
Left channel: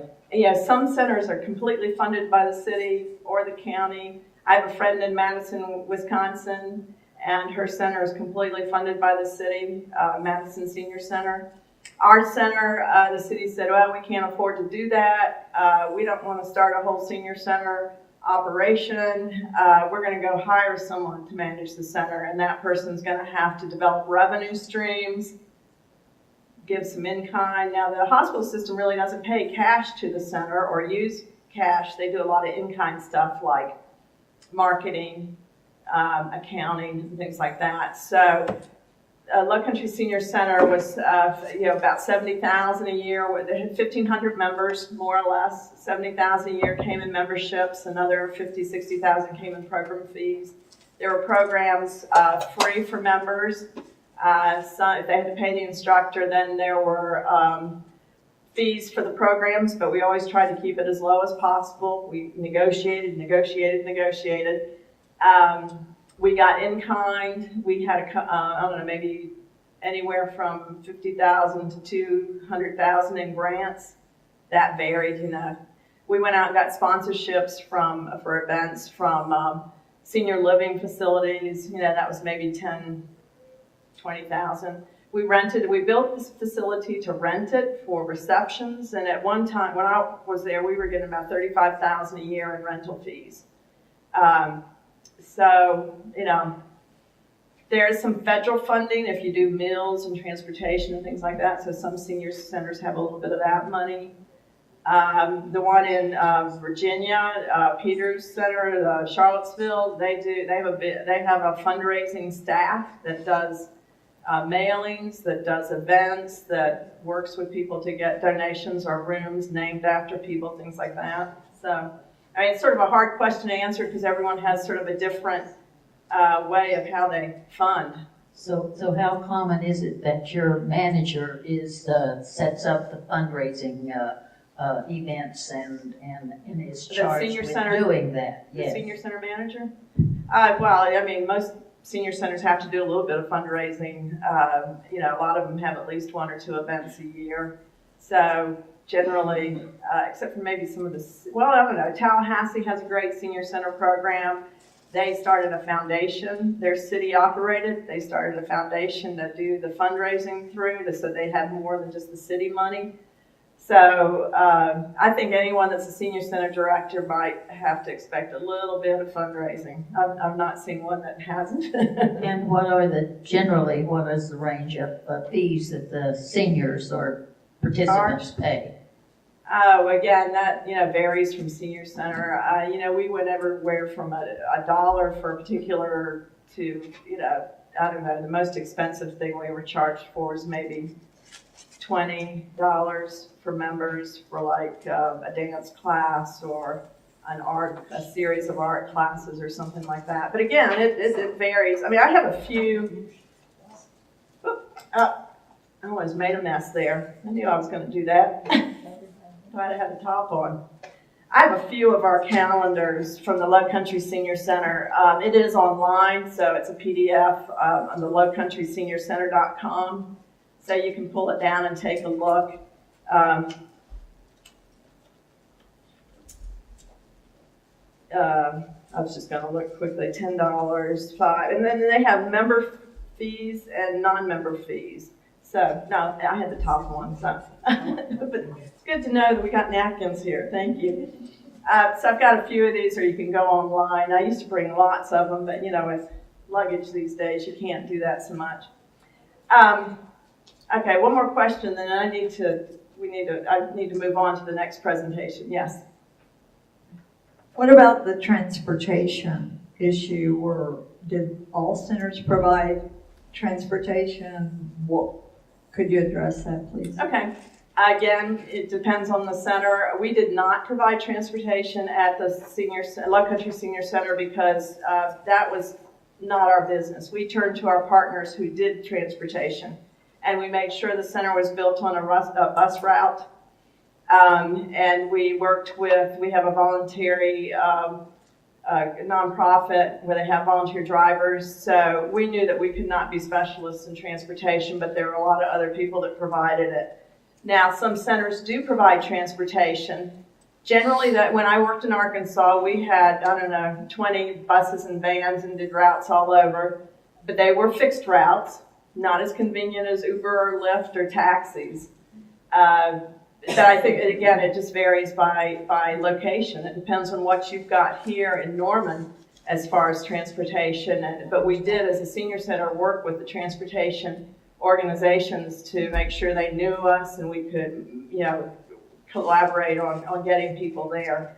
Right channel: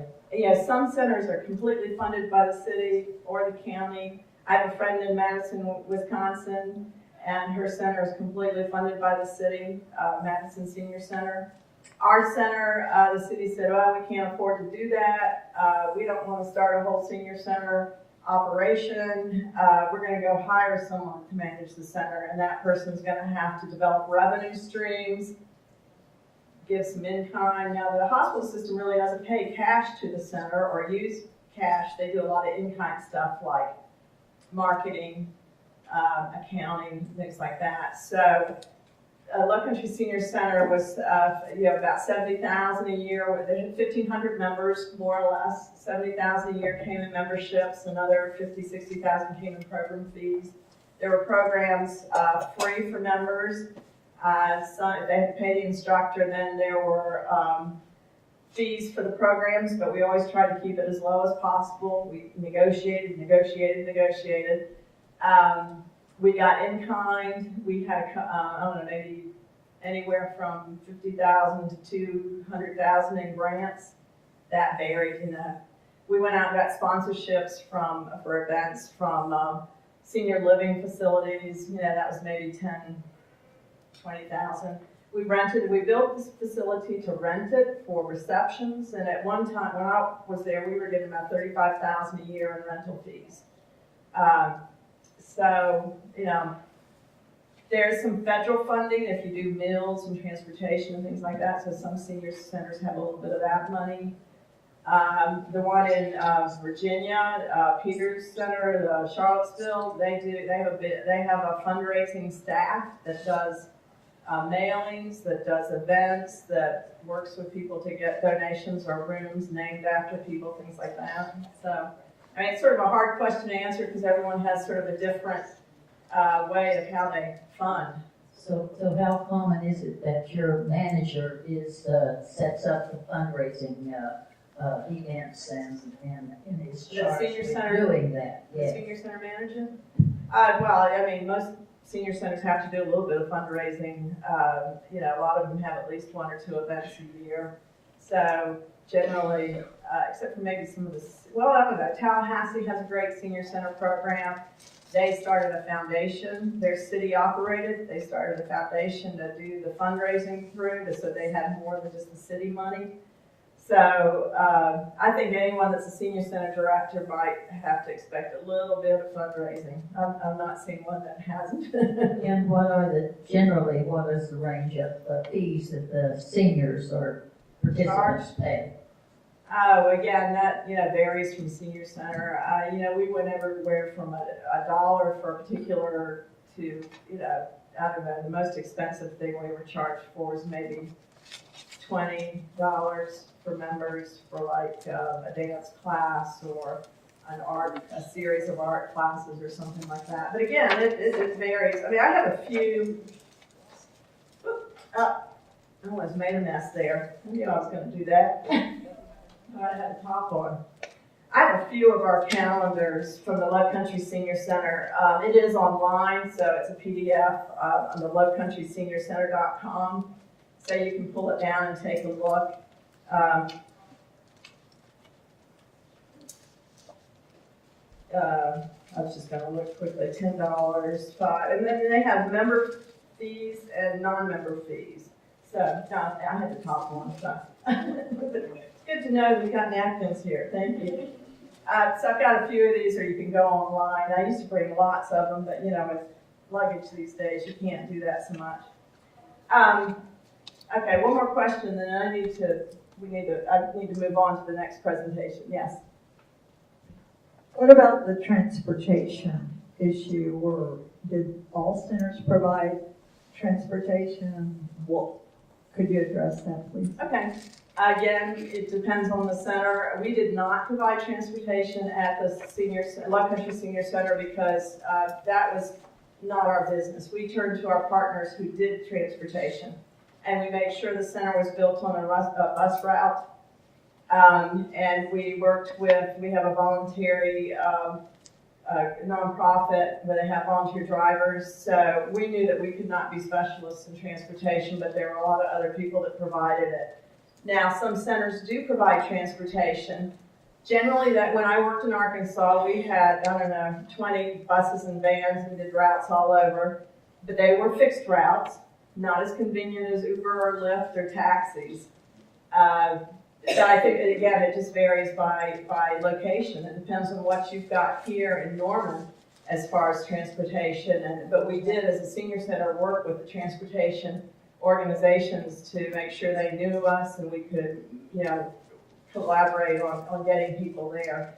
Some centers are completely funded by the city or the county. I have a friend in Madison, Wisconsin, and her center is completely funded by the city, Madison Senior Center. Our center, the city said, well, we can't afford to do that. We don't want to start a whole senior center operation. We're going to go hire someone to manage the center, and that person's going to have to develop revenue streams, give some in-kind. Now, the hospital system really doesn't pay cash to the center or use cash. They do a lot of in-kind stuff like marketing, accounting, things like that. So Low Country Senior Center was about $70,000 a year. They had 1,500 members, more or less. $70,000 a year came in memberships. Another $50,000, $60,000 came in program fees. There were programs free for members. So if they had to pay the instructor, then there were fees for the programs, but we always tried to keep it as low as possible. We negotiated. We got in kind. We had maybe anywhere from $50,000 to $200,000 in grants. That varied, We went out and got sponsorships for events from senior living facilities. That was maybe $10,000, $20,000. We built this facility to rent it for receptions, and at one time, when I was there, we were getting about $35,000 a year in rental fees. There's some federal funding if you do meals and transportation and things like that, so some senior centers have a little bit of that money. The one in Virginia, Peters Center, Charlottesville, they have a fundraising staff that does mailings, that does events, that works with people to get donations or rooms named after people, things like that. So, it's sort of a hard question to answer because everyone has sort of a different way of how they fund. So how common is it that your manager sets up the fundraising events and is charged with doing that? The Yes. senior center manager? Most senior centers have to do a little bit of fundraising. A lot of them have at least 1 or 2 events a year. So generally, except for maybe some of Tallahassee has a great senior center program. They started a foundation. They're city operated. They started a foundation to do the fundraising through, so they had more than just the city money. So I think anyone that's a senior center director might have to expect a little bit of fundraising. I've not seen one that hasn't. And what is the range of fees that the seniors or participants pay? Oh, again, that, varies from senior center. We went everywhere from a dollar for a particular to, I don't know, the most expensive thing we were charged for was maybe $20 for members for like a dance class or a series of art classes or something like that. But again, it varies. I mean, I have a few, I almost made a mess there. I knew I was going to do that. Glad I had the top on. I have a few of our calendars from the Low Country Senior Center. It is online, so it's a PDF on the lowcountryseniorcenter.com. So you can pull it down and take a look. I was just going to look quickly. $10, $5, and then they have member fees and non-member fees. So no, I had the top one. So it's good to know that we got napkins here. Thank you. So I've got a few of these, or you can go online. I used to bring lots of them, but with luggage these days, you can't do that so much. Okay, one more question, then I need to move on to the next presentation. Yes. What about the transportation issue, or did all centers provide transportation? Could you address that, please? Okay. Again, it depends on the center. We did not provide transportation at the Low Country Senior Center because that was not our business. We turned to our partners who did transportation, and we made sure the center was built on a bus route. And we have a voluntary nonprofit where they have volunteer drivers. So we knew that we could not be specialists in transportation, but there were a lot of other people that provided it. Now, some centers do provide transportation. Generally, that when I worked in Arkansas, we had, 20 buses and vans and did routes all over. But they were fixed routes, not as convenient as Uber or Lyft or taxis. But I think, again, it just varies by location. It depends on what you've got here in Norman as far as transportation. But we did, as a senior center, work with the transportation organizations to make sure they knew us and we could, collaborate on getting people there.